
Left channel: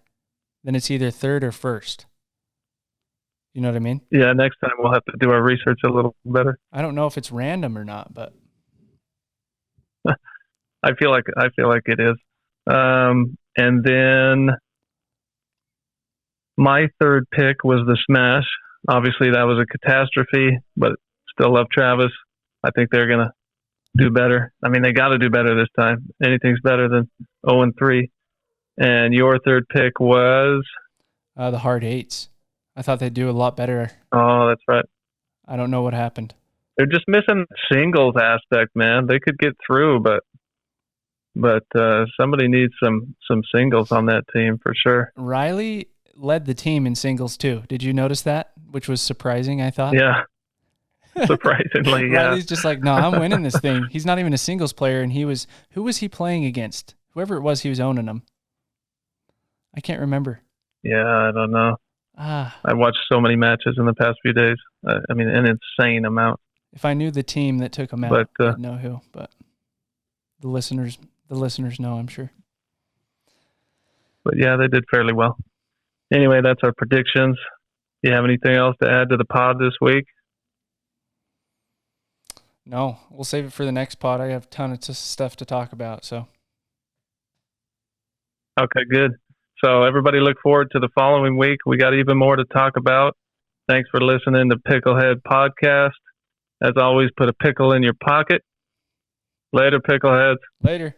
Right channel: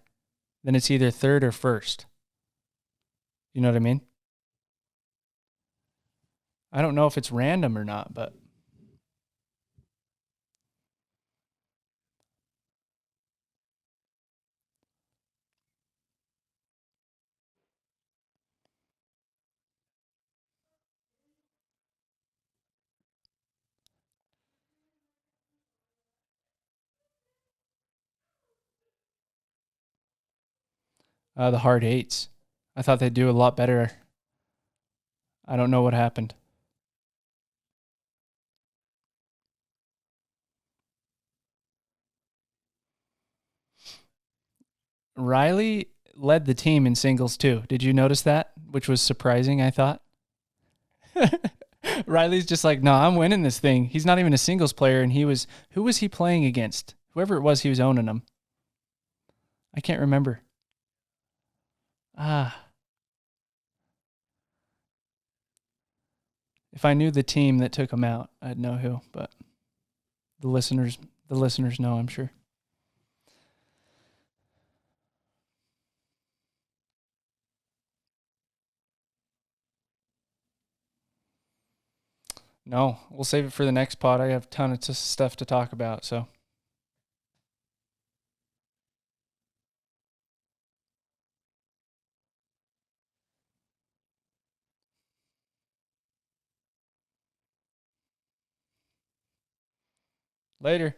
then it's either third or first. You know what I mean? Yeah, next time we'll have to do our research a little better. I don't know if it's random or not, but I feel like it is. And then my third pick was the Smash. Obviously, that was a catastrophe, but still love Travis. I think they're going to do better. I mean, they got to do better this time. Anything's better than 0-3. And your third pick was? The Hard Eights. I thought they'd do a lot better. Oh, that's right. I don't know what happened. They're just missing the singles aspect, man. They could get through, but somebody needs some singles on that team for sure. Riley led the team in singles too. Did you notice that? Which was surprising, I thought. Yeah. Surprisingly, yeah. Riley's just like, no, I'm winning this thing. He's not even a singles player, and who was he playing against? Whoever it was, he was owning them. I can't remember. Yeah, I don't know. I watched so many matches in the past few days. I mean, an insane amount. If I knew the team that took him out, I'd know who. But the listeners know, I'm sure. But yeah, they did fairly well. Anyway, that's our predictions. Do you have anything else to add to the pod this week? No, we'll save it for the next pod. I have a ton of stuff to talk about. So. Okay, good. So everybody look forward to the following week. We got even more to talk about. Thanks for listening to Picklehead Podcast. As always, put a pickle in your pocket. Later, Pickleheads. Later.